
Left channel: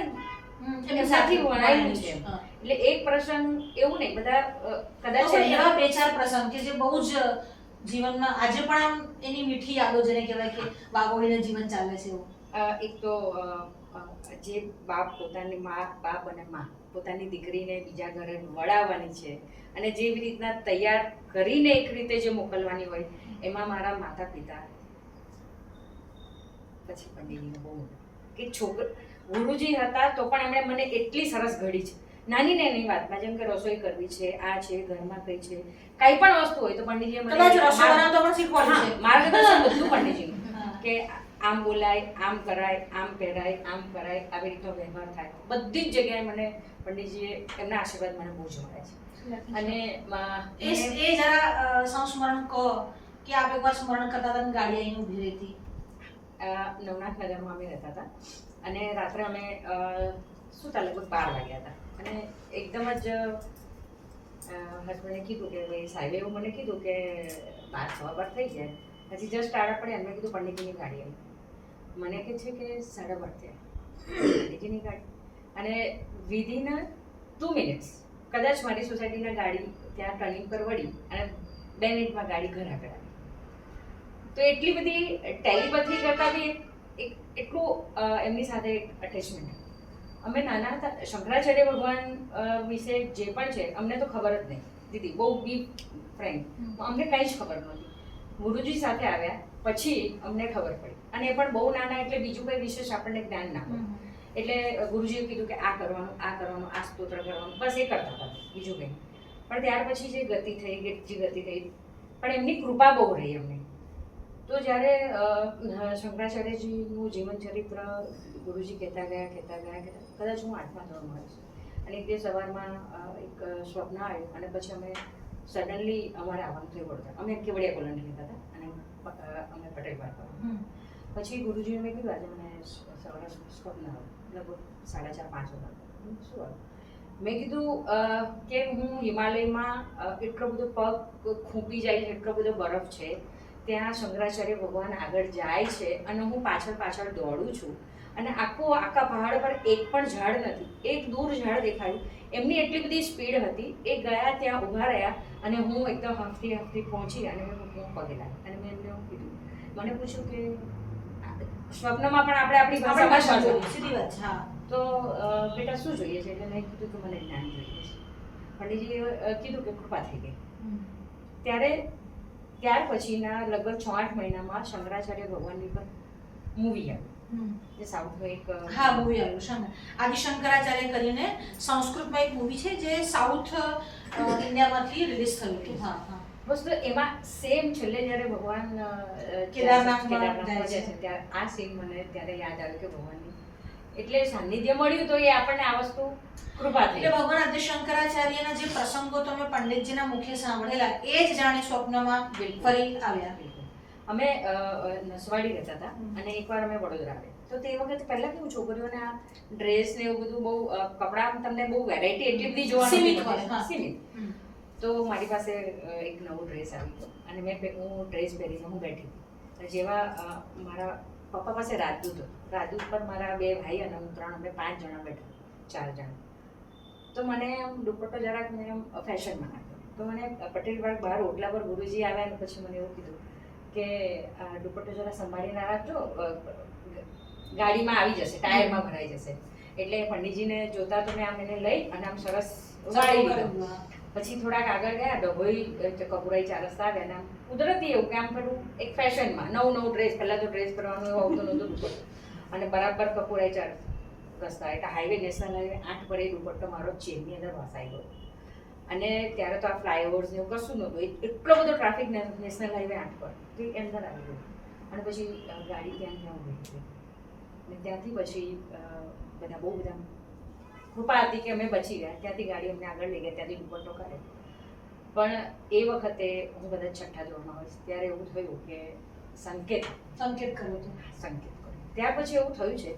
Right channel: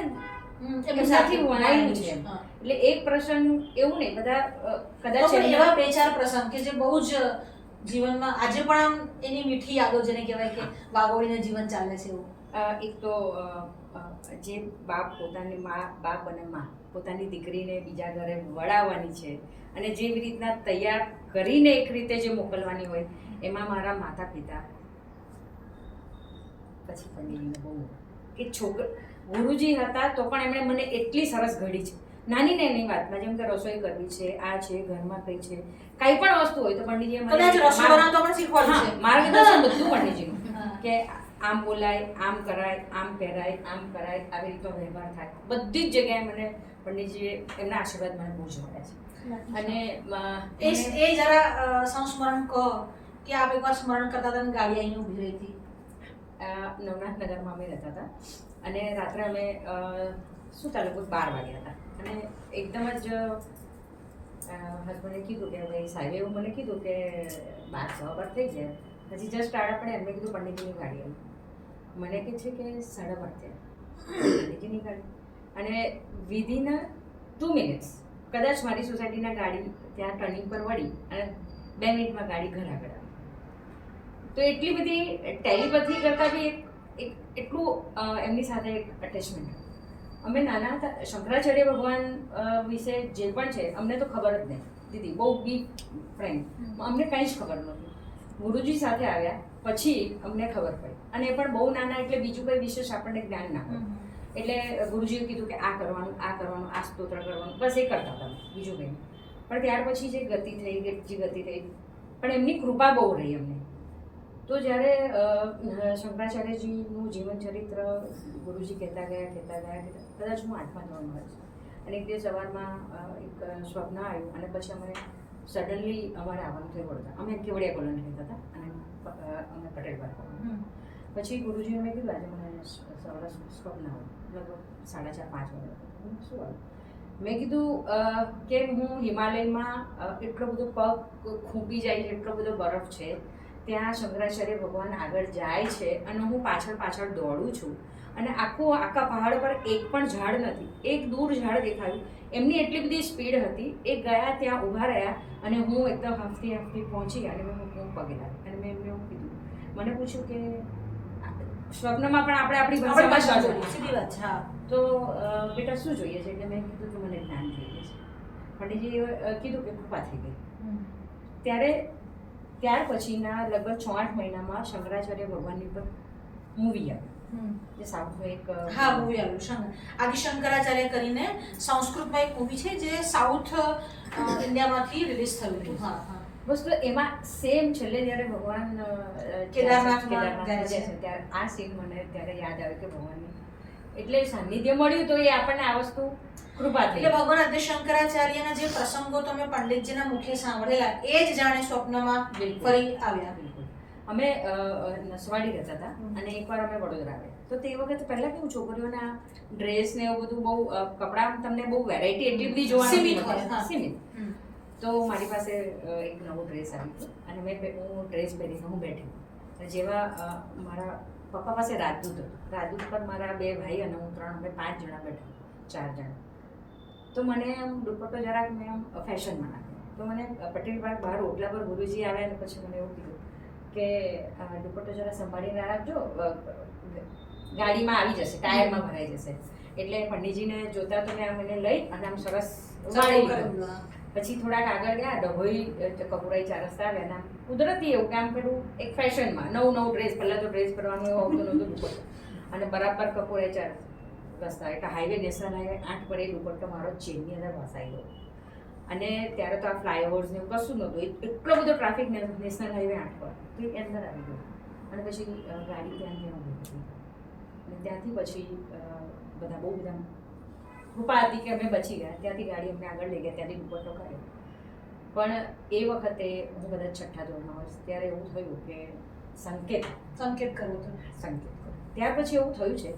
જ સાથે વણાયેલું છે. એટલે એક પ્રસંગ એવું નહીં, બધા કદાચ એવા 2-4 પ્રસંગ કે જે બહુ જ જીવનમાં આજે પણ આમ એની મીઠી યાદો, જેને કહેવાય કે વાગોળીને જીવન ચાલે છે એવું. એક તો જે બાપ પોતાની બાપ અને મા પોતાની દીકરીને બીજા ઘરે વળાવવાની છે અને જેવી રીતના તૈયાર કરીને એક રીતે જે મોકલવાની હોય, એમાં મારા માતા પિતા પછી પંડિતજીને બહુ કે ગુરુજી હતા તો પણ એમણે મને એટલી સરસ ઘડી છે નાની નાની વાતમાં, જેમ કે રસોઈ કરવી છે, આ છે, ઘરમાં કઈ છે, કઈ પણ વસ્તુ હોય તો પંડિતજીએ મને માર્ગદર્શન બધું પંડિતજીનું કે આમ બોલાય, આમ કરાય, આમ પહેરાય, આમ કરાય, આવી રીતનો વ્યવહાર થાય. બધી જ જગ્યાએ મને પંડિતજીએ એમના આશીર્વાદ મને બહુ જ મળે છે. અને એ જરા સંસ્મરણ કહો કે આપ એકવાર સ્મરણ કરતા હતા, ગાડી આવીને ઊભી રહી હતી. નવનાથ નગરમાં અમે રહેતા હતા અને રાત્રે અમે સૂતા લગભગ 12 વાગ્યા હતા અને એકદમ જ હસબન્ડે કીધું કે ભાઈ સાહેબે એવું મને કીધું કે 12 થઈ ગયા, પછી જસ્ટ આડા પડે. એમને કીધું પંડિતજીની ગાડી આવી. મને કહે છે કે 12:30 થયા, પંડિતજીની ગાડી. અને વિધિન 2 મિનિટ્સ કદાચ મારી સોસાયટીના ગાડી ત્યાં ટર્નિંગ પર વળી અને 2 મિનિટમાં ગાડી ઘર આગળ આવી. તો એટલી બધી ટેલિપેથી કરતાં બી એટલું એમની સાથે એક અટેચમેન્ટ. અમે નાના હતા, શંકરાચાર્ય ભગવાન વિશે જે પણ છે અમને તો ખબર જ નહીં દીદી, બહુ બી ફ્રેન્ક, અમને કંઈ જ ખબર નહોતી. ગુરુજી સાથે આવ્યા પછી અમને ખબર પડી, અને એ પણ બહુ નાના, એટલે બીજું કંઈ વિશેષ આપણને જ્ઞાન ના હોય. એટલે ગુરુજીએ કીધું કે આ કરવાનું, આ કરવાનું, આ સ્તોત્ર કરવાનું, બસ એ કરતા હતા, બીજું કંઈ. પણ ત્યાર પછી જે ગતિ થઈ, પણ એમની કૃપા બહુ રહી અમને. તો જ્યારે શંકરાચાર્યજીનું જીવન ચરિત્ર ગુરુજી કહેતા ગયા, કદાચ હું 8મા ધોરણમાં છું અને એક દિવસ સવારમાં એક સ્વપ્ન આવ્યું અને પછી અમે સડનલી અમારે આવવાનું થયું વડોદરા. અમે કેવડિયા કોલોની રહેતા હતા અને અમે પટેલ પાર્ક. પછી ગુરુજીને મેં કીધું આજે મને સવારે સ્વપ્ન આવ્યું, લગભગ 4:30-5 વાગે. શું આવ્યું? મેં કીધું કે હું હિમાલયમાં એટલો બધો પગ ખૂંપી જાય છે, એટલો બધો બરફ છે, ત્યાં શંકરાચાર્ય ભગવાન આગળ જાય છે અને હું પાછળ દોડું છું અને આખા પહાડ પર એક પણ ઝાડ નથી, એક દૂર ઝાડ દેખાયું. એમની એટલી બધી સ્પીડ હતી, એ ગયા ત્યાં ઊભા રહ્યા અને હું એકદમ હાંફતી પહોંચી અને મેં પગે લાગી અને મેં એમને એવું કીધું. મને પૂછ્યું કે સ્વપ્નમાં પણ આપણે આપણી આપણે ભાષામાં ભાષા જ જોઈએ બોલીએ. સીધી વાત છે હા તો બેટા શું જોઈએ છે? એટલે મેં કીધું કે મને જ્ઞાન જોઈએ છે. પંડિતજીએ કીધું કે કૃપા થઈ ગઈ. ત્યાર પછીના લગભગ 6-8 મહિનામાં શંકરાચાર્ય ભગવાનની પર મૂવી આવી, જે સાઉથનું એક હા મૂવી આવ્યું છે આદિ શંકરાચાર્ય કરીને સંસ્કૃતમાં એક મૂવી છે જે સાઉથ ઇન્ડિયામાંથી રિલીઝ થયું હતું. હા હા વસ્તુ એમાં સેમ છેલ્લે જ્યારે ભગવાન કેદારનાથમાં જાય જાય છે છે. ત્યારે આ સીન મને ત્યારે યાદ આવ્યું કે ભગવાનની એટલે સાનિધ્ય મળ્યું તો એ આપણને આ વસ્તુ કૃપા થઈ. એટલે ભગવાન આદિ શંકરાચાર્યના જે પ્રસંગો તમે પંડિતજીના મુખે સાંભળેલા એ જ જાણે સ્વપ્નમાં ફરી આવ્યા. અમે નસવાડી રહેતા હતા અને એકવાર અમે વડોદરા આવ્યા. તો તે વખતે પહેલા કેવું છોકરીઓને આ ડ્રેસ ને એવું બધું બહુ કપડાં તમને બહુ વેરાયટી એટલી બધી જોવા સીમિત હોય, હા. સીમિત. તો મારી પાસે એક નવો ડ્રેસ આવ્યો અને હું ડ્રેસ પહેરીને હું બેઠી હતી. જેવા મારા પપ્પા પાસે રાજદૂત હતો. રાજદૂત પર મારા 2 ભાઈ અને હું 3 અમે 5 જણા બેઠા, 4 જણા. તો મને આમ દુપટ્ટો જરાક મેં આમ ફેશનમાં નાખ્યો. તો મને પટેલ પાર્ક બહાર ઓટલા પર ગુરુજી આવ્યા અને પછી મને એવું કીધું કે દુપટ્ટો જરા સંભાળીને રાખજો, ગાડીમાં આવી જશે, ટાયરમાં ભરાઈ જશે. એટલે પંડિતજીને જોતા તો મેં આમ એને લઈ અને આમ સરસ વાળી લીધો. પછી થોડાક આગળ ગયા, ડભોઈ કપૂરાઈ 4 રસ્તા આવ્યા ને આમ કુદરતી એવું કે આમ પેલું એક ફેશનમાં નવું ડ્રેસ, પહેલાં તો ડ્રેસ પહેરવાનું એવું આવતું નહોતું દુપટ્ટો અને બરાબર કપૂરાઈ 4 રસ્તા એટલે હાઈવે નેશનલ હાઈવે 8 પર એ દુપટ્ટો મારો ચેનની અંદર વસાઈ ગયો. અને ત્યારે તો આ ફ્લાયઓવર્સ ને એવું કશું નહોતું, એટલો બધો ટ્રાફિક નેશનલ હાઈવે 8 પર તો એ અંદર આવી ગયો. અને પછી ગાડી ત્યાં ઊભી હતી અને ત્યાંથી પછી બધા બહુ બધા કૃપા હતી કે અમે બચી ગયા. ત્યાંથી ગાડી અમને આગળ લઈ ગયા, ત્યાંથી દુપટ્ટો કાઢ્યો. પણ એ વખતે હું કદાચ 6ઠ્ઠા ધોરણમાં હોઈશ ત્યારે એવું થયું કે સંકેત કરવો હતો. ત્યાર પછી એવું થયું છે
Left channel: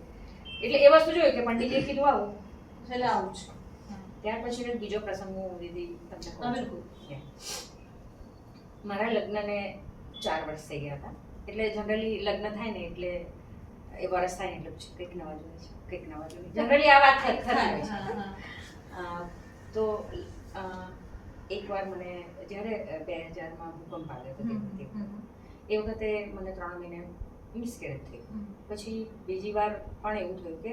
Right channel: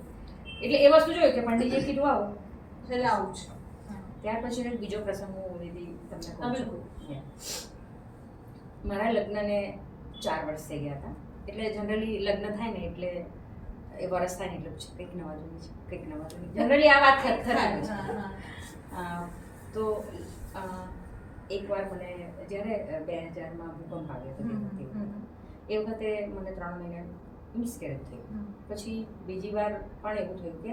એટલે એ વસ્તુ જોયું કે પંડિતજીએ કીધું આવું એટલે આવું છે. ત્યાર પછી એક બીજો પ્રસંગ હું દીદી તમને કહું છું. બિલકુલ. મારા લગ્નને 4 વર્ષ થઈ ગયા હતા. એટલે જનરલી લગ્ન થાય ને એટલે એ વર્ષ થાય ને એટલે કંઈક નવા જૂની છે, કંઈક નવા જૂની, જનરલી આ વાત થતી હોય છે. તો એકવાર મને જ્યારે 2000માં ભૂકંપ આવ્યો હતો એ વખતે મને 3 મહિના મિસકેરેજ થયું. પછી બીજી વાર પણ એવું થયું કે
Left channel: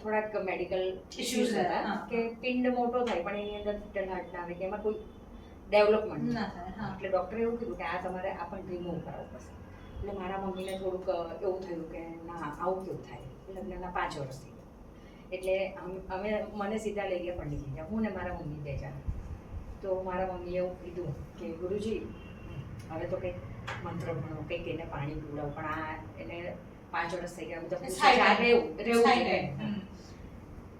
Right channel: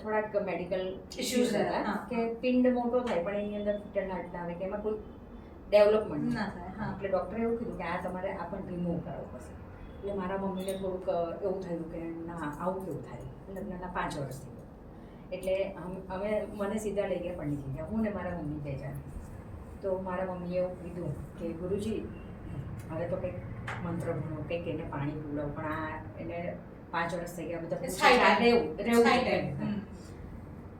થોડાક મેડિકલ ઇશ્યુઝ હતા કે પિંડ મોટો થાય પણ એની અંદર ફિટલ હાર્ટ ના આવે કે એમાં કોઈ ડેવલપમેન્ટ ના થાય. એટલે ડૉક્ટરે એવું કીધું કે આ તમારે આ પણ રિમૂવ કરાવવું પડશે. એટલે મારા મમ્મીને થોડુંક એવું થયું કે ના આવું કેવું થાય. લગ્નના 5 વર્ષ થઈ ગયા. એટલે અમે મને સીધા લઈ ગયા પંડિતજી, હું ને મારા મમ્મી 2 જણા. તો મારા મમ્મીએ એવું કીધું કે ગુરુજી હવે તો કંઈક મંત્ર ભણો, કંઈક એને પાણી પીવડાવો, પણ આ એને 5 વર્ષ થઈ ગયા બધા રહેવું.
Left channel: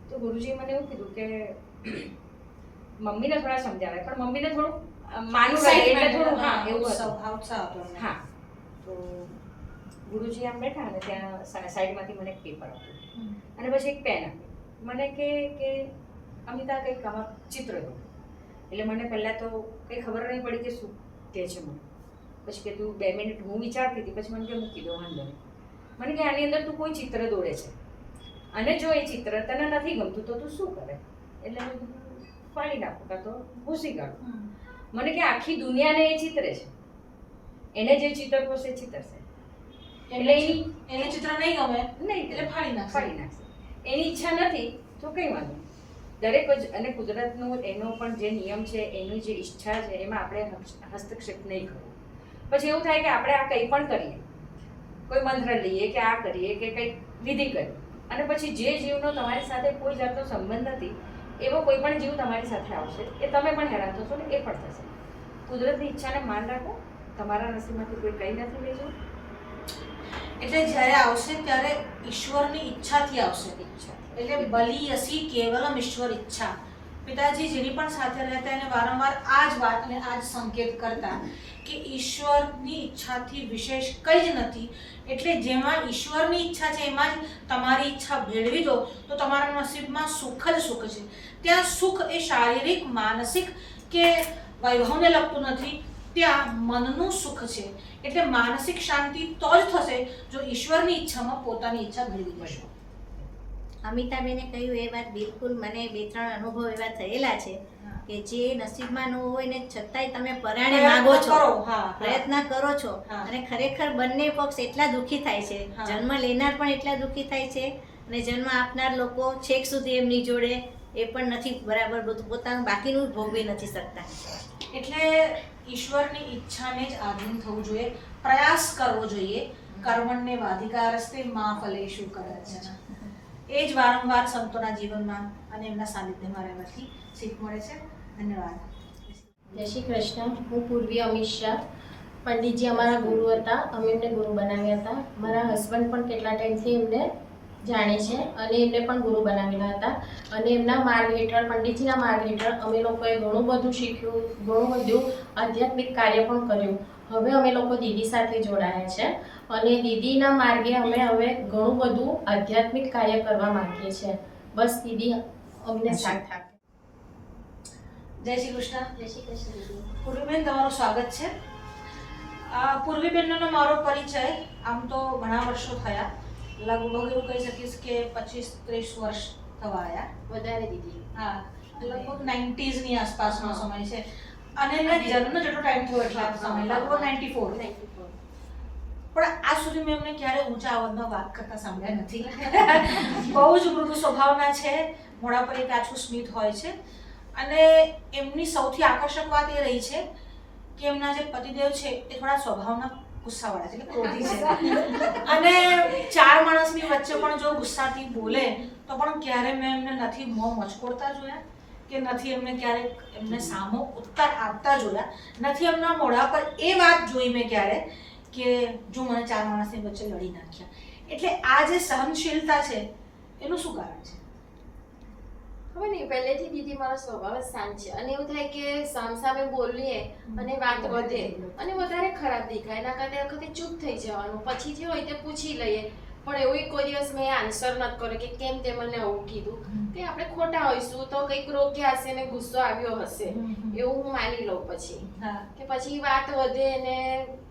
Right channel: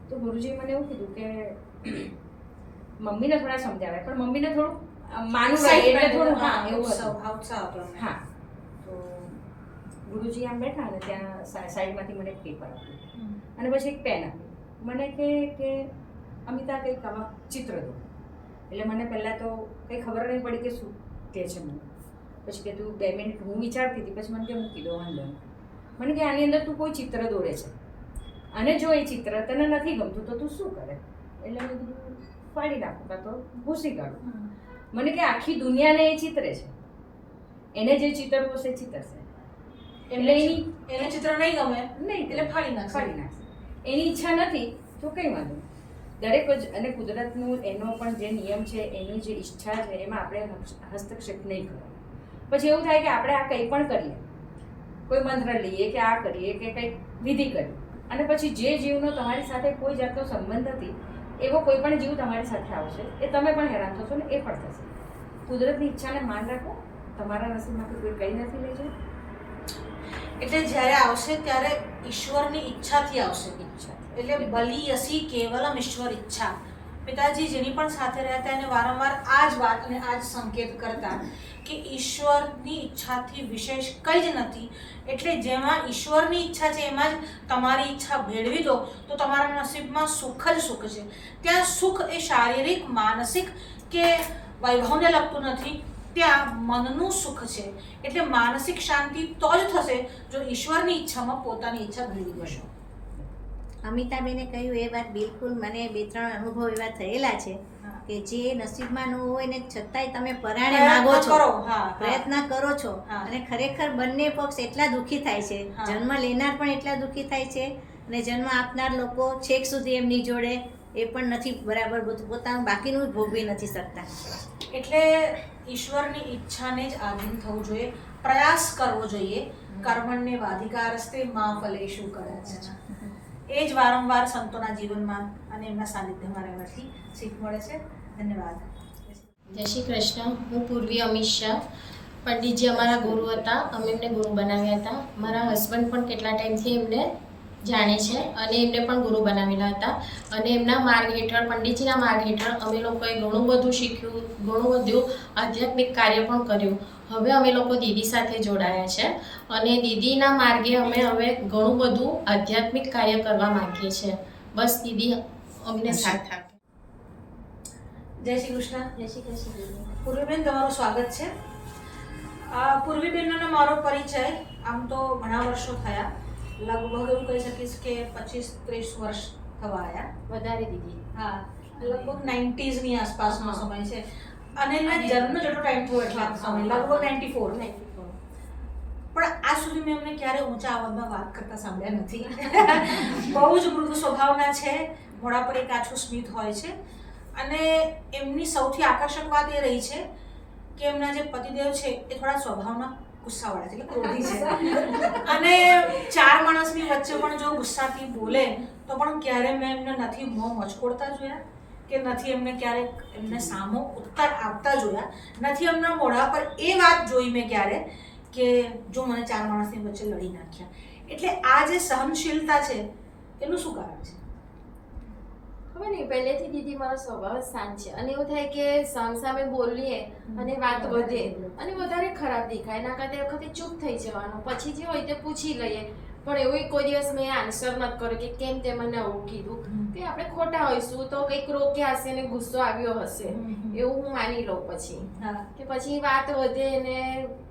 તો ગુરુજીએ મને એવું કીધું કે મમ્મીને થોડા સમજાવે પણ મમ્મીને થોડું માનું રહે એટલે થોડું હા એવું હતું. હા તો ગુરુજી આમ બેઠા અને ત્યાં સાઈડમાંથી મને એક પેપર આપ્યું અને પછી એક પેન આપ્યું. મને કે અમિતા કંઈક આમાં ચિત્ર દો. એટલે મને પહેલાં તો કંઈ ખબર નહીં પડી કે શું કહે છે મને. પછી કે તું 2 મિનિટ હું વિચારતી હતી, પછી મને કે મૂકી દો, વાંધો નહીં. મને કે આની અંદર તું કોઈ ચિત્ર દોરે છે અને જો એ ચિત્ર તને નથી ગમતું તો તું શું કરે? એટલે મેં કીધું ફાડી નાખું કાં તો ભૂસી કાઢું. મને કે આખી દુનિયાને એ ચિત્રે છે, એને જે ચિત્રવું હશે ચિત્રશે. એટલે એને ચિત્ર નહીં ગમે નહીં એટલે ફાડી નાખશે. એની ઈચ્છા નથી તો કંઈ વાંધો નહીં. દરેક જ અને કુદરતનું એનો પણ જે નિયમ છે, એની જે ઈચ્છા છે એમાં આપણે હસ્તક્ષેપ નહીં કરવો. પછી એવું થાય કે આપણે આ કંઈ પણ કરીએ, કોઈ મંત્ર લઈએ કે આ કરીએ કે કંઈક વિધિ કરીએ અને પછી જે જીવનો તમારી સાથે કોઈ જાતનો સંબંધ નથી એવો કોઈ પણ જીવ તમારી સાથે આવશે, એ તમે પણ હેરાન થશો ને એ પણ થશે. કુદરતની ઈચ્છાને માન રાખો, તમારા નસીબમાંથી કોઈ કંઈ નથી લઈ જવું. એટલે જ્યારે આવશે ત્યારે ઈશ્વરની ઈચ્છાથી આવશે. એટલે બલિ અસી કેવલમ ઈશ્વર ઈચ્છા. પિતાજી જેની પણ સાથે રહેતા એને વારંવાર આ જ વાત અને આ જ સંકેત કરતા કે ઈશ્વરની ઈચ્છાથી વિશેષ કંઈ જ નથી. એટલે જેમાં ઈશ્વરની ઈચ્છા છે એમાં જ તમારી ઈચ્છા ભેળવી દો તો તમારા નસીબમાં સુખ જ સુખ છે. ત્યાં સુખ એ શારીરિક, માનસિક કે વૈભવને લગતું નથી, ત્યાં મનનું સુખ છે. એટલે માનસિક શાંતિ તો જ થશે જો ઈશ્વરની ઈચ્છામાં પોતાની ઈચ્છા ભેળવી દેશો. અમિતાબેને કહ્યું એ વાત બિલકુલ મને 2-3 અનુભવ એવા થયેલા છે કે જે નસીબમાં ન હોય ને છતાંય તમે પરાણે માગો છો, પ્રયત્ન કરો છો, અને ખરેખર બંને પક્ષ એટલા દુઃખી થાય છે, જન્મ લેનાર પણ એટલા દુઃખી થાય છે અને જન્મ આપનાર લોકો છેક સુધી એમની જોડે એ પણ નથી બરાબર બધું પોતાનું બાકીનું ભોગવી નથી શકતા. એટલે ઈશ્વરની ઈચ્છાને જ આધીન થવું જોઈએ, પ્રયાસ કરવો જોઈએ. કર્મણ્ય વાધિકારસ્તે મા ફલેષુ કદાચન. એ જ વારંવાર સંતોના જીવનમાં અને એમના સાનિધ્યમાં રહેવાથી શીખ મળે છે. ધન્યવાદ. જય શ્રી કૃષ્ણ. હું પૂર્વી અમિત શાહ. પંડિતજી અમારા ગુરુ હતા, અમે એમને ગુરુ બનાવ્યા હતા. મારા હસબન્ડ પણ કેટલા ટાઈમથી એમને જાણે છે અને એમને પણ ગુરુ બનાવેલા હતા. અને એમના માર્ગ હેઠળ, પંડિતજીના માર્ગ હેઠળ અમે લોકોએ ઘણું બધું શીખ્યું, ઘણું બધું આધ્યાત્મિક કાર્ય પણ કર્યું. હવે અમે લોકો દીદી સાથે જોડાયા છે અને દીદીના માર્ગે અમે હવે ઘણું બધું આધ્યાત્મિક કાર્ય કરવા માંગીએ છીએ. બસ દીદી અમને સાથ આપે. જય શ્રી કૃષ્ણ. જય શ્રી કૃષ્ણ દીદી. પૂર્વીબેન, તમારું સ્વાગત છે. પૂર્વીબેનનો મારો પરિચય આમ તો ઘણા વર્ષો થયા, લગભગ એવું કહી શકીશ કે 25-30 વર્ષ થવા આવ્યા. વધારે દીદી. હા, લગભગ 90s ની આસપાસનો સમય છે. અને એના જન્મનો જેટલો ટાઈમ થયો એટલા સમય, લગભગ 94. પણ આજ સુધી મેં એમને ક્યારે ઊંચા અવાજમાં વાત કરતા સાંભળ્યા નથી. બહુ જ મૃદુ સ્વભાવના છે, મોઢા પર એક આછું સ્મિત હોય છે. અને એમની સૌથી આકર્ષક વાત એ રહી છે કે એમના જે પતિદેવ છે એ થોડા સ્વભાવના ગુસ્સાવાળા છે, એટલે ક્રોધી છે. અને ચાર માણસની વચ્ચે પણ જો ગુસ્સાથી બોલે તો પણ ક્યારે મેં એમને નથી મોં મચકોડતા જોયા કે નથી એમને ક્યારેક એમને સામો ઉત્તર આપતા જોયા, નથી એમના મોઢા પર એ વાત જોઈ મેં ક્યારે કે જો મને ચાર માણસની વચ્ચે લડી નાખ્યા. એટલે આ જે સહનશીલતા છે એનું શું કારણ છે? ખબર નહીં, પહેલેથી દીદી મારો સ્વભાવ જ શાંત છે અને એવું થાય કે સામસામે બોલીએ અને વાત વધે અને વધારે ખરાબ દેખાય, એના કરતા વખતે ચૂપ થઈ જવાનું, પછી જે હોય તે પૂછી લઈએ. પણ એવું કોઈ દિવસ મેં આન્સર નથી કર્યો કે કેમ તે મને આવું કીધું, કે આપણે ખોટા હોઈશું તો કંઈક રોક્યા હશે ને ગુસ્સો આવ્યો હશે એવું હું માની લઉં. પછી કે પછી વાત વધે ને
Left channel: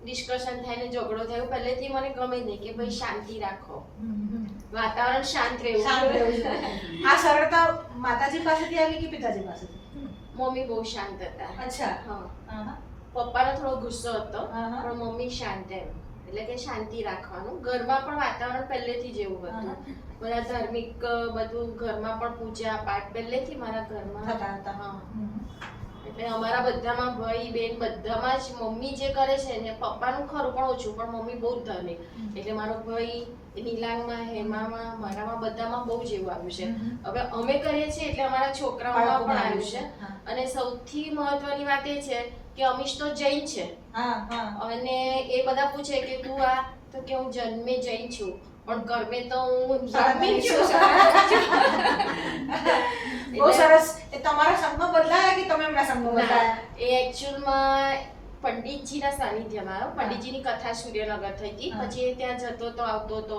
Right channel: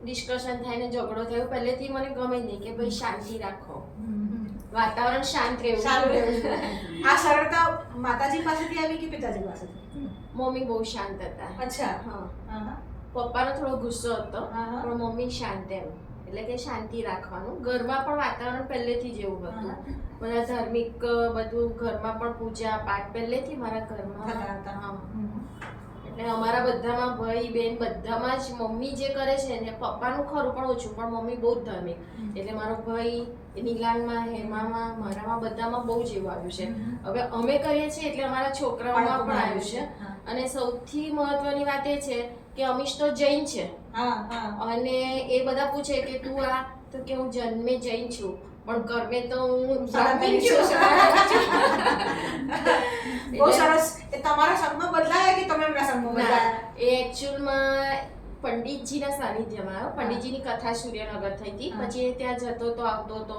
ડિસ્કશન થાય ને ઝઘડો થાય, પહેલેથી મને ગમે નહીં કે ભાઈ શાંતિ રાખો, વાતાવરણ શાંત રહેવું. આ સરળતા માતાજી પાસેથી આવી કે પિતાજી પાસેથી? મમ્મી બહુ શાંત હતા. અચ્છા. હા, પપ્પાનો થોડો ગુસ્સો હતો પણ મમ્મી શાંત, એમ એટલે કે શાંતિ રાખવાનું. ઘરમાં પણ વાતાવરણ પહેલેથી જ એવું હતું, બધા ધાર્મિક બધું ઘરમાં પણ પૂજા પાઠ પહેલેથી મારા ઘરમાં હતા. એટલે અમારા બધામાં ભાઈ બહેન બધામાં જ મમ્મી જે કરે છે ને, પપ્પાનું ખરું પણ ઓછું, પણ મમ્મી બહુ જ ધાર્મિક. એટલે મારો ભાઈ નીલાંગમાં, હેમામાં, મારામાં બધામાં બહુ જ એવું આવ્યું છે. હવે અમે કરીએ છીએ એટલે અમારા છોકરાઓમાં પણ આવ્યું છે. અને સૌથી મહત્વની વાત એ છે કે અમીશ તો જૈન છે અને એ બધા પૂછે કે તું આ, તો કે હું જન્મે જૈન છું પણ કર્મે તો હું બ્રાહ્મણ છું. બહુ સરસ. એ તમારા સંગમાં બદલાયા કે તમે એમના સંગમાં બદલાયા? એ એકચ્યુઅલમાં પંડિતજીના સાનિધ્યમાં આવ્યો. પંડિતજીની કથા સૂર્યનગર થઈ હતી, પછી ત્યાં જતો તો આવતો હતો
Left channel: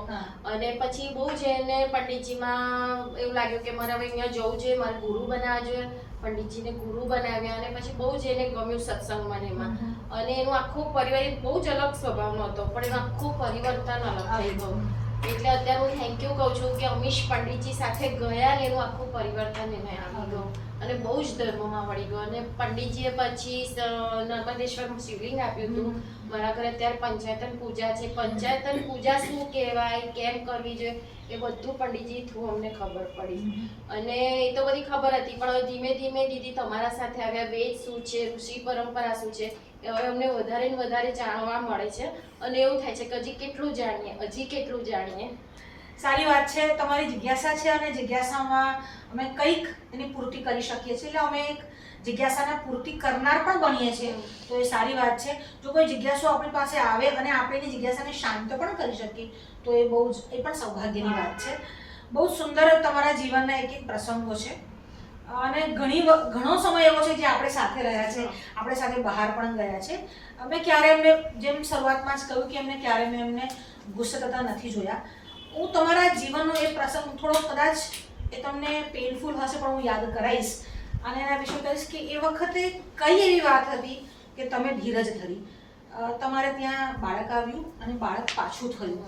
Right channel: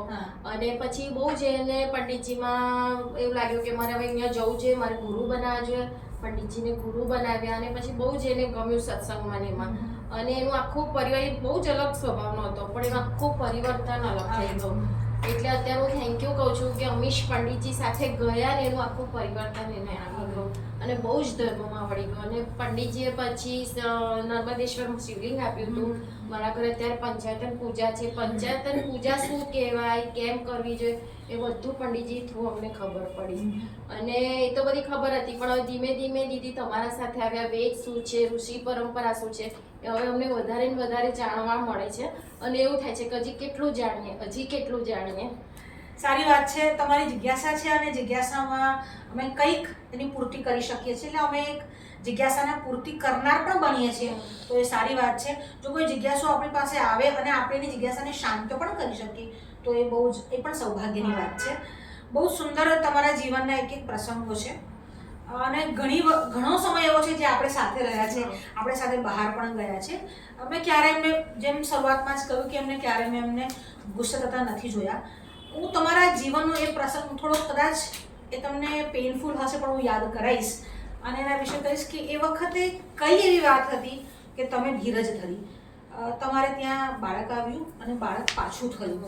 અને પછી બહુ જ એને પંડિતજીમાં એવું લાગ્યું કે મારે હવે અહીંયા જવું જોઈએ, મારે ગુરુ બનાવવા જોઈએ. પંડિતજીને ગુરુ બનાવ્યા અને પછી બહુ જ એને ગમ્યું સત્સંગમાં એમાં. અને એનું આખું પરિવાર બહુ જ અલગ સ્વભાવનો હતો પણ એનું આખું પરિવર્તન અલગ થઈ ગયું. એટલે અત્યારે હું થેન્ક યુ કહું છું કે અમીશ પંડિતજી સાથે ગયા ને એનું આખું પરિવર્તન એને આવી ગયું અને બહુ જ ધર્મમાં વળી ગયો. અને પંડિતજીએ પછી નર્મદેશ્વર શિવલિંગ આપ્યું હતું. મારા ઘરે અત્યારે પંચાયતન પૂજા છે. પંચાયતન પૂજા શું કહેવાય, કેમ કરવી જોઈએ, એ બધું પંડિતજી થ્રુ અમને ખબર પડી. અને એ તો બધી ખબર હતી પણ ધીમે ધીમે દીદી તમારા સાથે આવ્યા, વેદ શું છે, ઋષિ પરંપરા શું છે, હવે અમને વધારે ને વધારે જાણવા મળે છે અને એવું થાય છે કે હજી કેટલું જાણીએ, હજી કેટલું જાણીએ. સારી વાત છે. તમારી જિજ્ઞાસા છે અને જિજ્ઞાસામાં અમે કંઈક એની પૂર્તિ કરી શકીએ છીએ, એટલે અમે એક જિજ્ઞાસાના પૂર્તિ કરનાર પણ બનીએ છીએ, તો એ સારી વાત છે. જો કોઈ જિજ્ઞાસુ આપણી પાસે આવે અને આપણે એની જિજ્ઞાસાને શાંત પણ કરી શકીએ તો એ બહુ જ, એ પણ સૌભાગ્યની વાત છે. બહુ સુંદર તમારા જીવનના એક એક પ્રસંગો છે અને ઘણો સમય એવો છે જે આપણે સાથે રહ્યા છે, આપણે સાથે બહાર પણ ગયા છે. અમે ક્યારે એમને, જેમ શરૂઆતમાં જ કહ્યું કે એમને ક્યારે મેં એમને ગુસ્સે થતા નથી જોયા. હું તમારા જીવનનો એ પ્રસંગ થોડો કદાચ એ તમને પેઇનફુલ હશે પણ હું યાદ કરાવીશ અને એના વિશે કહીશ કે એ વખતે કઈ એવી વાત હતી કે તમે ધીરજ ધરી. તમારે ત્યાં બાળક આવ્યું અને બાળક પાછું થયું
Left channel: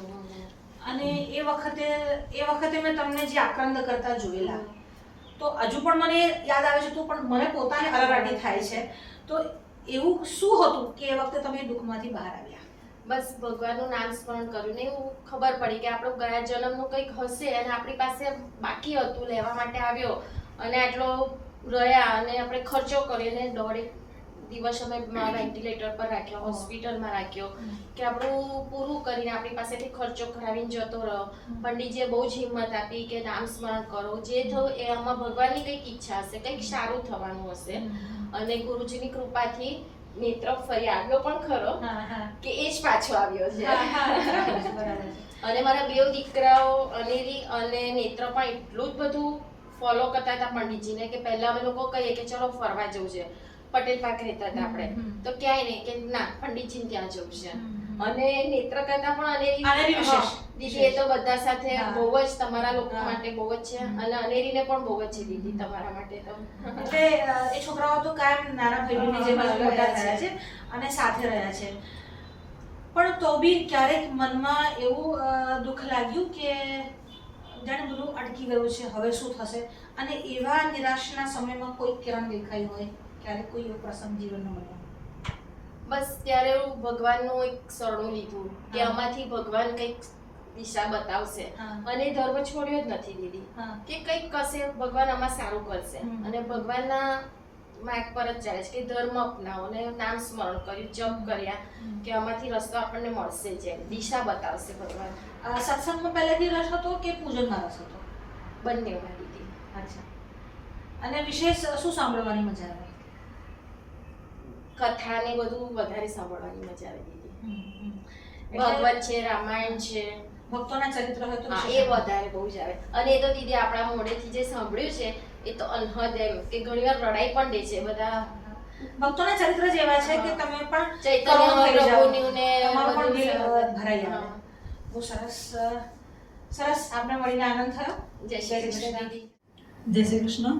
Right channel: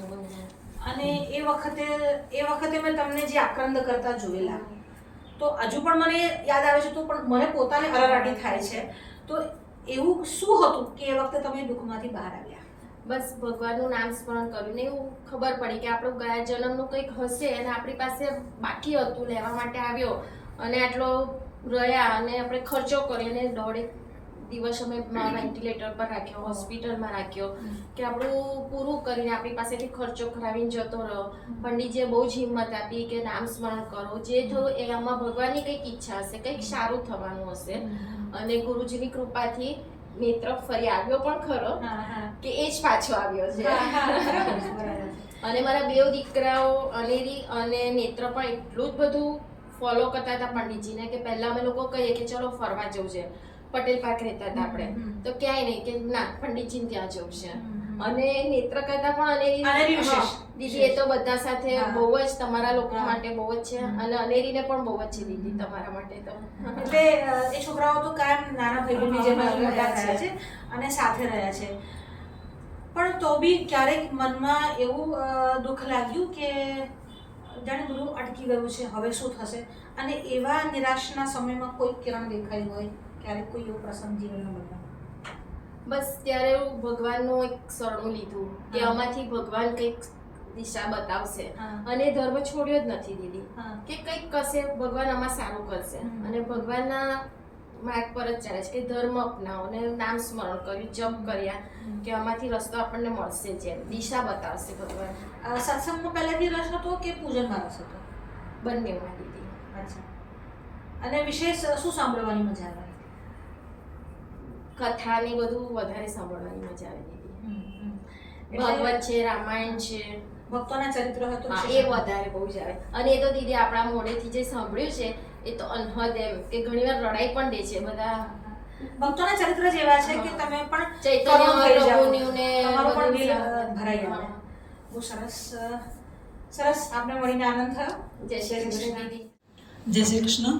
અને એ વખતે મેં તમને જે આક્રંદ કરતા જોયેલા, તો હજુ પણ મને યાદ આવે છે, તો પણ મને પોતાને અરારાટી થાય છે. તો એવું શું હતું કે એ વખતે તમે દુઃખમાંથી બહાર આવ્યા? બસ ભગવાનનું નામ સ્મરણ કર્યું ને એવું ખબર પડી કે આપણું ગયા જન્મનું કંઈક હશે અને આપણી પાસે બાકી હતું લેવા માટે આવ્યો અને આટલો રહ્યા અને આપણે ખર્ચો કર્યો અને 1.5 દિવસ અમે વેન્ટિલેટર પર રાખ્યો, હોસ્પિટલમાં રાખ્યો કે આપણું પૂરું કરીને આપણી પાસેથી ખર્ચો કરાવીને જતો રહ્યો. પંડિતજીએ બહુ જ હિંમત આપી કે નામ સ્મરણ કરો, જે થયું એ આમાં ભગવાનની કંઈક ઈચ્છા હશે, કંઈક સારું થવાનું હશે. અને ગુરુજીની કૃપાથી નેત્ર ફરી આવ્યો પણ ખરો કે એ જ પાછો આવ્યો છે. અને મારા 2 દીકરાઓ અનેરી અને નેત્ર પણ એટલું જ બધું ફોલો કરતા હતા પંડિતજીને કે પહેલા અમે લોકો કહીએ કે ચલો ફરવા જવું છે, પટેલ પાર્ક રહેતા હતા આપણે, તો ક્યાંય નહીં કે ના પંડિતજીને ત્યાં જવું છે. અને નેત્ર કરતા પણ અનેરી દીદી એ તો બધા સાથે બહુ જ તમારા લોકો માટે બહુ જ છે અને અનેરીને પણ બહુ જ છે દીદી તમારા માટે તો. એટલે એ છોકરાઓ તો કાયમ નાના ભાઈઓની જેમ જ મોટા થયા છે અને સાથે રહ્યા છે. પણ તો બી ક્યારેક મનમાં એવું દુઃખ લાગ્યું કે જાણે બધું અટકી ગયું છે, હવે શું થશે? અને એવા નિરાશના સમયમાં કોઈ કિરણ દેખાયું હોય, ક્યારેક કોઈ એવો પ્રસંગ જીવનમાં બન્યો? બસ ત્યારે હું ભગવાનનું એક શરણું લીધું કે આમાંથી ભગવાન કંઈક દિશા બતાવશે. અને ધર્મ છોડ્યો જ નથી દીદી કે કંઈક કરશે ભગવાન આમાં સારું કરશે. અને ભગવાનના માર્ગ પર જ ચાલે છે કે ધર્મ અપનાવો અને નામ સ્મરણ કર્યું, જપ કર્યા કે આમાંથી રસ્તો આપણને મળશે, જેમ દિશા બતાવશે ભગવાન. સત્સંગમાં પહેલેથી રસ હતો કે પૂજનમાં રસ હતો? બંનેમાં દીદી. અચ્છા. અને વિશેષ શું સાંભળવાની મજા આવે? કથા ને બધું વધારે સાંભળવાની મજા આવે દીદી. ભગવત છે, રામાયણ છે, ભક્તોના ચરિત્ર હોય તો એ વધારે બહુ જ આવે. અને એ તો દીદી આપણા મોઢેથી જે સાંભળ્યું છે એ તો અનહદ એમ કે ઘણીવાર રડાઈ પણ દે છે. બધા ભક્તોના ચરિત્ર જ એવા છે કે તમે પણ ચૈતન્ય પ્રભુનું ને તમારું પણ દિલ ભરાઈ આવે. બહુ સરસ સરસ. આપણે મળીને આનંદ થયો. જય શ્રી કૃષ્ણ દીદી. જય શ્રી કૃષ્ણ.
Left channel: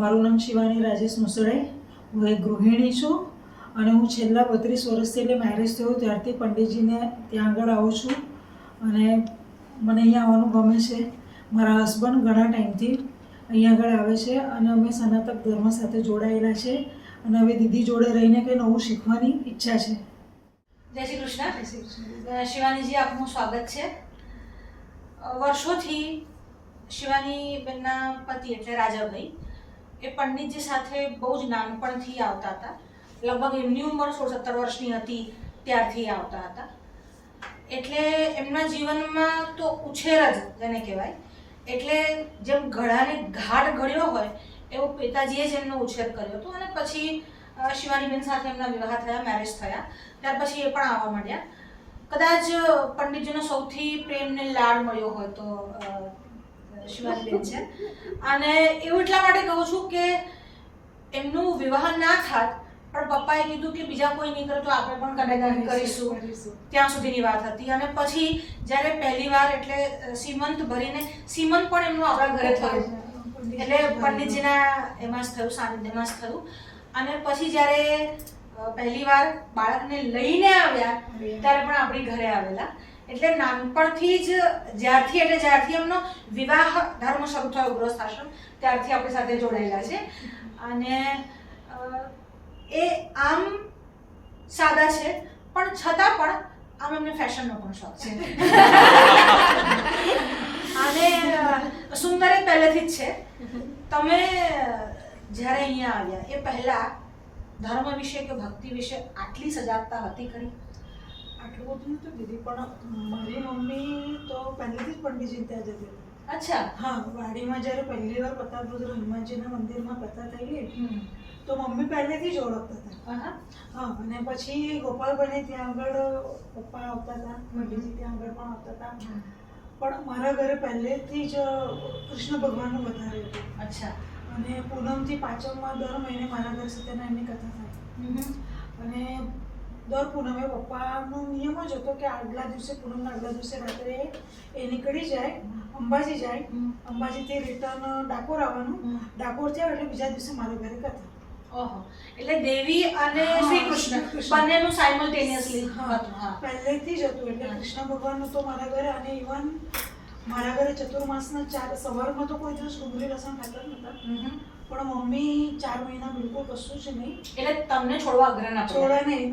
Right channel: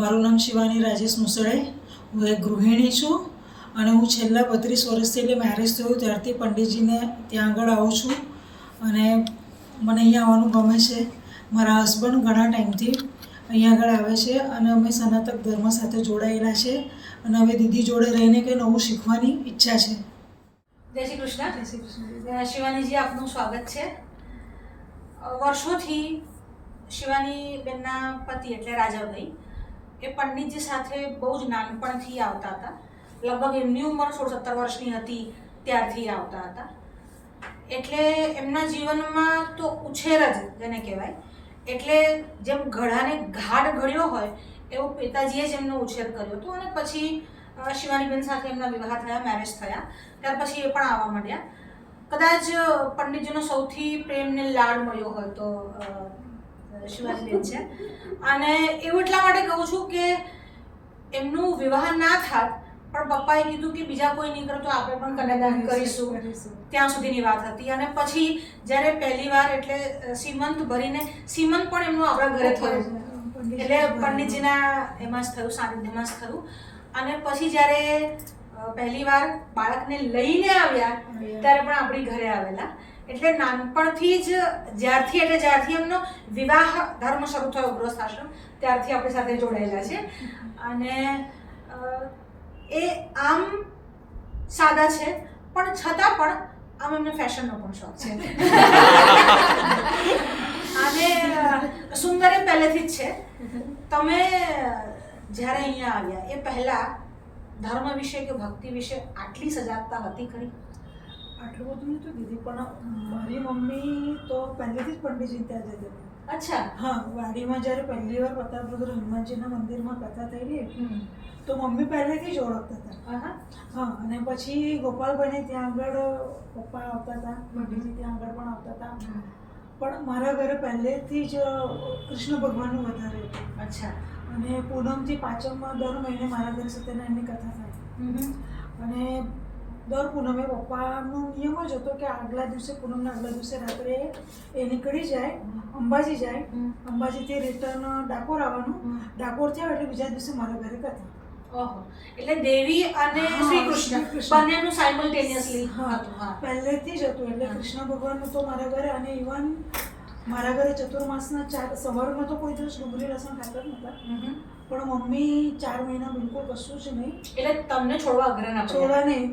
મારું નામ શિવાની રાજેશ મુસળે. હું એક ગૃહિણી છું અને હું છેલ્લા 32 વર્ષથી, એટલે મેરેજ થયું ત્યારથી પંડિતજીને ત્યાં આગળ આવું છું અને મને અહીંયા આવવાનું ગમે છે. મારા હસબન્ડ ઘણા ટાઈમથી અહીંયા આગળ આવે છે અને અમે સનાતન ધર્મ સાથે જોડાયેલા છે અને હવે દીદી જોડે રહીને કંઈ નવું શીખવાની ઈચ્છા છે. જય શ્રી કૃષ્ણ. જય શ્રી કૃષ્ણ. શિવાનીજી, આપનું સ્વાગત છે. વર્ષોથી શિવાની બેનના પતિ એટલે રાજાભાઈ એ પંડિતજી સાથે બહુ જ નાનપણથી આવતા હતા. લગભગ એમની ઉંમર 16-17 વર્ષની હતી ત્યારથી આવતા હતા. એટલે એમના જીવનમાં તો ઉછેર જ જેને કહેવાય, એટલે જેમ ઘડાને ઘાટ ઘડ્યો હોય એવો પિતાજીએ જ એમનો ઉછેર કર્યો હતો. અને પછી શિવાનીબેન સાથે એમના વિવાહ થયા, મેરેજ થયા, ત્યાર પછી એ પણ આવવા માંડ્યા. કદાચ પંડિતજીનો સૌથી પ્રેમને લાડ મળ્યો હોય તો શિવાનીબેન છે. અને એવું એટલા માટે કહું છું કે એમનું વિવાહ ના થાત પણ પપ્પાએ કીધું કે બીજા કોઈ નહીં કરે તો આપણે પણ કન્યાદાન કરીશું, ત્યાં સુધીની વાત હતી. અને પછી જ્યારે પહેલી વાર એટલે સીમંત ભરીને, સીમંત પણ એમનું આપણા ઘરે થયું, એટલે પંડિતજીના એમાં જ થયું, સાનિધ્યમાં જ થયું. અને પછી જ્યારે પહેલી વાર બાળકને લઈને આવ્યા ત્યારે પણ આપણી ઘરે આવેલા. એટલે નાનપણથી જ જ્યારથી એમનો વિવાહ ધર્મ શરૂ થયો ગૃહસ્થાશ્રમ, ત્યારથી આપણી સાથે જોડાયેલા છે. અને એ આમ સાદા છે પણ છતાં પણ આમ એમને ફેશનનો પણ શોખ છે. અને સુંદર એ પહેલેથી જ છે. તમે જ્યારે અહીંયા આવ્યા એ પહેલા ધર્મ વિશે કે ભક્તિ વિશે આટલી સજાગતા હતી ખરી? આટલું બધું નહોતું દીદી, પણ મારી મમ્મી તો પહેલેથી જ પંડિતજી ત્યાં જતી. અચ્છા. હા, વાડીમાં જ્યારે પહેલી વાર પ્રતાપરુદ્ર હનુમાનજીના મંદિરમાં કથા થયેલી તો મમ્મી પહેલેથી જ ઓળખતા હતા. હા, અને પછી ગોપાલભાઈને ત્યાં આગળ પપ્પા આવતા હતા, પંડિતજી ત્યાં આગળ પણ આવતા હતા. પણ મારા ઘરે પહેલેથી જ કૃષ્ણ ભગવાનનું વધારે હતું. અચ્છા. અને પૂનમથી પાંચમમાં દર મહિને મારા ઘરે સત્યનારાયણની કથા થાય. અને દર પૂનમે પપ્પાનો નિયમ જ હતો કે આગલા દિવસે, પૂનમના આગલા દિવસે રાત્રે એ નીકળી જાય, અંબાજી જાય, અંબાજીથી રિટર્ન ડાકોર આવવાનું, ડાકોરથી આવે એટલે બીજા દિવસે મારા ઘરે કથા. ઓહો, એટલે દેવી અને શ્રી કૃષ્ણ બંનેનું સાયમલ્ટેનિયસલી હતું. પહેલેથી જ હતું. એટલે કૃષ્ણ ભગવાનનું તો મારા ઘરે, અને ઇવન મારા ઘરે ચતુર્માસના 4 સવારમાં તો કોઈ દિવસ ડુંગળી લસણ ખાતા જ નહોતા, પણ મમ્મી 4 મહિના બિલકુલ કશું જ નહીં. એટલે તમને છોડવા અઘરા ના છોડવા નહીં.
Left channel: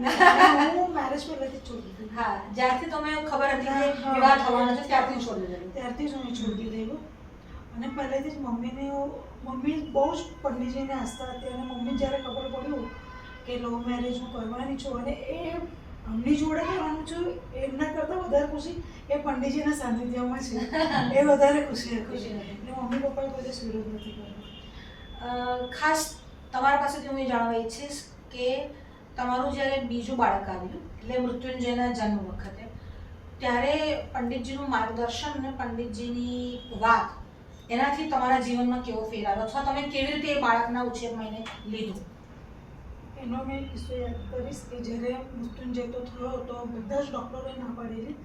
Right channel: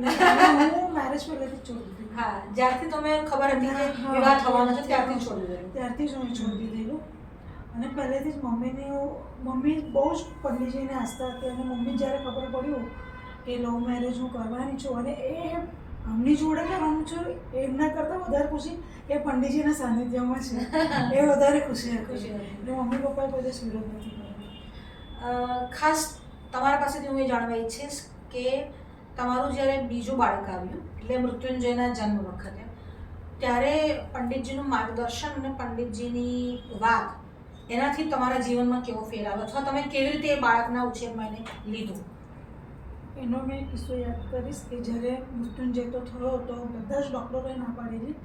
હું મેરેજ પહેલેથી જ છોડી દીધી. હા, જ્યારથી તમે ખબર હતી કે વિવાહ થવાનો છે ત્યારથી છોડી દીધેલું. ત્યારથી જ હું છોડી દીધેલું. અને પહેલેથી જ મમ્મી બહુ જ પંડિતજીને આસ્થા હતી, અને મમ્મી જ્યારે ખબર પડ્યું કે લવ મેરેજ હું કરવાની છું અને એ આમની જોડે કરવાનું છું, એમના કરતાં વધારે ખુશી એ પંડિતજીના સાનિધ્યમાં છે, એ વધારે ખુશી હતી. એટલે મમ્મી પપ્પાએ કોઈ દિવસ વિરોધ નથી કર્યો. ખાસ તમારા પાસેથી હું એ જાણવા ઈચ્છીશ કે તમારું જ્યારે બીજું બાળક આવ્યું એટલે મૃત્યુંજયના જન્મ વખતે, ત્યારે પંડિતજીનું માર્ગદર્શન અને પંડિતજીની વાત એનાથી તમારા જીવનમાં કેવો ફેર આવ્યો, અથવા તમે કેવી રીતે એ બાળકના ઉછેરમાં એને લીધું? એનો મેં કિસ્સો યાદ કરીશ કે જ્યારે મૃત્યુંજય તો થયો તો બધા જ ડૉક્ટરોએ ના પાડેલી.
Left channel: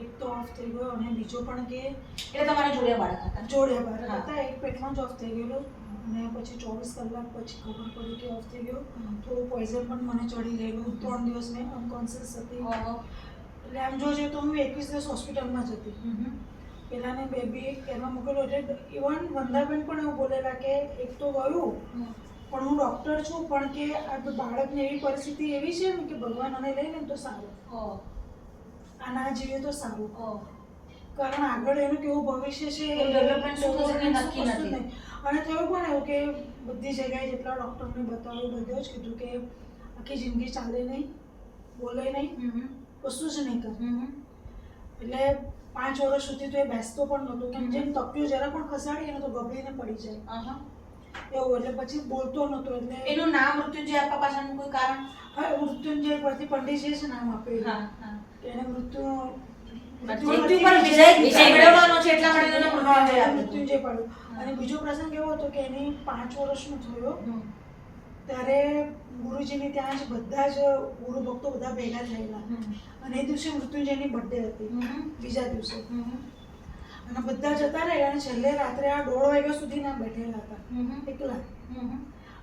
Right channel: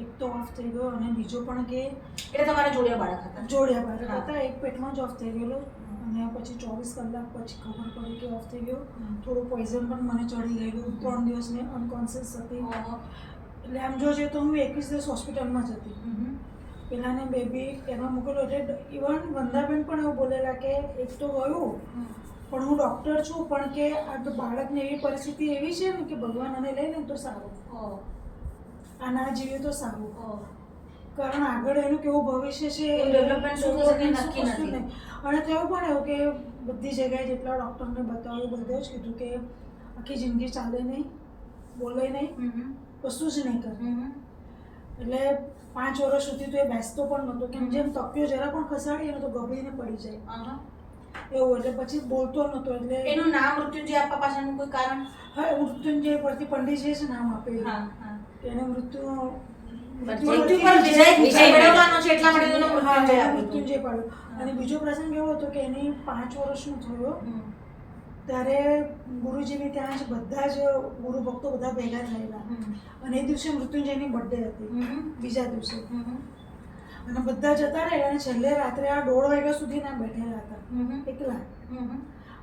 એક તો ઓફ થઈ ગયો અને બીજો પણ કે એટલે તમારે જોડિયા બાળક હતા? જોડિયા બાળક હતા. એક પેટમાં જ ઓફ થઈ ગયેલો અને પછી 24 કલાક પછી ખબર પડી કે ઓફ થઈ ગયો. થોડું પોઈઝન પણ મને ચડી ગયેલું. 3 દિવસ મેં અનકોન્શિયસ હતી. એટલે આમ જોજે તો હું 21 દિવસ હોસ્પિટલમાં જ હતી. પેલાને બેબી એમાં મૂકેલો. એટલે ઇવન વંદાબેન પણ એવું બોલેલા કે એક તો ગયું પણ હું ડૉક્ટર છું, પણ કે આ બાળકની એવી પરિસ્થિતિ એવી છે ને કે ભગવાન આને લઈ લે તો સારું, આ ના જીવે તો સારું, કારણ આગળ એનું કેવું ભવિષ્ય છે ડેવલપમેન્ટ શું થશે કે નક્કી નથી. અને થયું પણ એવું કે બધી જગ્યાએ જેટલા ડૉક્ટરને બતાવ્યું બધે જ કીધું કે આખી જિંદગી ચાલે નહીં, બોલે નહીં, કશું જ નહીં કરે. એટલે 5 વર્ષ સુધી તો એ બેસતો પણ નહોતો, કેમ જેમ તક્યો જરા પણ ખસાડીએ ને તો ગભરીને પડી જાય એવું. એટલે પછી બોલતો નહોતો. એટલે એનું નામ મૃત્યુંજય આપવા પાછળનું કોઈ કારણ? હા, મૃત્યુંજય પરથી પંડિતજીએ છે નામ આપેલું કે એને મૃત્યુ પર વિજય મેળવવાનો છે એટલા માટે એનું મૃત્યુંજય પાડ્યું. અને બીજો પ્રસંગ એવો હતો કે એની 5 વર્ષનો થયો ત્યારે ગુરુજીની ત્યાં જ બધા જ ગુરુ ભક્તો બધા ભેગા થયેલા અને એ દિવસે મૃત્યુંજયની બર્થડે હતી, બીજા દિવસે. અને બધા જતા રહ્યા અને છેલ્લે રાત્રે આ 1:30 વાગ્યા સુધી ના બેઠેલા હતા એકલા.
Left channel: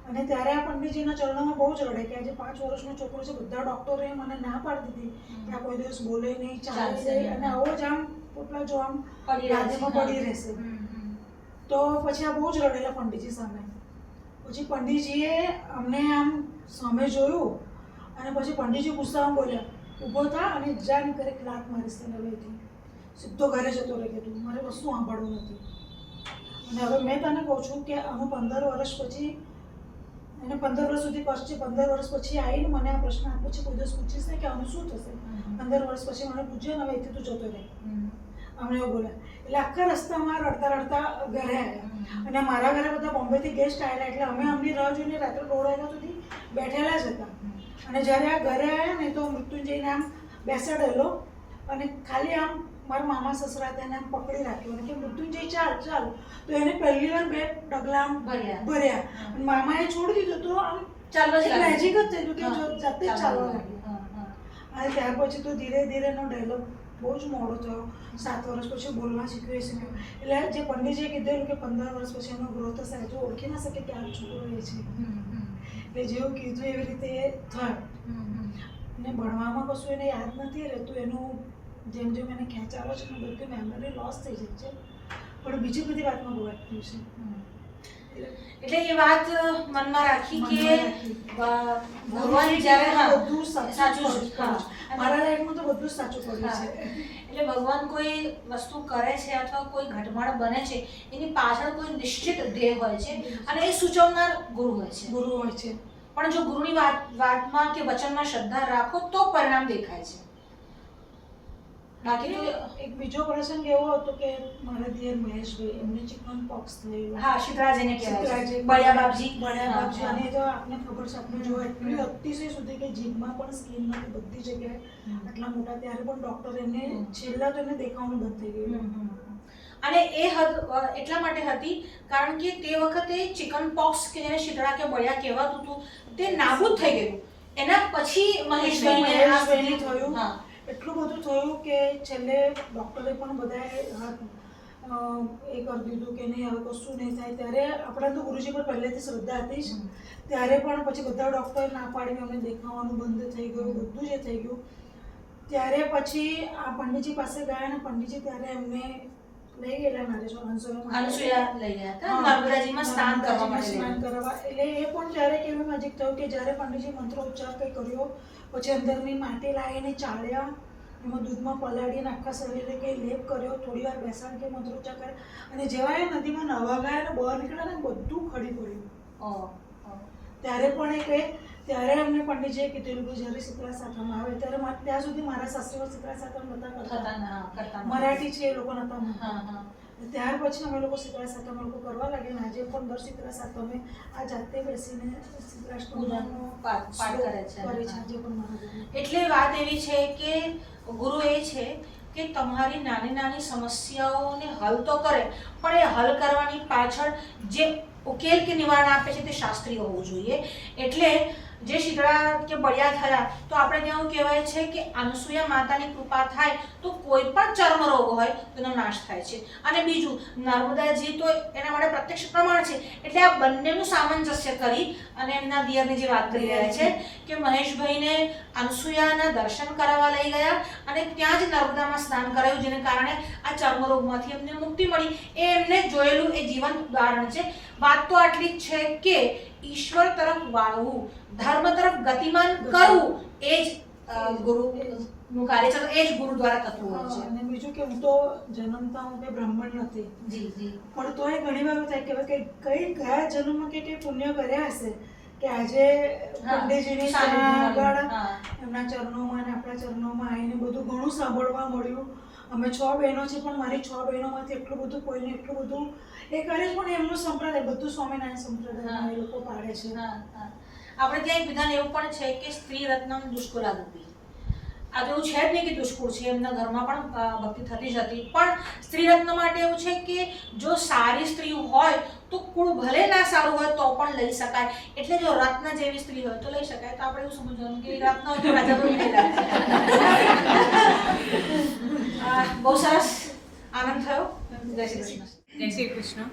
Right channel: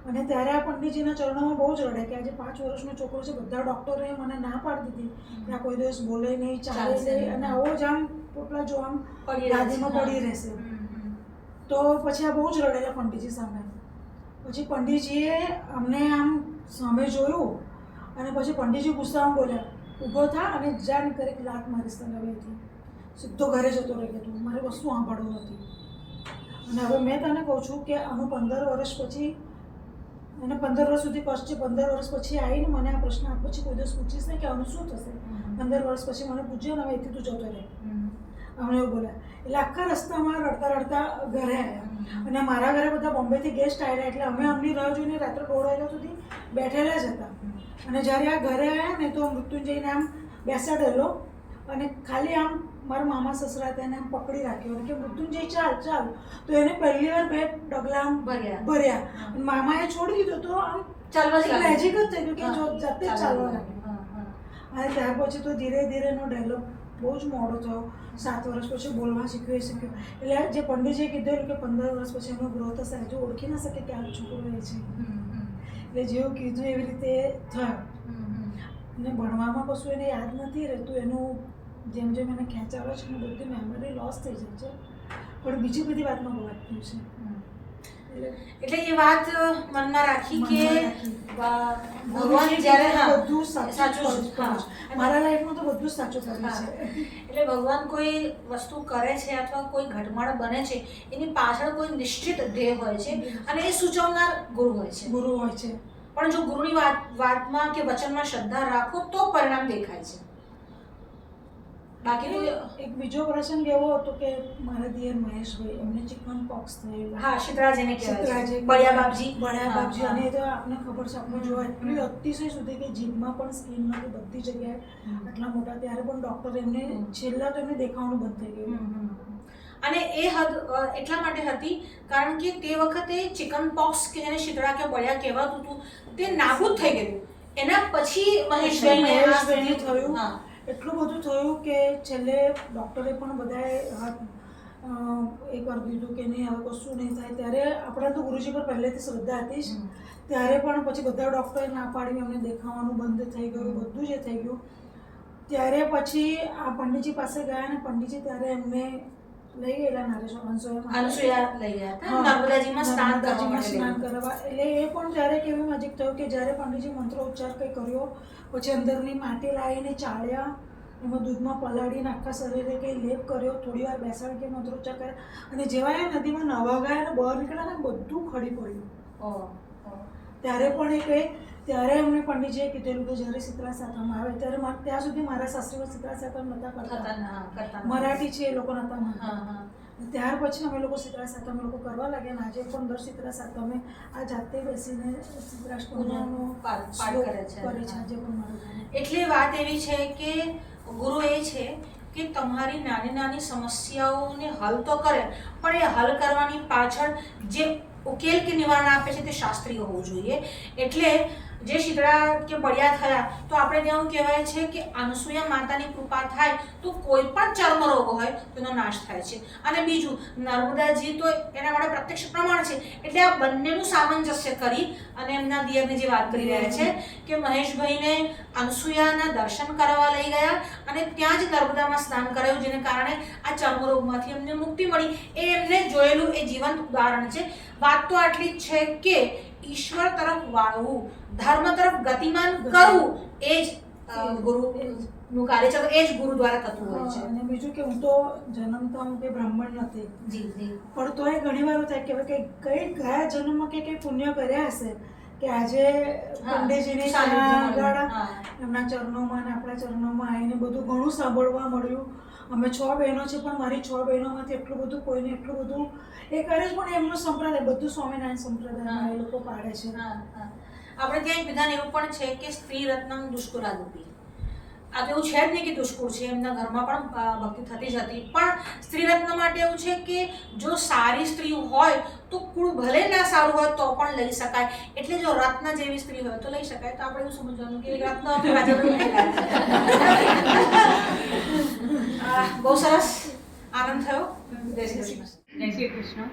અને ત્યારે આ પંડિતજીના ચરણોમાં બહુ જ રડે કે આજે 5 વર્ષનો છોકરો છે. બધા ડૉક્ટરોએ મને ના પાડી દીધી કે આ કોઈ દિવસ બોલે નહીં, ચાલે નહીં અને આવો જ આમ પોટલા જો આમ ગાદીમાં પડી રહેશે. તો પછી આ બહુ જ રડેલા પંડિતજી સામે. પછી પંડિતજીએ અમને આમ સામે જોયું અને પછી પંડિતજી ગુસ્સામાં બોલ્યા, ઊભો થા અને જા નીકળે લાત મારીશ તને હવેથી, સીધો ઘરે જતો રહી ગયો, મારે વસ્તુ સાંભળવું નથી. અને હવે મેં તને કહું છું કે આનું 15 વર્ષ પછી એને 15 વર્ષ સુધી કષ્ટ છે. 15 વર્ષ પછી આવીને મને આ પ્રશ્ન આપ પછી કોઈ દિવસ પૂછીશ ને કે આનું શું થશે. 15 વર્ષ પછી મને પૂછ્યો ને હવે એથી તું જતો રહે, અમને એવું બોલ્યા. એટલે આખા રસ્તામાં રડતા રડતા ઘરે આવ્યા. અને મારા ઘરે બધા બોમ્બેથી ગેસ્ટ આવેલા એટલે અમે અમની રાહ જોઈને રાત્રે 1:30 વાગ્યા સુધી બેઠેલા જ હતા. અને જ્યારે આ ઘરે આવ્યા ને તો મૃત્યુંજયને આમ બેસાડેલો અને ખાલી આમ મારા મામા સસરા તેને આમ પકડી રાખ્યો અને કે મૃત્યુંજય ચાલ ચાલ. તો એને પહેલી વાર 2 ડગલા આમ ભર્યા અને મામાએ છોડી દીધું તો આમ ચાલવા મેજિક જ થયું કે જો જાતે ચાલવા લાગ્યો. અને ત્યાર પછી તો ધીરે ધીરે એનો ડેવલપ બહુ જ મોડો થયો. 7 વર્ષ પછી બોલવા શીખ્યો એ શીખ્યો. એટલે જે પંડિતજીએ કીધેલું કે 15 વર્ષ પછી એનો ગ્રોથ થશે, હજુ ઓળખી ના શકે કે આ છોકરો એ છે. એટલે જેવું કીધું એવી રીતે થયું. અને ભણવામાં કશું એને યાદ નથી રહેતું. એનું જેમ જેમ એને ખેંચાવે છે ને બધી મેમરી લોસ થઈ જાય છે, પણ બીજી બધી વાતમાં બહુ એક્ટિવ છે. એટલે એ વાત મનમાં રાખી કે ભગવાન જ્યારે બધું સાચું મારા લાઈફમાં તો બધું જ સાચું પડ્યું છે. એટલે ભગવાન કોઈ વસ્તુ કરે છે અથવા કોઈ ઘટમાળ બને છે એની પાછળ કોઈ નિશ્ચિત ધ્યેય હોય છે અને એ સૂચવનાર ગુરુ હોય છે. પણ જો ગુરુની વાતમાં કે વચનમાં શ્રદ્ધા રાખો તો પરિણામ દેખાય છે. બાકી એક બીજો પ્રસંગ એવો હતો કે મારા દિયર મહેશભાઈ એમને ચિકન પોક્સ થયેલું. હા, શીતળાજીને કહેવાય, બળિયા બાપજી. અને એ તો આપને ખબર છે, આપણે જોવા એટલી અતિશય સુધી કે જીભમાં પણ સ્કિન નથી, બધી જગ્યાએ આટલા મોટા. ત્યારે પણ ડૉક્ટર એમને છેલ્લા તો એમને દેખાવાનું બંધ થઈ ગયું. અને એ હદ એટલા માટે હતી કારણ કે તે વખતે ચિકન પોક્સ કે જેને શીતળા કે બળિયા કહેવાતું હતું તે નાબૂદ થઈ ગયું. એના પછી મહેશભાઈને થયું. એટલું બધું થયું કે છેલ્લે ડૉક્ટરે પણ બધાએ હાથ એ કરી દીધું કે નહીં હવે કશું નહીં થાય. ત્યારે આપણા તો ગુરુજી પર પહેલેથી શ્રદ્ધા હતી જ. ત્યારે પણ પછી બધા ડૉક્ટરે ના પાડીને અમને દેખાવાનું બંધ થઈ ગયું, બધું જ થઈ ગયું. ત્યારે પછી આ પંડિતજી પાસે ગયા અને પંડિતજી ત્યારે એમને લઈ ગયેલા મારે જો અનસુયા લઈ ગયા હતા નર્મદાજીમાં સ્નાન કરવા માટે સ્નાન કરવા. એટલે એ પણ ત્યારે કેવી નજીક થયું કે જ્યારે પંડિતજી મંત્રોચ્ચાર કંઈ કર્યો, પછી અંદરની માટી લાવીને ચાળ્યા, એમાં દૂધમાં પલાળીને આખા શરીરે કંઈ લેપ કર્યો, થોડી વાર બેસાડ કે મંત્રોચ્ચાર કર્યા, અને જેવા એ નદીમાં નવા ગયા અને બહાર નીકળ્યા ને બધું ખડી પડ્યું. ત્યારે પણ એ કહે, ત્યારે એમને પંડિતજીએ કીધેલું કે જ્યારે શીતળા સાતમ આવે ત્યારે ત્યાં સુધી મારા સાસરીમાં શીતળા સાતમ નહોતા કરતા, મરાઠી છે એ લોકો નહોતા માનતા. ત્યાર પછી અમે લોકો શીતળા સાતમ લોકો કરવા લાગ્યા. આજે પણ દર શીતળા સાતમે આ જાતે બેસીને શીતળાષ્ટમીનો પાઠ કરે છે આજે પણ મારા. એટલે વાત એવી છે કે ગુરુ એ છે કે તમારી નાની નાની સમસ્યાઓને હલ તો કરે, પણ એ હલ કરવાની પાછળ જે ઉકેલ કે નિવારણ આપે છે તે શાસ્ત્રીય હોવું જોઈએ. એટલે જે શીતળા કે બળિયા થયા તો આપણે ત્યાં કહેવાય છે કે અનસુયા માતાની કૃપા થાય તો કોઈ પણ ચર્મ રોગ હોય તેનો નાશ થાય છે. અને બીજું નર્મદાજી તો એના માટે પ્રત્યક્ષ પ્રમાણ છે. એટલે આ બંનેનું સામંજસ્ય કરી અને એમના દિયરની જે વાત કરી રહ્યા છે કે મહેશભાઈને અનસુયાના દર્શન કરવા લઈ ગયા અને ત્યાં જ નર્મદામાં સ્નાન કરાયું, જેને કારણે આ ચર્મ રોગમાંથી એમને મુક્તિ મળી. એ એમને જોયેલું એ જીવંત ઉદાહરણ છે. વાત તો આટલી જ છે કે ઈશ્વર તરફ વાળવું, ધર્મ તરફ ગતિમાન કરવું એ જ ગુરુનું કાર્ય છે. એ જ ગુરુ દ્વારા થતું હોય છે. અને બીજું કે હું તો જન્મતા હું કે બ્રાહ્મણ નથી, પણ તોય ઘણી વાર એવું થાય કે કઈ ગયા જન્મમાં કે કઈ પુણ્ય કર્યા હશે કે આજે પંડિતજીની આગળ એમના ચરણોમાં અને આપણા ચરણોમાં આવીને બધું ઘણું સાંભળવા મળ્યું. અમે 6 બહેનો છે, પણ મારી 6 બહેનોમાંથી એટલું બધું કોઈને એટલું બધું એ કરે છે. પણ એમનું સંપ્રદાય બધું સ્વામિનારાયણ સંપ્રદાયમાં એ લોકો પાડે છે. આપણે ત્યાં એક વિધાન એવું પણ છે કે સ્ત્રી રત્નમ દુષ્કુરાદપી. આ તો એવું છે જ નહીં કે દુષ્કુળ છે, એમના ઘરમાં પણ ભક્તિ થતી જ હતી. પણ સ્ત્રી રત્ન માટે એવું છે કે જો સારી સ્ત્રી હોય તો કુળ ભલે ના સારું હોય તો પણ લઈ શકાય. એટલે જો રત્ન જેવી સ્ત્રી હોય તો લઈ શકાય. તો આપણે એવું સમજવાનું કે રત્ન રાજાનું બહુ સરસ આનંદ થયો. જય શ્રી કૃષ્ણ. જય શ્રી કૃષ્ણ.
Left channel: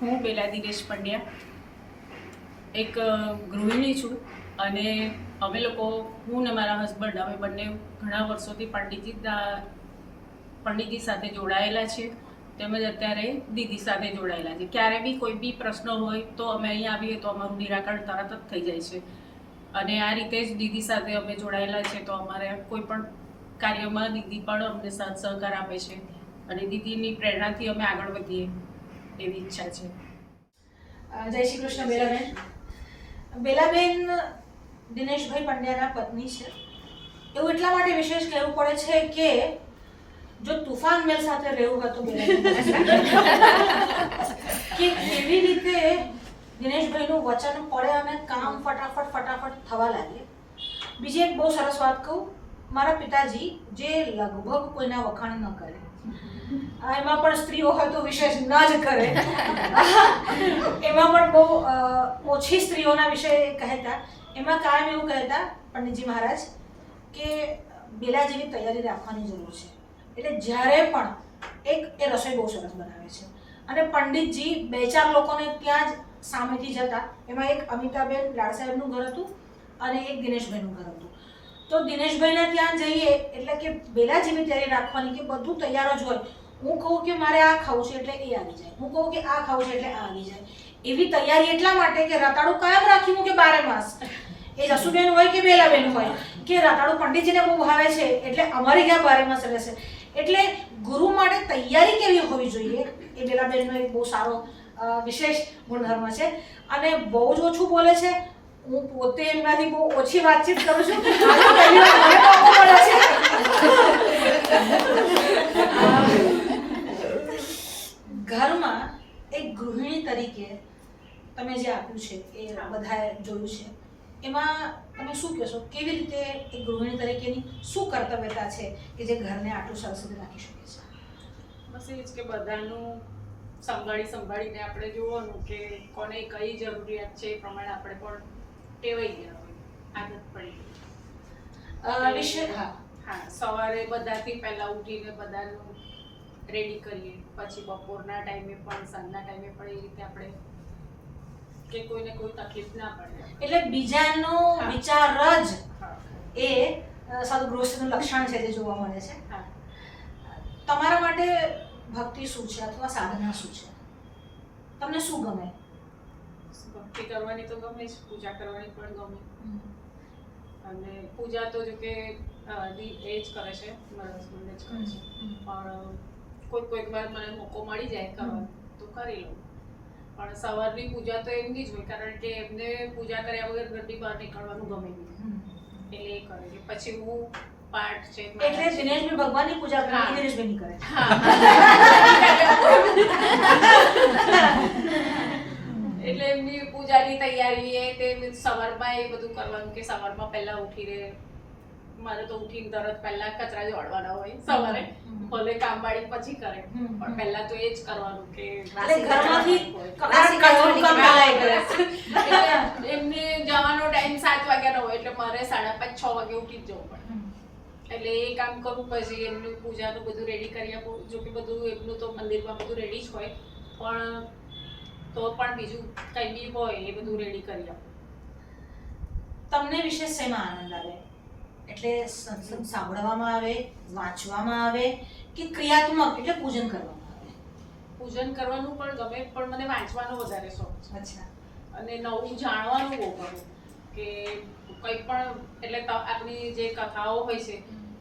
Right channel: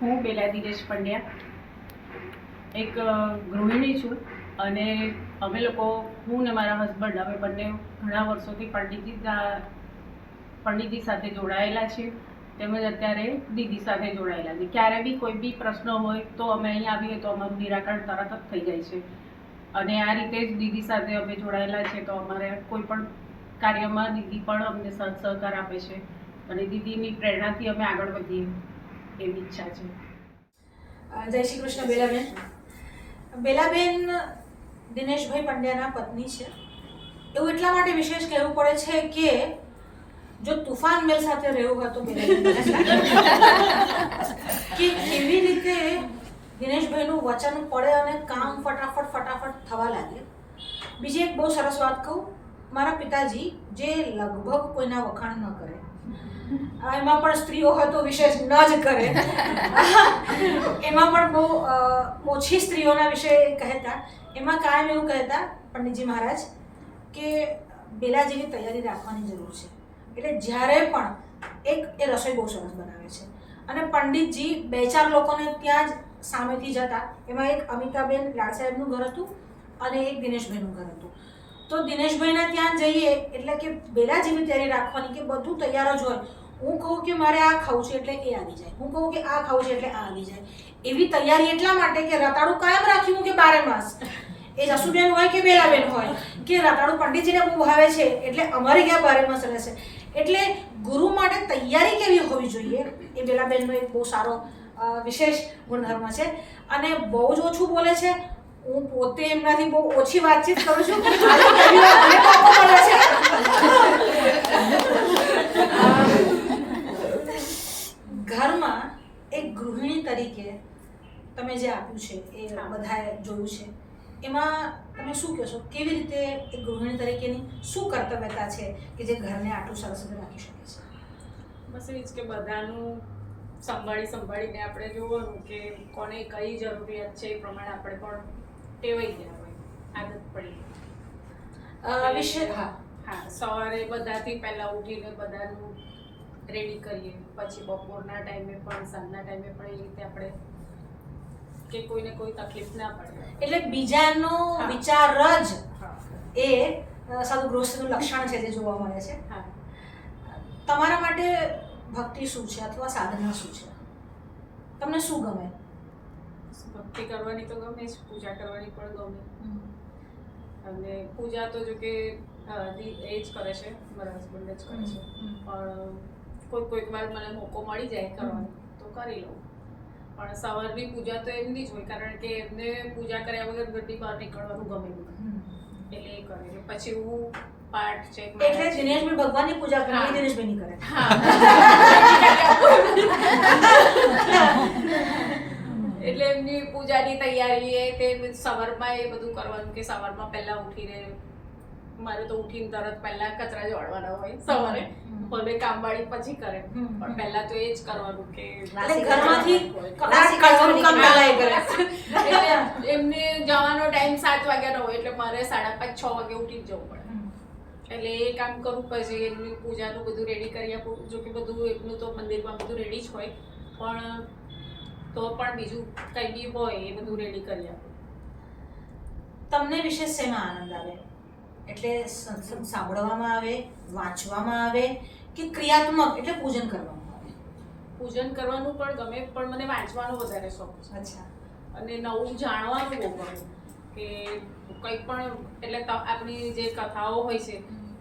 હું બેલા દિનેશ પંડ્યા એક ગૃહિણી છું અને અમે લોકો, હું ને મારા હસબન્ડ, અમે બંને ઘણા વર્ષોથી પંડિતજી સાથે જોડાયેલા છીએ, તેમજ અત્યારે દીદી સાથે જોડાયેલા છે. ક્યારે બી કોઈ બી પ્રશ્ન હોય તો અમે અહીં આવીએ તો અમારું નિરાકરણ તરત જ થઈ જાય છે. અને આ રીતે જ દીદી સાથે અમે જોડાયેલા છે. તો અમારે કોઈ પણ કાર્યમાં દીદી પણ અમને સાથ સહકાર આપે છે અને દીદીની પ્રેરણાથી અમે આગળ વધીએ એવી ઈચ્છા છે. જય શ્રી કૃષ્ણ. બેલાબેન, બેલાબેન દિનેશભાઈ પંડ્યાના પત્ની છે. એવું એટલા માટે વિશેષ કહેવું પડે છે કે જો તુફાન મેલ સાથે રહેવું હોય તો બેલાબેન કે કેવી રીતે દિનેશભાઈનું વચન પડે અને કામ ફટાફટ થવા લાગે. બીજી એક બહુ સરસ વાત કહું, મારા પિતાજી જે લગભગ કોઈના વખાણ ન કરે, એમાં પણ સ્ત્રીઓ હોય તો વિશેષ ન જ કરે, એમાં પણ બહુ ઓછી સ્ત્રીઓના વિશે કહેતા. એમાં કાયમ એવું કહેતા પંડિતજી મહારાજ કે બેલાજીની તૈયારી રાખવાની જરૂર છે. એટલે જ્યારે પણ એ રસોઈ બહુ સરસ બનાવે છે અને પંડિતજી 2-4 લોકોને ત્યાં જ સામેથી જતા. એમાં એક અમિતાબેન લાડ સાહેબનું ઘર હતું અને એક દિનેશભાઈનું ઘર હતું. તો દિનેશભાઈને ત્યાં જઈએ એટલે કે બેલાજીની તૈયારી રાખવાની કે બધું તૈયાર જ હોય. હું કહું કે મારે આ ખાવું છે એટલે એ આવી જાય, હું કહું કે આ ખાવું છે એટલે આ આવી જાય. એવી તૈયારી એટલા માટે કે રતાળું કાયમ રાખ્યું કે 12 માસ, એ જસુબેન હોય કે બેલાબેન હોય, કે રતાળું પંડિતજીને બહુ ભાવે છે એટલે અમારી ક્યાં 12 માસ રહેશે. એટલે ગુરુ માટે તૈયારી કેવી હોવી જોઈએ એ બેલાબેનનો એક બહુ સારો વિશેષ ગુણધર્મ છે. અને બહુ જ ઓછું બોલે છે. હું પોતે એમનાથી બહુ ઓછી વાતચીત કરું છું. આજે પહેલી વાર મને મોકો મળે છે. ઘરમાં એક ગૃહિણી તરીકે તમે જે આપ્યું છે એ બધાએ જોયું છે, એમાં તમે શું કહેશો? કેવી રીતે એક ગૃહિણી તરીકેની શું કર્તવ્યતા છે કે જે ઘરને આટલું સરસ રીતે રાખી શકે છે? બસ એ જ કે બધાનું સંભાળીને આપણે જોવાનું કે કોને કઈ જરૂરિયાત છે એ પ્રમાણે આપણે પણ ટેવાઈ ગયા હોય, આદત પડી. હા, સવારે બધાથી પહેલાં ઉઠીને બધાનું રેડી કરીએ, પછી બપોરના ટાઈમે પણ સાંજના ટાઈમે પણ એ રીતે આપણે કે કોઈને કોઈ તકલીફ ના પડે. એટલે બીજાનો વિચાર જ એ સદગૃહસ્થનું લક્ષણ છે જે જોવા મળે છે. તમારા માટે ભક્તિ શું છે અથવા સાધના શું છે? તમને શું ગમે? ભક્તિ કરવાની તો ગમે જ, પૂજા કરવાની પણ ગમે. અને પૂજા તો જો કે એ જ કરે છે, મારા હસબન્ડ જ કરે છે, પણ કોઈક વાર મને મોકો મળી જાય કરવાનો તો કરી લઉં. પણ સવારની પૂજા તો એમની જ હોય, કારણ કે એમને પૂજા કર્યા વગર ઘરની બહાર નીકળવાનું ગમે નહીં, એટલે એ કરે. પછી હું પાઠ છે એટલે દિનેશભાઈ ભગવાનની પૂજા કરે, દિનેશભાઈ ની કરે. એટલે એમની પૂજાની તૈયારી એ તે સવારમાં એ બધું કરવાનું કે સવારમાં પહેલા ઉઠીને મારે તો ઉઠીને તરત પહેલા કચરા જોડવાના હોય સવારે, ભલે કામવાળી પછી કરે પણ પહેલા તો એ જ કરવાનું કે ઘરમાંથી એટલે એમને જવાનો ટાઈમ 7 વાગ્યાનો હોય એટલે મારે 5:30 6 વાગે ઉઠી જ જવું પડે. એટલે એ કામ કરું, પછી એમનું પૂજાનું બધું રેડી કરી આપું. જો કે બધું એમનું તો મંદિરમાં બધું રેડી જ હોય, પણ તો પણ બીજું કંઈ બી હોય એ બધું રેડી કરી આપું. તમને વિશે શેમાં આનંદ આવે? એટલે સત્સંગ સાંભળવામાં આવે, વાંચવામાં આવે કે ક્રિયાત્મક એટલે પૂજન કરવામાં આવે? પૂજન કરવાનું પણ ગમે, પણ મને વાંચવાનો વધારે શોખ છે. અચ્છા. અને નવું જાણવાનું બહુ ગમે કે કંઈ પણ, એટલે આપણી જે કથાઓ હોય છે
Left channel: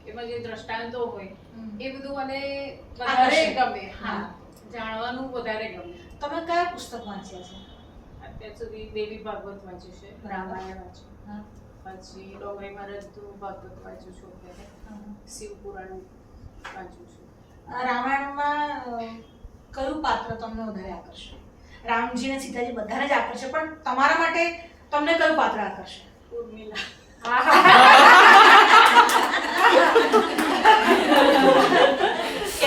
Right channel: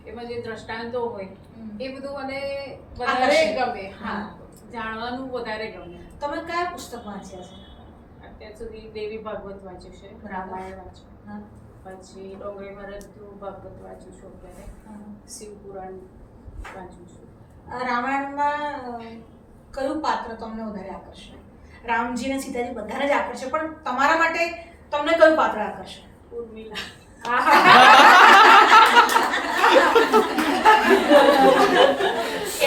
એમાં જે દ્રષ્ટાંતો હોય એ બધું મને વધારે ગમે. હા, જાણવાનું વધારે ગમે. તમે કયા પુસ્તક વાંચ્યા છે અત્યાર સુધી? દેવી ભાગવત વાંચ્યું છે, રામાયણ વાંચ્યું, પછી ડોંગરી મહારાજનું ભાગવત વાંચ્યું છું, અત્યારે શિવપુરાણ વાંચ્યું છું. રામાયણમાં કયું પાત્ર તમને વધારે આકર્ષે? રામજી અને સીતાજી બધાને જ આકર્ષે, પણ તમારા માટે તમને કયું પાત્ર આકર્ષે? ઉર્મિલા.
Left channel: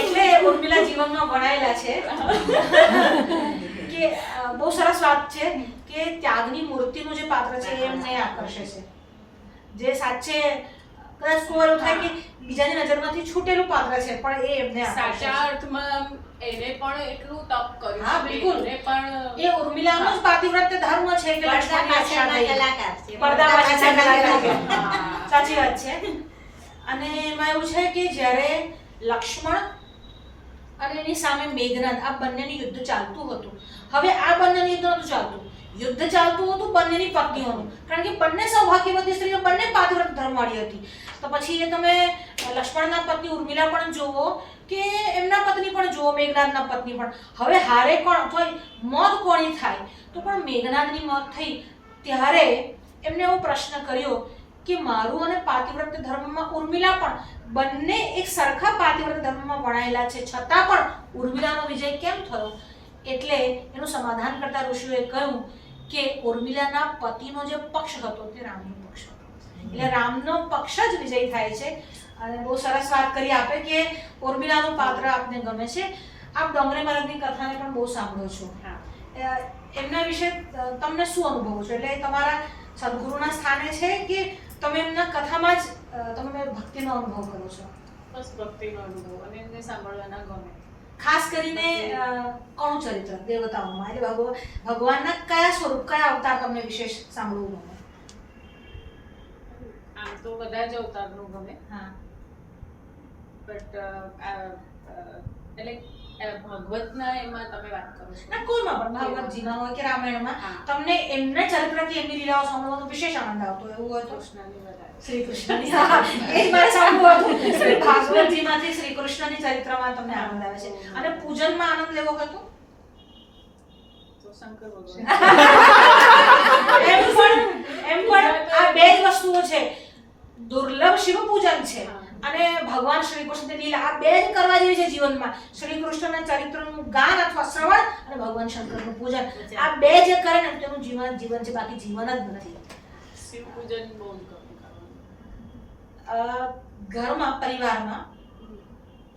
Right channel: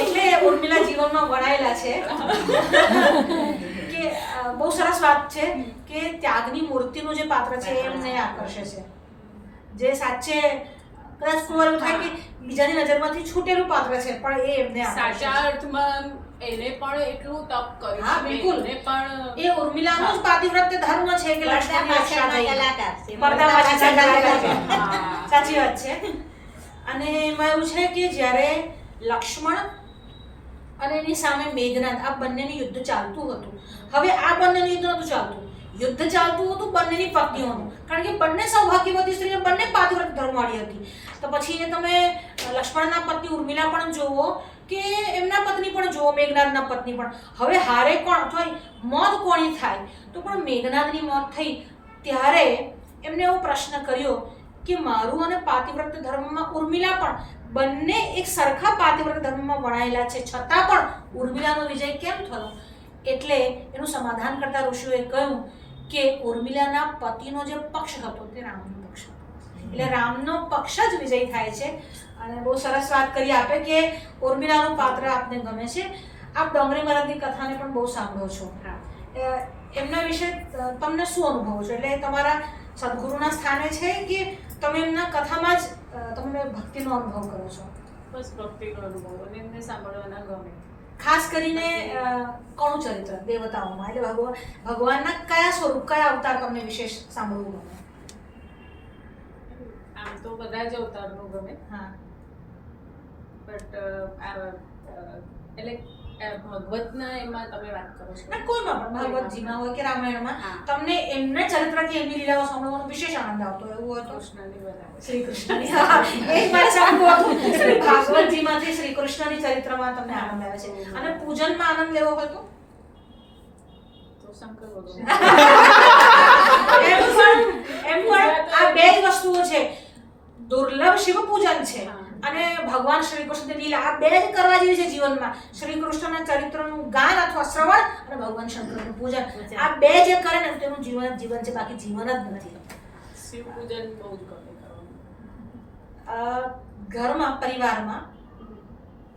એટલે ઉર્મિલા જીવનમાં વણાયેલા છે કે બહુ સરસ વાત છે કે ત્યાગની મૂર્તિનું જે પાત્ર છે એમને આકર્ષે છે, જે સાચે કદાચ કોઈ એવું થાય કે બીજાની નજરમાંથી છૂટેલું પાત્ર છે પણ એ એમને સાચા અર્થમાં એને પણ એટલું તપ કર્યું. હા બિલકુલ, એને પણ એ ઉર્મિલાનો જ પાતિવ્રત્ય ધર્મ છે કે લક્ષ્મણ પાછળના કલાકાર છે. પડદા પાછળના કલાકાર છે. સાચી વાત છે. અને એમાં એવું છે કે જ્યારે લક્ષ્મણ અને એની સામે મેઘનાદ, આ બંનેનું યુદ્ધ ચાલતું હતું. હવે આ બંનેનું યુદ્ધ નહોતું ચાલતું, યુદ્ધ ચાલતું હતું બંનેની પત્નીઓનું, કારણ કે બંને સૌભાગ્યવતી સ્ત્રીઓ, બંને પાતિવ્રત્ય ધર્મવાળી હતી. તો પછી એ તમે લક્ષ્મણના પત્ની ઉર્મિલા પણ જુઓ કે એમના પત્ની પણ જુઓ, મેઘનાદના પત્ની પણ. હવે હારે કોણ થાય, મોત કોની થાય? તો પણ મેઘનાદની મોત થઈ ત્યારે એમને એવો પ્રશ્ન કર્યો કે મારું અને પાતિવ્રત્ય ધર્મમાં ઉર્મિલા પણ, બંને એક સરખા પાતિવ્રત્ય ધર્મમાં વણાયેલા છે, છતાં પણ ઉર્મિલાનો વિજય કેમ થયો? એટલે એનું સમાધાન કરતા ઋષિઓએ કહ્યું કે ઉર્મિલાના પતિનો જે પક્ષ હતો તે રામનો પક્ષ હતો, એટલે રામનો પક્ષ જ વિજય થાય છે. અને બહુ સરસ વાત કરી આપે કે ઉર્મિલાનું પાત્ર આપને ગમે છે. આપ ડોંગરી મહારાજની કથાને પણ બહુ સાંભળો છો, એમના વિશે તમને શું અનુભવો છો? એટલે તમારા સદગુરુના સ્થાને છે કે તમે એમના કથામાં જ તમે ભક્તિનો અનુભવ કરો છો? બસ ભક્તિનો અનુભવ, અને એમને સાંભળવાના ગમે. ખાસ કરીને કોનું ચરિત્ર દેવતાઓમાં, એટલે ભગવાનના કયા સ્વરૂપ, કયા અવતાર તમને વિશેષ સાંભળવું ગમે? આમ તો બધા જ અવતારનું ગમે. હા, બટ એટલે ભગવતના એમાં તમે વાત કરો છો? ના, કોઈમાં પણ, ભાગવતજીમાં હોય કે રામાયણમાં તમને એમના ચરિત્રથી એમની લીલાઓ સાંભળવાનો વિશેષ આનંદ આવતો એવું હોય તો? કૃષ્ણની વધારે. શ્રી કૃષ્ણની, એ જ મારે સાંભળવું હતું. ભાગવતજીમાંથી શ્રી કૃષ્ણની ચરિત્રમાં તમને આનંદ આવે છે. અને પૂજનમાં આનંદ લેવો હોય તો શંકર ભગવાન. એમ પણ આ બે જ વસ્તુઓ છે, દુર્લભ શિવ પૂજન છે અને ભગવાન શ્રી કૃષ્ણની લીલા, આ બે જ કરવા જેવી છે જીવનમાં. શ્રી કૃષ્ણના ચરિત્રનું ગાન અથવા શ્રવણ અને ભગવાન શંકરનું પૂજન, આ બે જે કરે ને તેનું જીવન જ જીવન છે, બાકી જીવન જ નથી. શિવ પૂજન બહુ જ ગમે કરવાનું. ઘરમાં, પરિવારમાં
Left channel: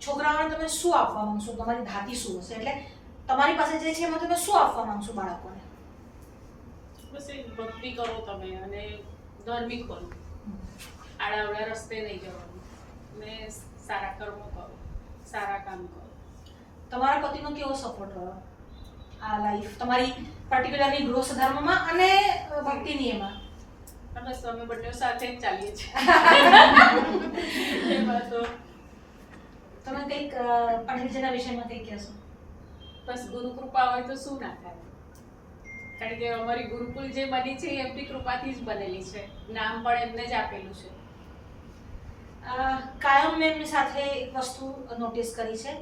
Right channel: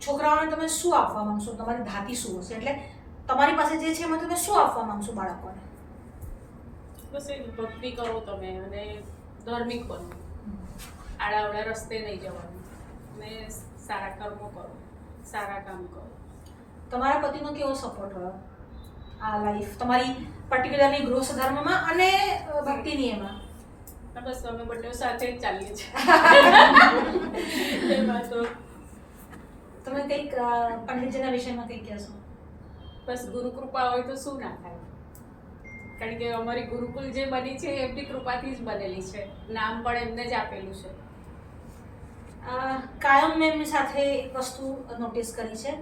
છોકરાઓને તમે શું આપવા માંગશો? તમારી ધાતી શું હશે? એટલે તમારી પાસે જે છે એમાં તમે શું આપવા માંગશો બાળકોને? બસ એ ભક્તિ કરો તમે અને ધાર્મિક બનો, આડાવડા રસ્તે નહીં જવાનું, ને સારા કર્મો કરો, સારા કામ કરો. તમારા પતિનો કેવો સપોર્ટ રહ્યો આ લાઈફ તમારી, પર્ટિક્યુલરલી ગૃહસ્થ ધર્મમાં અને ભક્તિની એમાં? બસ અમે બંને સાથે જ ચાલીએ છીએ. એમાં તો તમે કંઈક પંડિતજીના વિષયમાં કંઈક કહેશો? બસ ગુરુ કૃપા હોય તો શું ના થાય, કારણ કે અમારી ગુરુકુલ જે બની છે એ એમની કૃપાથી જ બનેલી છે, નામ પણ એમને જ આપેલું છે. કાયમ મેં એમની સાથે એક વસ્તુ નોટિસ કરી છે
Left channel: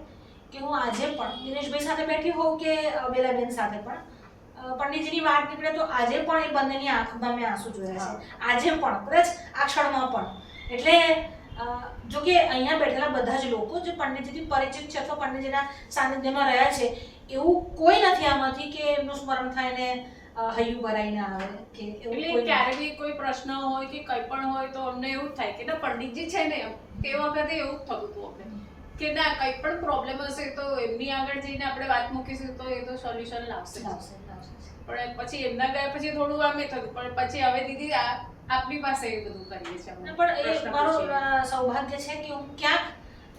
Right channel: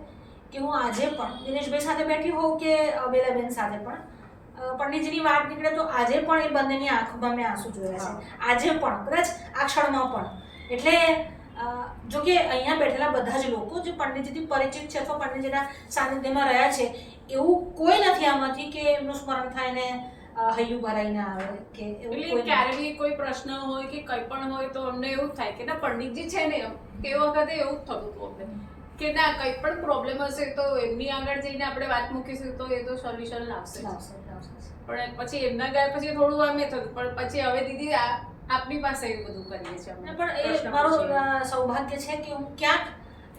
કે હું આજે પણ દિનેશભાઈ સાથે બેઠી હોઉં કે બેલાબેન સાથે પણ પંડિતજીની વાત નીકળે તો આજે પણ એ બંનેની આંખમાં મેં આંસુ જોયા છે, આજે પણ કદાચ આ ક્ષણમાં પણ. એટલે જો કે અહીંયા બેઠેલા બધા જ લોકો જે પંડિતજીથી પરિચિત છે અથવા પંડિતજીના સાનિધ્યમાં રહ્યા છે એવું કોઈ નથી આમાંથી કે એમનું સ્મરણ થાય ને હૈયું ભરાઈ ના આવે કે એટલે ક્યારે બી કોઈ પ્રશ્ન હોય કે કંઈ પણ હોય તો અમને એવું થાય કે ના પંડિતજી છે ને તે વખતે એવું જ થતું હતું અમને કે ના કંઈ પણ પ્રોબ્લેમ હશે તો એમની આગળ જઈને આપણે વાત મૂકીશું તો એ તો સોલ્યુશન લાવશે. પણ પછી એમના ગયા પછી થોડું આમ એ થતું, પણ પછી હવે દીદી આપની પાસે એ બધું કરીએ છીએ. પણ એ મારું સૌભાગ્ય છે કે હું ક્યાંક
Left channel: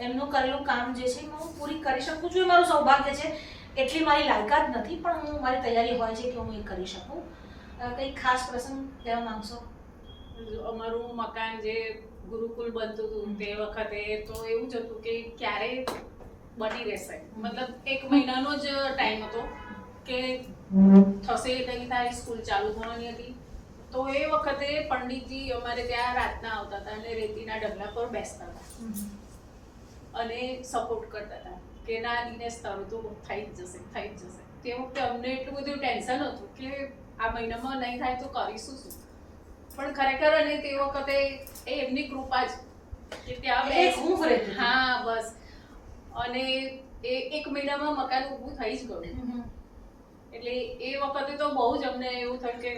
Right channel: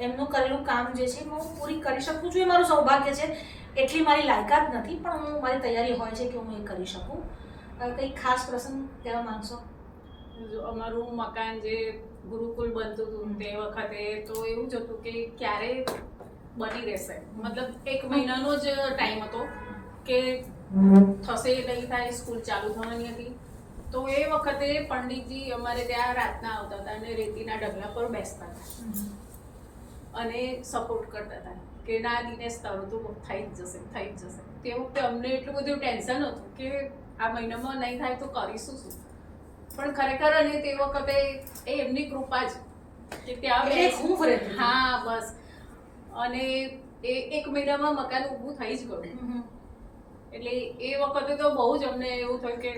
એમનું કરેલું કામ જે છે હું પૂરી કરી શકું છું, એ મારું સૌભાગ્ય છે. એટલી મારી લાયકાત નથી પણ હું મારી તૈયારી હોય છે કે હું એ કરી શકું. કંઈ ખાસ પ્રસંગ કહેવા માંગશો? અમારું મકાન જે ગુરુકુલ બનતું હતું તે વખતે તો એવું જ હતું કે ક્યારે બની રહેશે, મતલબ 1 મહિનાનો જ ટાઈમ હતો કે થશે નહીં થાય, સ્કૂલ ચાલુ થવાની હતી. તો એ વખતે પંડિતજી અમારે ત્યાં રાતના આવતા હતા અને રેતીના ઢગલા પર બેસતા હતા અને સપોર્ટ કરતા હતા કે ના દિનેશ તારું તો થઈ જ જશે, થઈ જ જશે. તે વખતે અમને એટલું બધું ટેન્શન હતું કે આ મહિનામાં નહીં થાય તો કરીશું શું, પણ ખરેખર અને તે વખતે એ એમની કૃપા જ કે ત્યાં હા બસ. અને એ 1 મહિનામાં મકાન ઊભું થઈ જ ગયું. એટલે એ વખતે તો બહુ જ અમને એવું થયું કે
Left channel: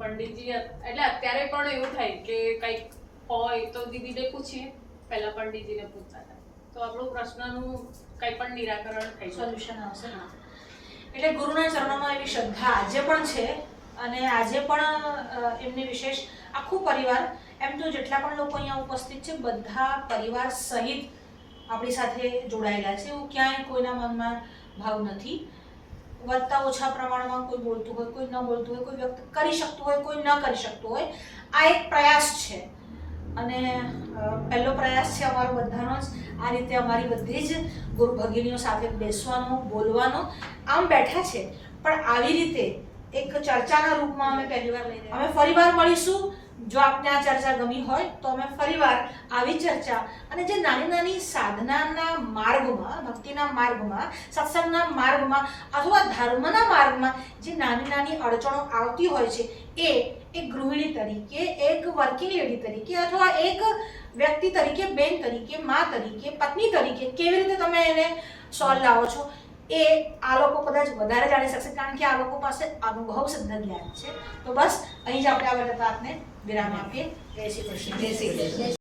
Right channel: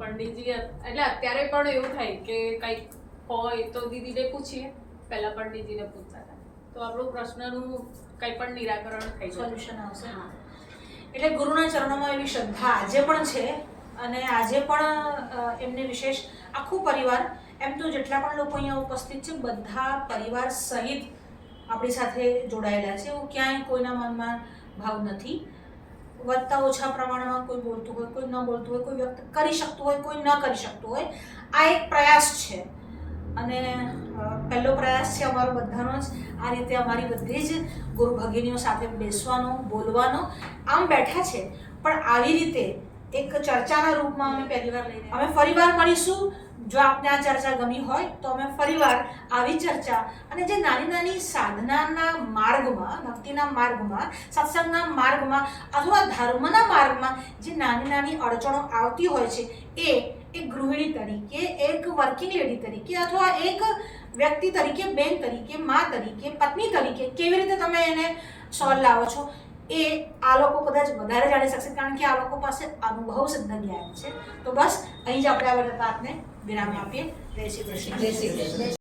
પંડિતજી, એટલે અત્યારે પણ એવું થાય કે કંઈક હોય તો દીદીને પૂછીએ, પહેલાં પંડિતજીને પૂછતા હતા તો આપણું પ્રશ્નનું કંઈ પણ નિરાકરણ થઈ સોલ્યુશન આવશે. એટલે ગુરુના ચરણોમાં એવી શ્રદ્ધા આજે પણ છે અને આજે પણ એમને વિશેષ આખું પરિવાર, એમ તો જેટલા પણ લોકો અહીંયા ઉપસ્થિત છે બધા પરિવાર સહિત આપણી સાથે જોડાયેલા છે. એવું ક્યાંય કોઈના મનમાં ભાવ નથી. વધતા ઓછા પ્રમાણમાં કોઈ બોલતું હોય, કોઈ ન બોલતું હોય, કોઈ વ્યક્ત કરી શકતું હોય, કોઈ ન કરી શકતું હોય, આ એક પ્રયાસ છે અને પહેલો પ્રયાસ છે અમારો બધાનો જ. આ રીતે અમારી બધી જ ગુરુ ભગિનીઓ સાથે બેસવાનો, બોલવાનો. આમ બેઠા છે પણ આવી રીતે એક ચર્ચાના રૂપમાં અમે પહેલીવાર લઈ રહ્યા. અમે ફરીવાર મળીશું. જો આપને આ ચર્ચા ગમી હોય તો અમે ફરીવાર આવી ચર્ચા અને જે નાની નાની સાધનાના માર્ગમાં, ભક્તિના માર્ગમાં, સત્સંગના માર્ગમાં અથવા ધર્મના માર્ગમાં જે નાની નાની અડચણો આવતી હોય છે એ એક ગૃહિણી તરીકે, એક વર્કિંગ લેડી તરીકે અથવા એક વ્યક્તિ તરીકે, બેન તરીકે, મા તરીકે, પત્ની તરીકે કેવી રીતે તમે એને સોલ્વ લાવો છો એ આ લોકો કદાચ વધારે જાણી શકશે, કારણ કે આ લોકો પાસે અનુભવ સિદ્ધ જ્ઞાન છે. તો બસ અહીં જ આપણે આ વાતને વિરામ આપીએ. જય શ્રી કૃષ્ણ. જય શ્રી કૃષ્ણ.